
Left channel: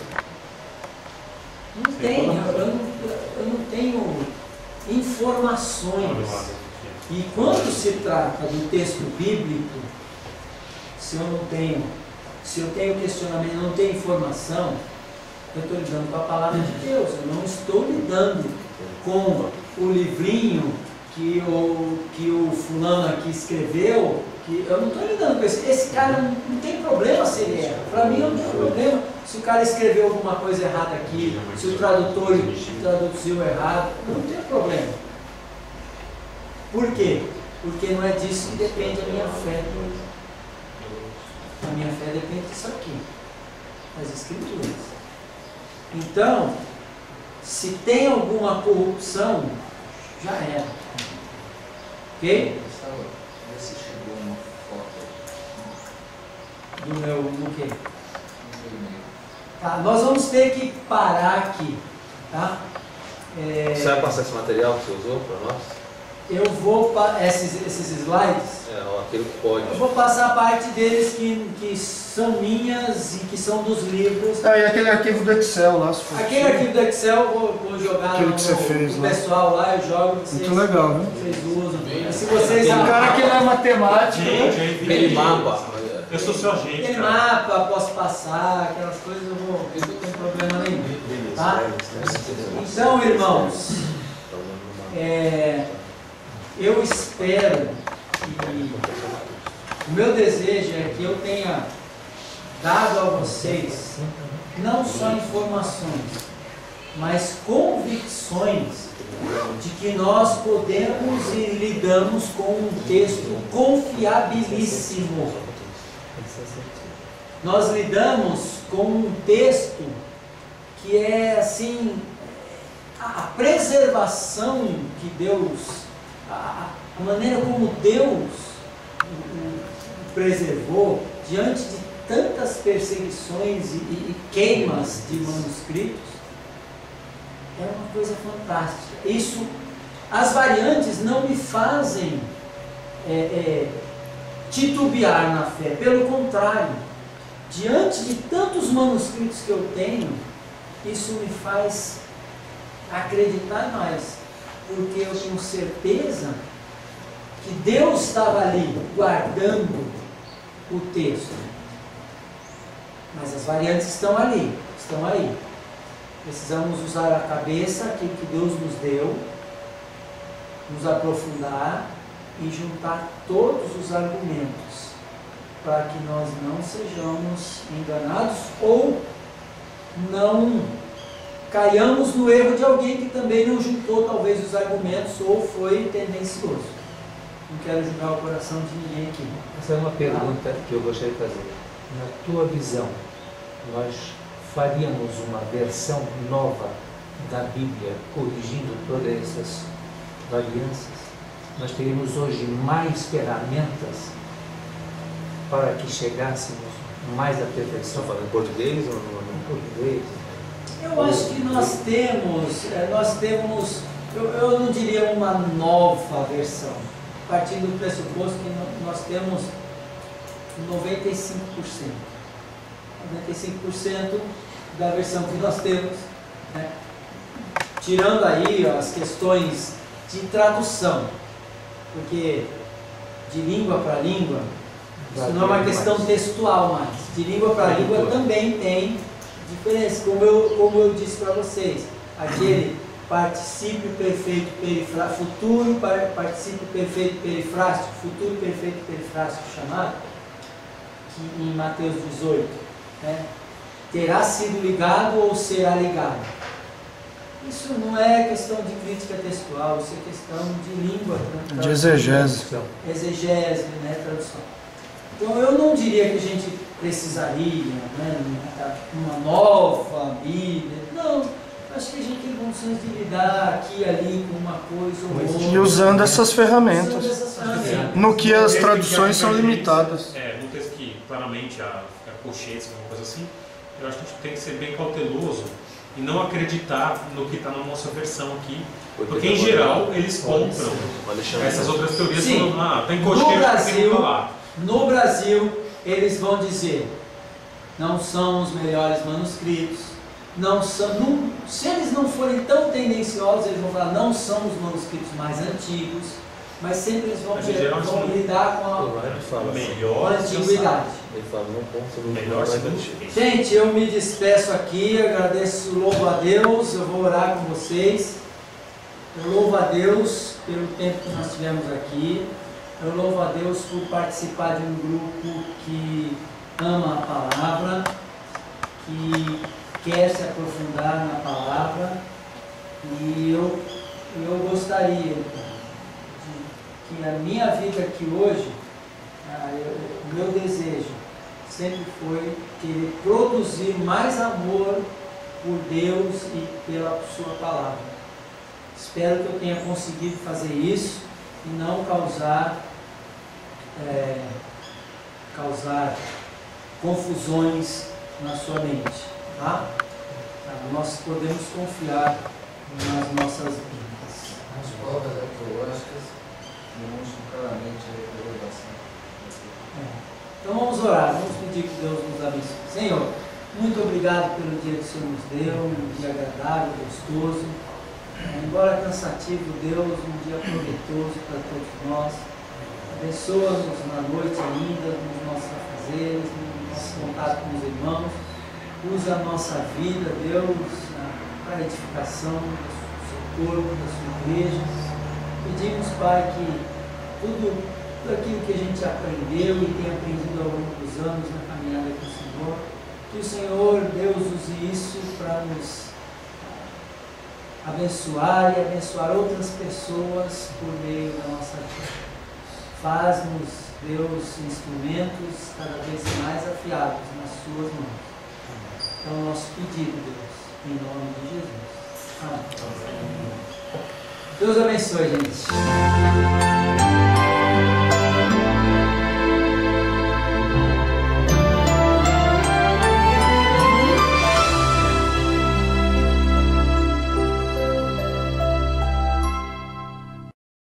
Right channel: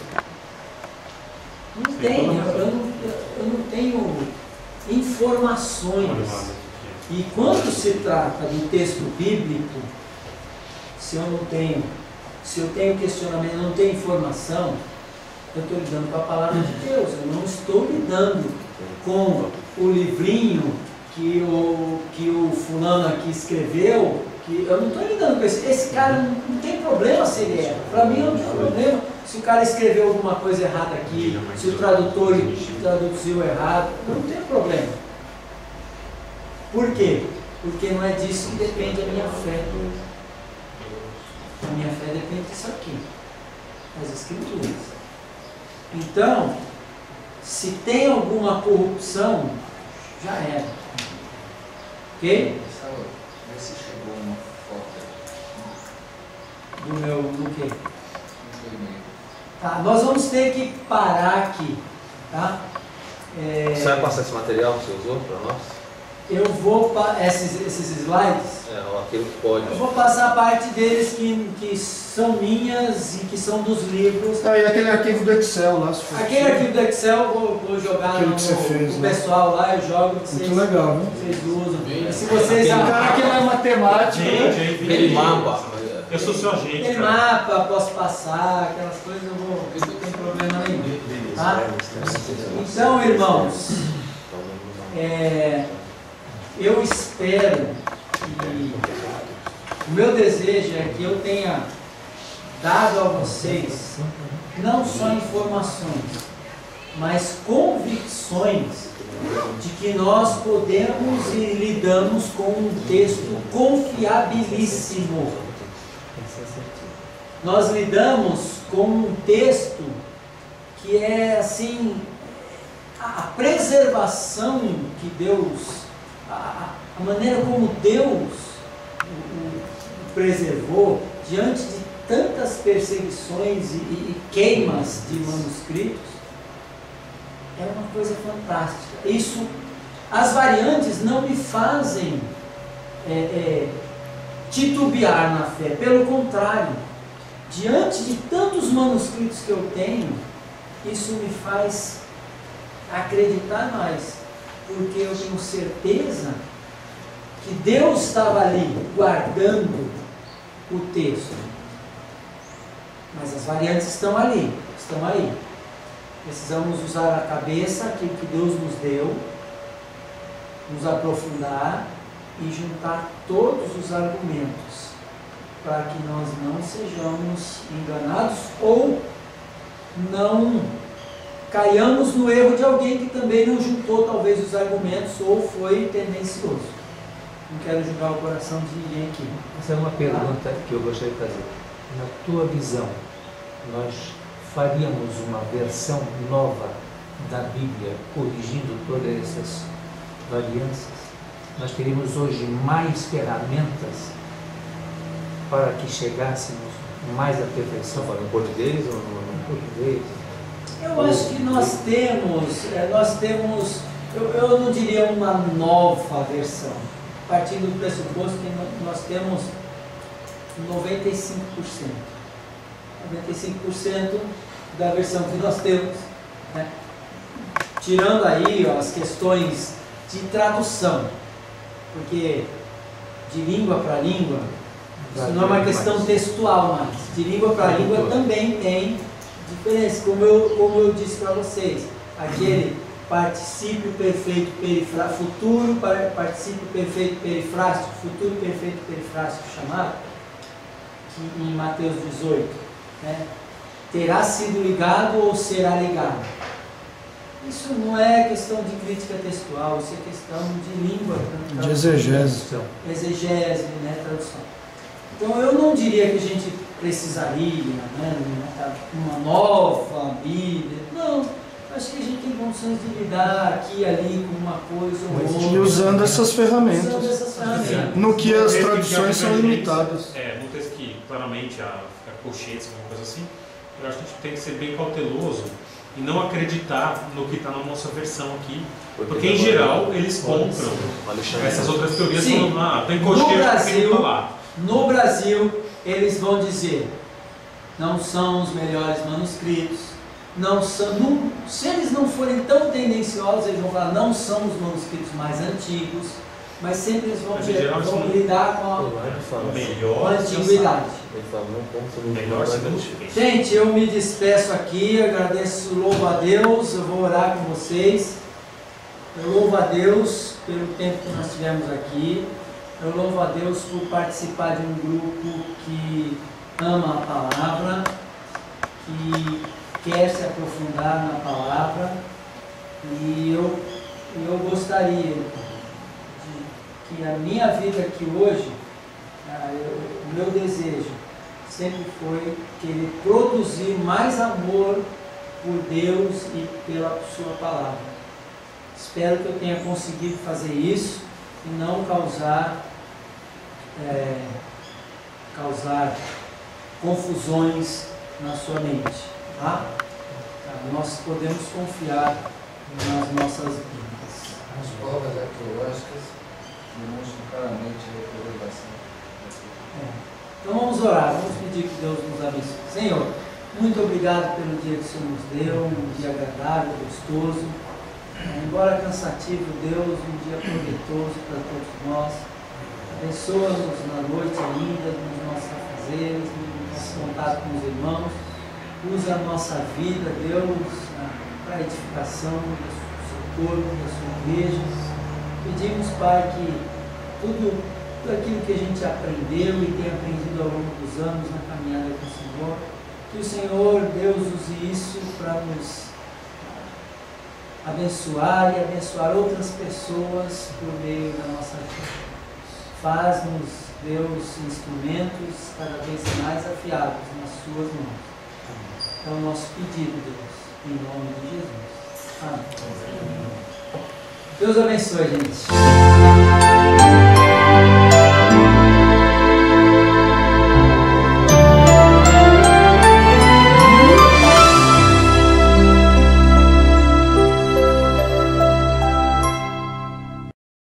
Não tem, eu não tenho informações. E quando se trata do texto bíblico, se eu tenho questionamento, eu não tenho informação, eu estou lidando com a palavra de Deus, eu não estou lidando com o livrinho que o fulano aqui escreveu, que eu não estou lidando com esse cara, não tem problema se ele erra. Para mim não tem problema se o cara escreveu alguma coisa errada aqui, se o tradutor traduziu errado, não tem problema. Por quê? Porque não é disso que depende a minha fé. A minha fé depende disso aqui, das Escrituras. Então, se tem alguma corrupção, já era. Ok? Vê se chegou uma foto Do meu, do quê? no e-mail. Tá, nós vamos ter que parar aqui, tá? Você vai passar esse material que você usou para nós? Eu vou, esses slides, Aquilo que pode. eu vou passar a parte deles que são minhas e que são dos livros. E aquele arquivo do Excel lá, se for Aquele possível. arquivo do Excel eu vou jogar Aquilo no que você fez, pro né? pessoal lá, eu jogo, vocês, Muito legal, viu? vocês usam. E se vocês O cara que não é matemático, né? Aquele mapa. Eu sou seu agente. aquele cara. mapa, posso passar, aquelas coisas, eu não tem problema nenhum. Tá? Então, irmãos, eu espero que o meu desejo é que eu tenha dado a vocês não só informações, mas convicções de que nós podemos e lidamos com um texto confiabilíssimo. Nós lidamos com um texto que é assim, a preservação que Deus, a maneira como Deus o preservou diante de tantas perseguições e queimas de manuscritos, é uma coisa fantástica. Isso, as variantes não me fazem titubear na fé, pelo contrário, diante de tantos manuscritos que eu tenho, isso me faz acreditar mais, porque eu tenho certeza que Deus estava ali guardando o texto. Mas as variantes estão ali, estão aí. Precisamos usar a cabeça, aquilo que Deus nos deu, nos aprofundar e juntar todos os argumentos para que nós não sejamos enganados ou não caiamos no erro de alguém que também não juntou talvez os argumentos ou foi tendencioso. Não quero julgar o coração de ninguém aqui. Essa é uma pergunta que eu gostaria de fazer. Na tua visão, nós faríamos uma versão nova da Bíblia, corrigindo todas essas variâncias? Nós teríamos hoje mais ferramentas para que chegássemos mais à perfeição? Falando em português ou Em português? Eu acho que nós temos, eu não diria uma nova versão, partindo do pressuposto que nós temos 95%. 95% da versão que nós temos, né? Tirando aí as questões de tradução, porque de língua para língua, isso não é uma questão textual mais, de língua para língua também tem diferença, como eu disse para vocês, aquele particípio perfeito perifrástico, futuro particípio perfeito perifrástico, futuro perfeito perifrástico chamado, que em Mateus 18, né, terá sido ligado ou será ligado. Isso não é questão de crítica textual, isso é questão de língua, de exegese. Exegese, né, tradução. Então eu não diria que a gente precisaria, né, uma nova Bíblia, não. Acho que a gente tem condições de lidar aqui e ali com uma coisa ou outra. E usando essas ferramentas. Usando essas ferramentas. No que as traduções são limitadas. No texto que claramente a colchetes, alguma coisa assim, eu acho que a gente tem que ser bem cauteloso e não acreditar no que está na nossa versão aqui, porque em geral eles compram essas outras teorias. Sim. Falando, tem colchetes que não lá. No Brasil, eles vão dizer, não são os melhores manuscritos, não são, se eles não forem tão tendenciosos, eles vão falar, não são os manuscritos mais antigos, mas sempre eles vão lidar com a antiguidade. Gente, eu me despeço aqui, agradeço, louvo a Deus, eu vou orar com vocês. Eu louvo a Deus pelo tempo que nós tivemos aqui. Eu louvo a Deus por participar de um grupo que ama a palavra, que quer se aprofundar na palavra, e eu gostaria que a minha vida aqui hoje, o meu desejo sempre foi querer produzir mais amor por Deus e pela sua palavra. Espero que eu tenha conseguido fazer isso e não causar confusões na sua mente, tá? Nós podemos confiar nas nossas vidas. As provas arqueológicas demonstram claramente a revelação. Então vamos orar, vamos pedir que Deus nos abençoe. Senhor, muito obrigado pelo dia que o Senhor nos deu, um dia agradável, gostoso, embora cansativo, Deus, um dia proveitoso para todos nós. Abençoa-nos na noite ainda, nos nossos afazeres, no nosso contato com os irmãos. Usa a nossa vida, Deus, para a edificação do seu corpo, da sua igreja. Pedimos, Pai, que tudo aquilo que a gente aprendeu e tem aprendido ao longo dos anos na caminhada com o Senhor, que o Senhor, Deus, use isso para nos abençoar e abençoar outras pessoas por meio da nossa vida. Faz-nos, Deus, instrumentos cada vez mais afiados nas suas mãos. É o nosso pedido, Deus, em nome de Jesus. Amém. Deus abençoe, gente.